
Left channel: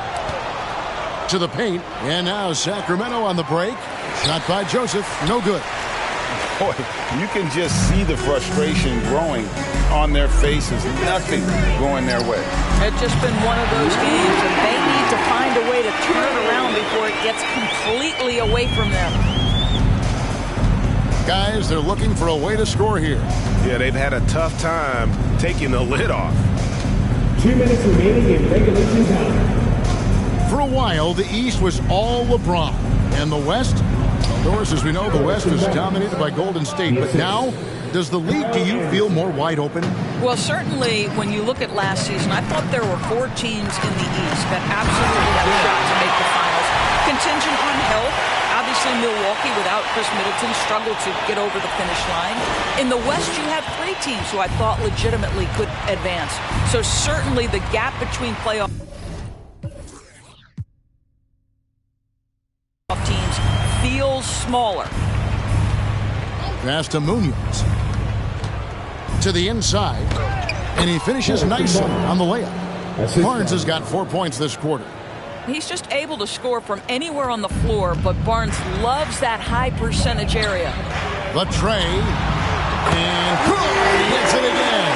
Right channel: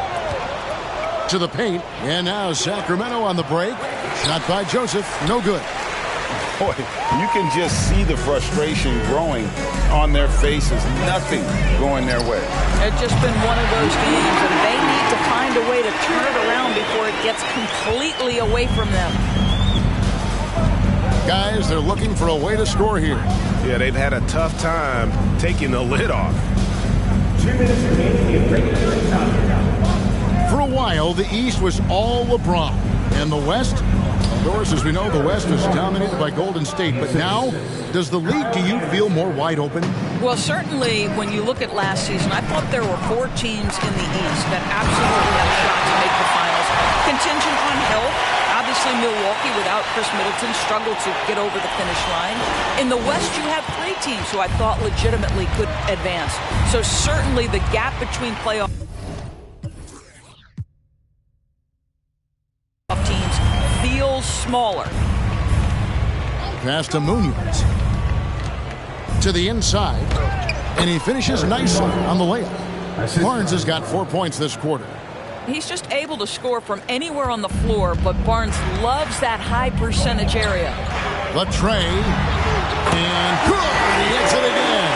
To the paint, and now Sacramento on the break. Shot by Joseph, no good. Boy, you can just see the frustration growing on their faces. Nothing going their way. It's just been one of those games, and they need to find a way to turn it around before it gets completely away from them. Guys, they're looking for a way to score here. Yeah, they've had a tough time taking the lid off. 2 minutes remaining in regulation time. For a while, the East was all LeBron. And the West? Well, Doris, as we know, the West was dominated by Golden State. But now, does the league, do you feel more wide open? Well, certainly, when you look at last season, I thought there were 4 teams in the East that absolutely had a shot to make the finals. Contingent on health. Obviously, Milwaukee, without Chris Middleton, struggled to get over the finish line. In the West, you had 3 teams who I thought legitimately could advance. So certainly the gap between playoff teams feels smaller. Pass to Munoz. To the inside. And he finishes nicely on the layup. Barnes has got 4 points this quarter. He's just able to score from anywhere on the floor, but Barnes loves that high percentage area. The tray. And good! He hits it again.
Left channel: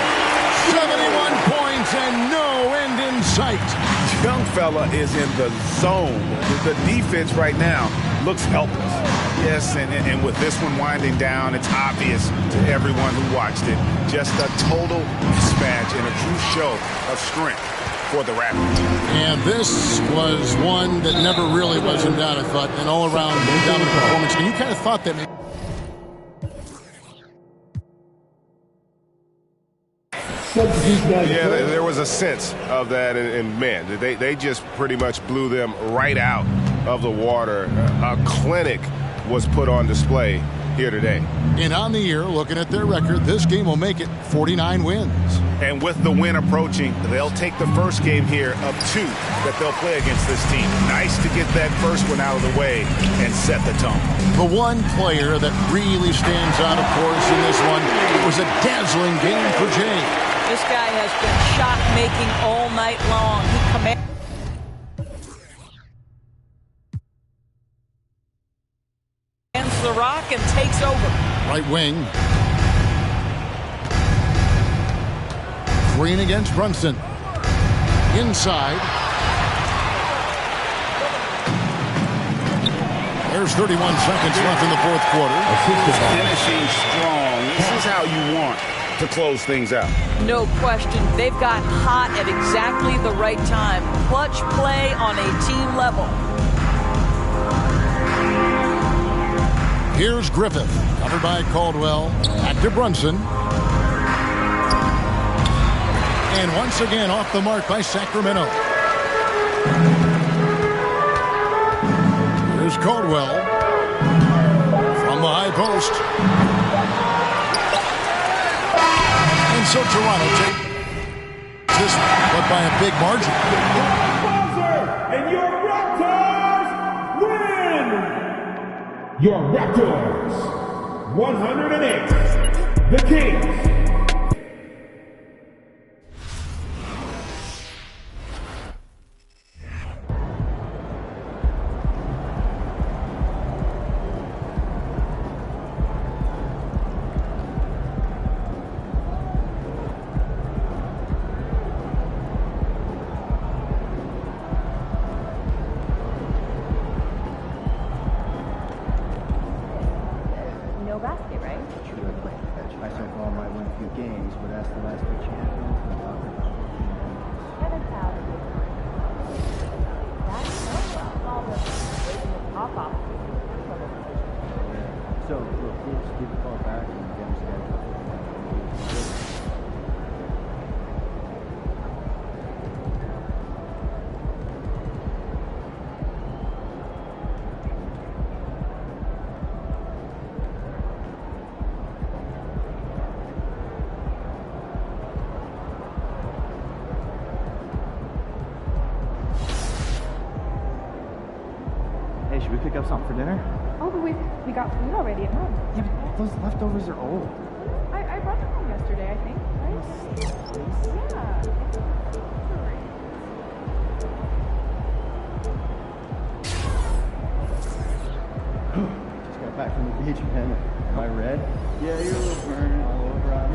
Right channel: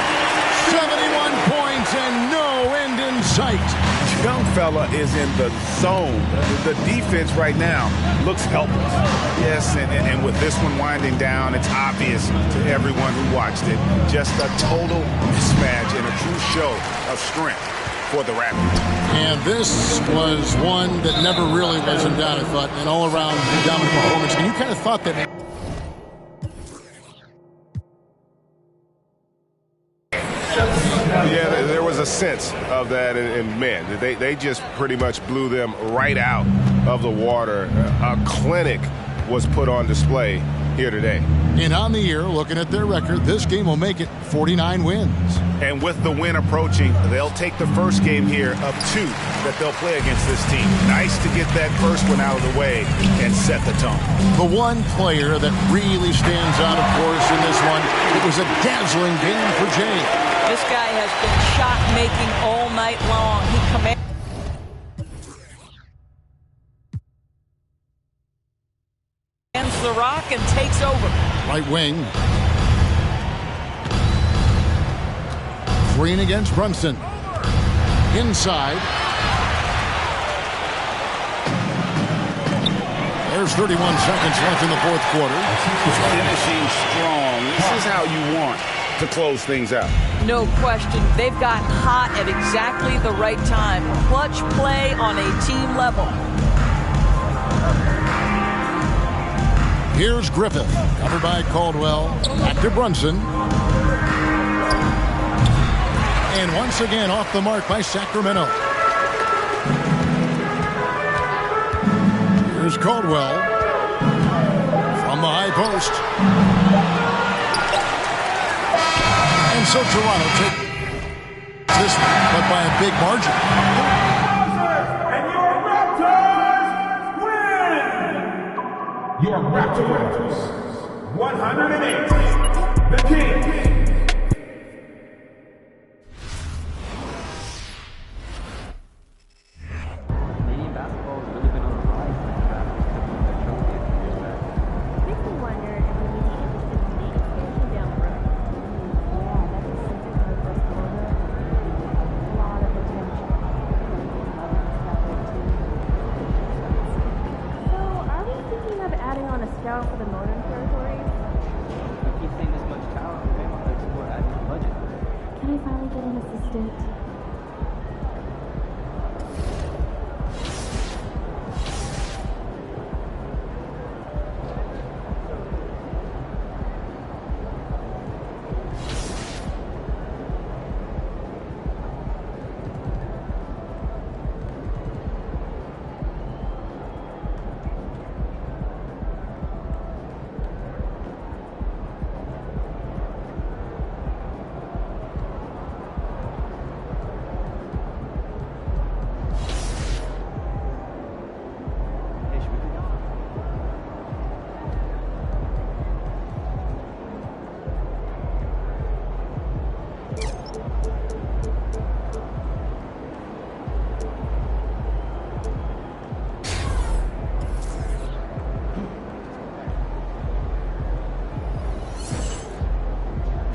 71 points and no end in sight. Young fella is in the zone. The defense right now looks helpless. Yes, and with this one winding down, it's obvious to everyone who watched it. Just a total mismatch and a true show of strength for the Raptors. And this was one that never really was in doubt, I thought. An all-around dominant performance. And you kind of thought that maybe... Yeah, there was a sense of that, and man, they just pretty much blew them right out of the water. A clinic was put on display here today. And on the year, looking at their record, this game will make it 49 wins. And with the win approaching, they'll take the first game here of 2 that they'll play against this team. Nice to get that first one out of the way and set the tone. The one player that really stands out, of course, in this one, it was a dazzling game for Jay. This guy has been shot-making all night long. He commands the rock and takes over. Right wing. Green against Brunson. Inside. There's 31 seconds left in the fourth quarter. Finishing strong. This is how you want to close things out. No question. They've gotten hot at exactly the right time. Clutch play on a team level. Here's Griffith, covered by Caldwell. Back to Brunson. And once again off the mark by Sacramento. Here's Caldwell from the high post. And so Toronto takes this one, but by a big margin. And your Raptors win! Your Raptors, 108. The Kings. those leftovers are old. I brought them home yesterday, I think. Just got back from the beach, man. Am I red? Yeah, you're wearing all brown.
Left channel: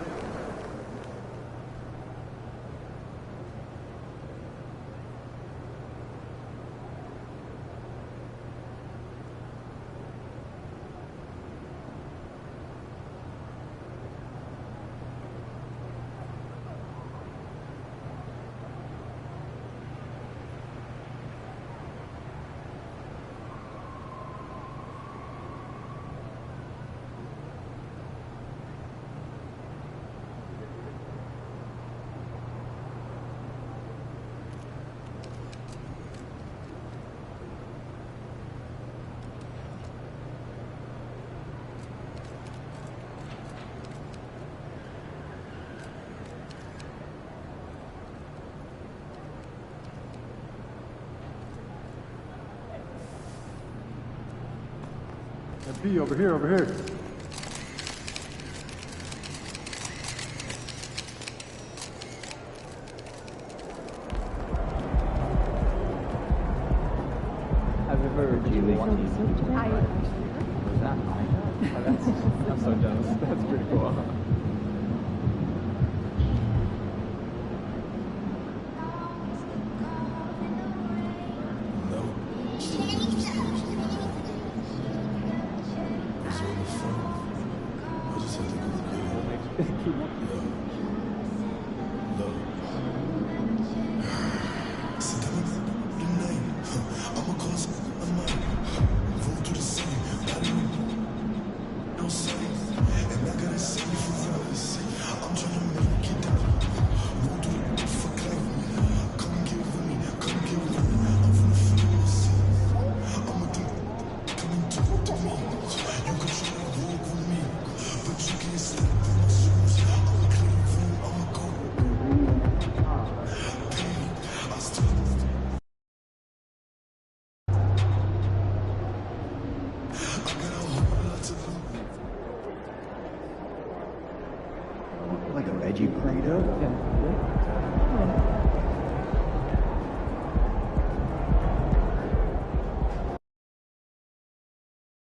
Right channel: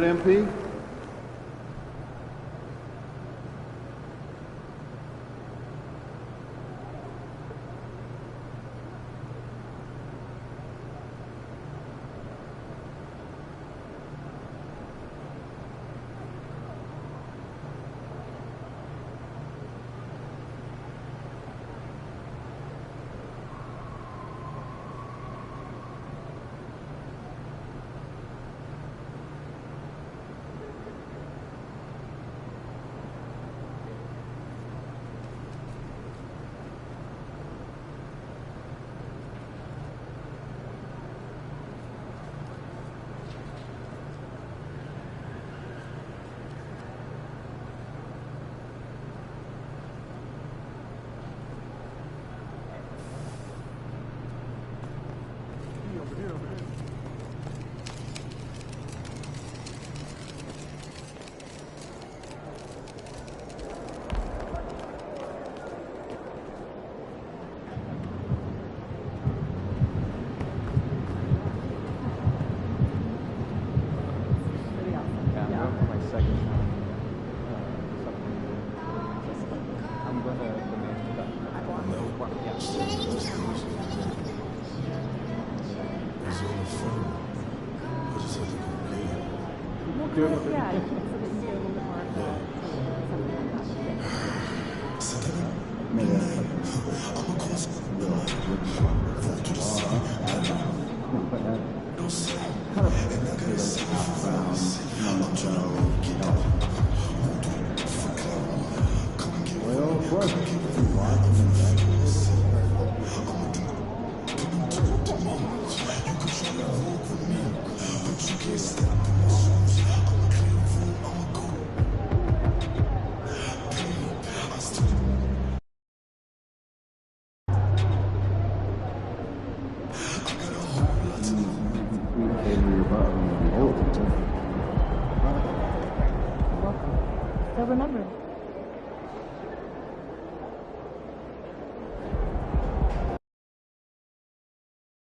good, MP? B, over here, over here. Have you heard you want to I'm so jealous. That's pretty cool. Yeah, my second You can try to walk with me, but you can't step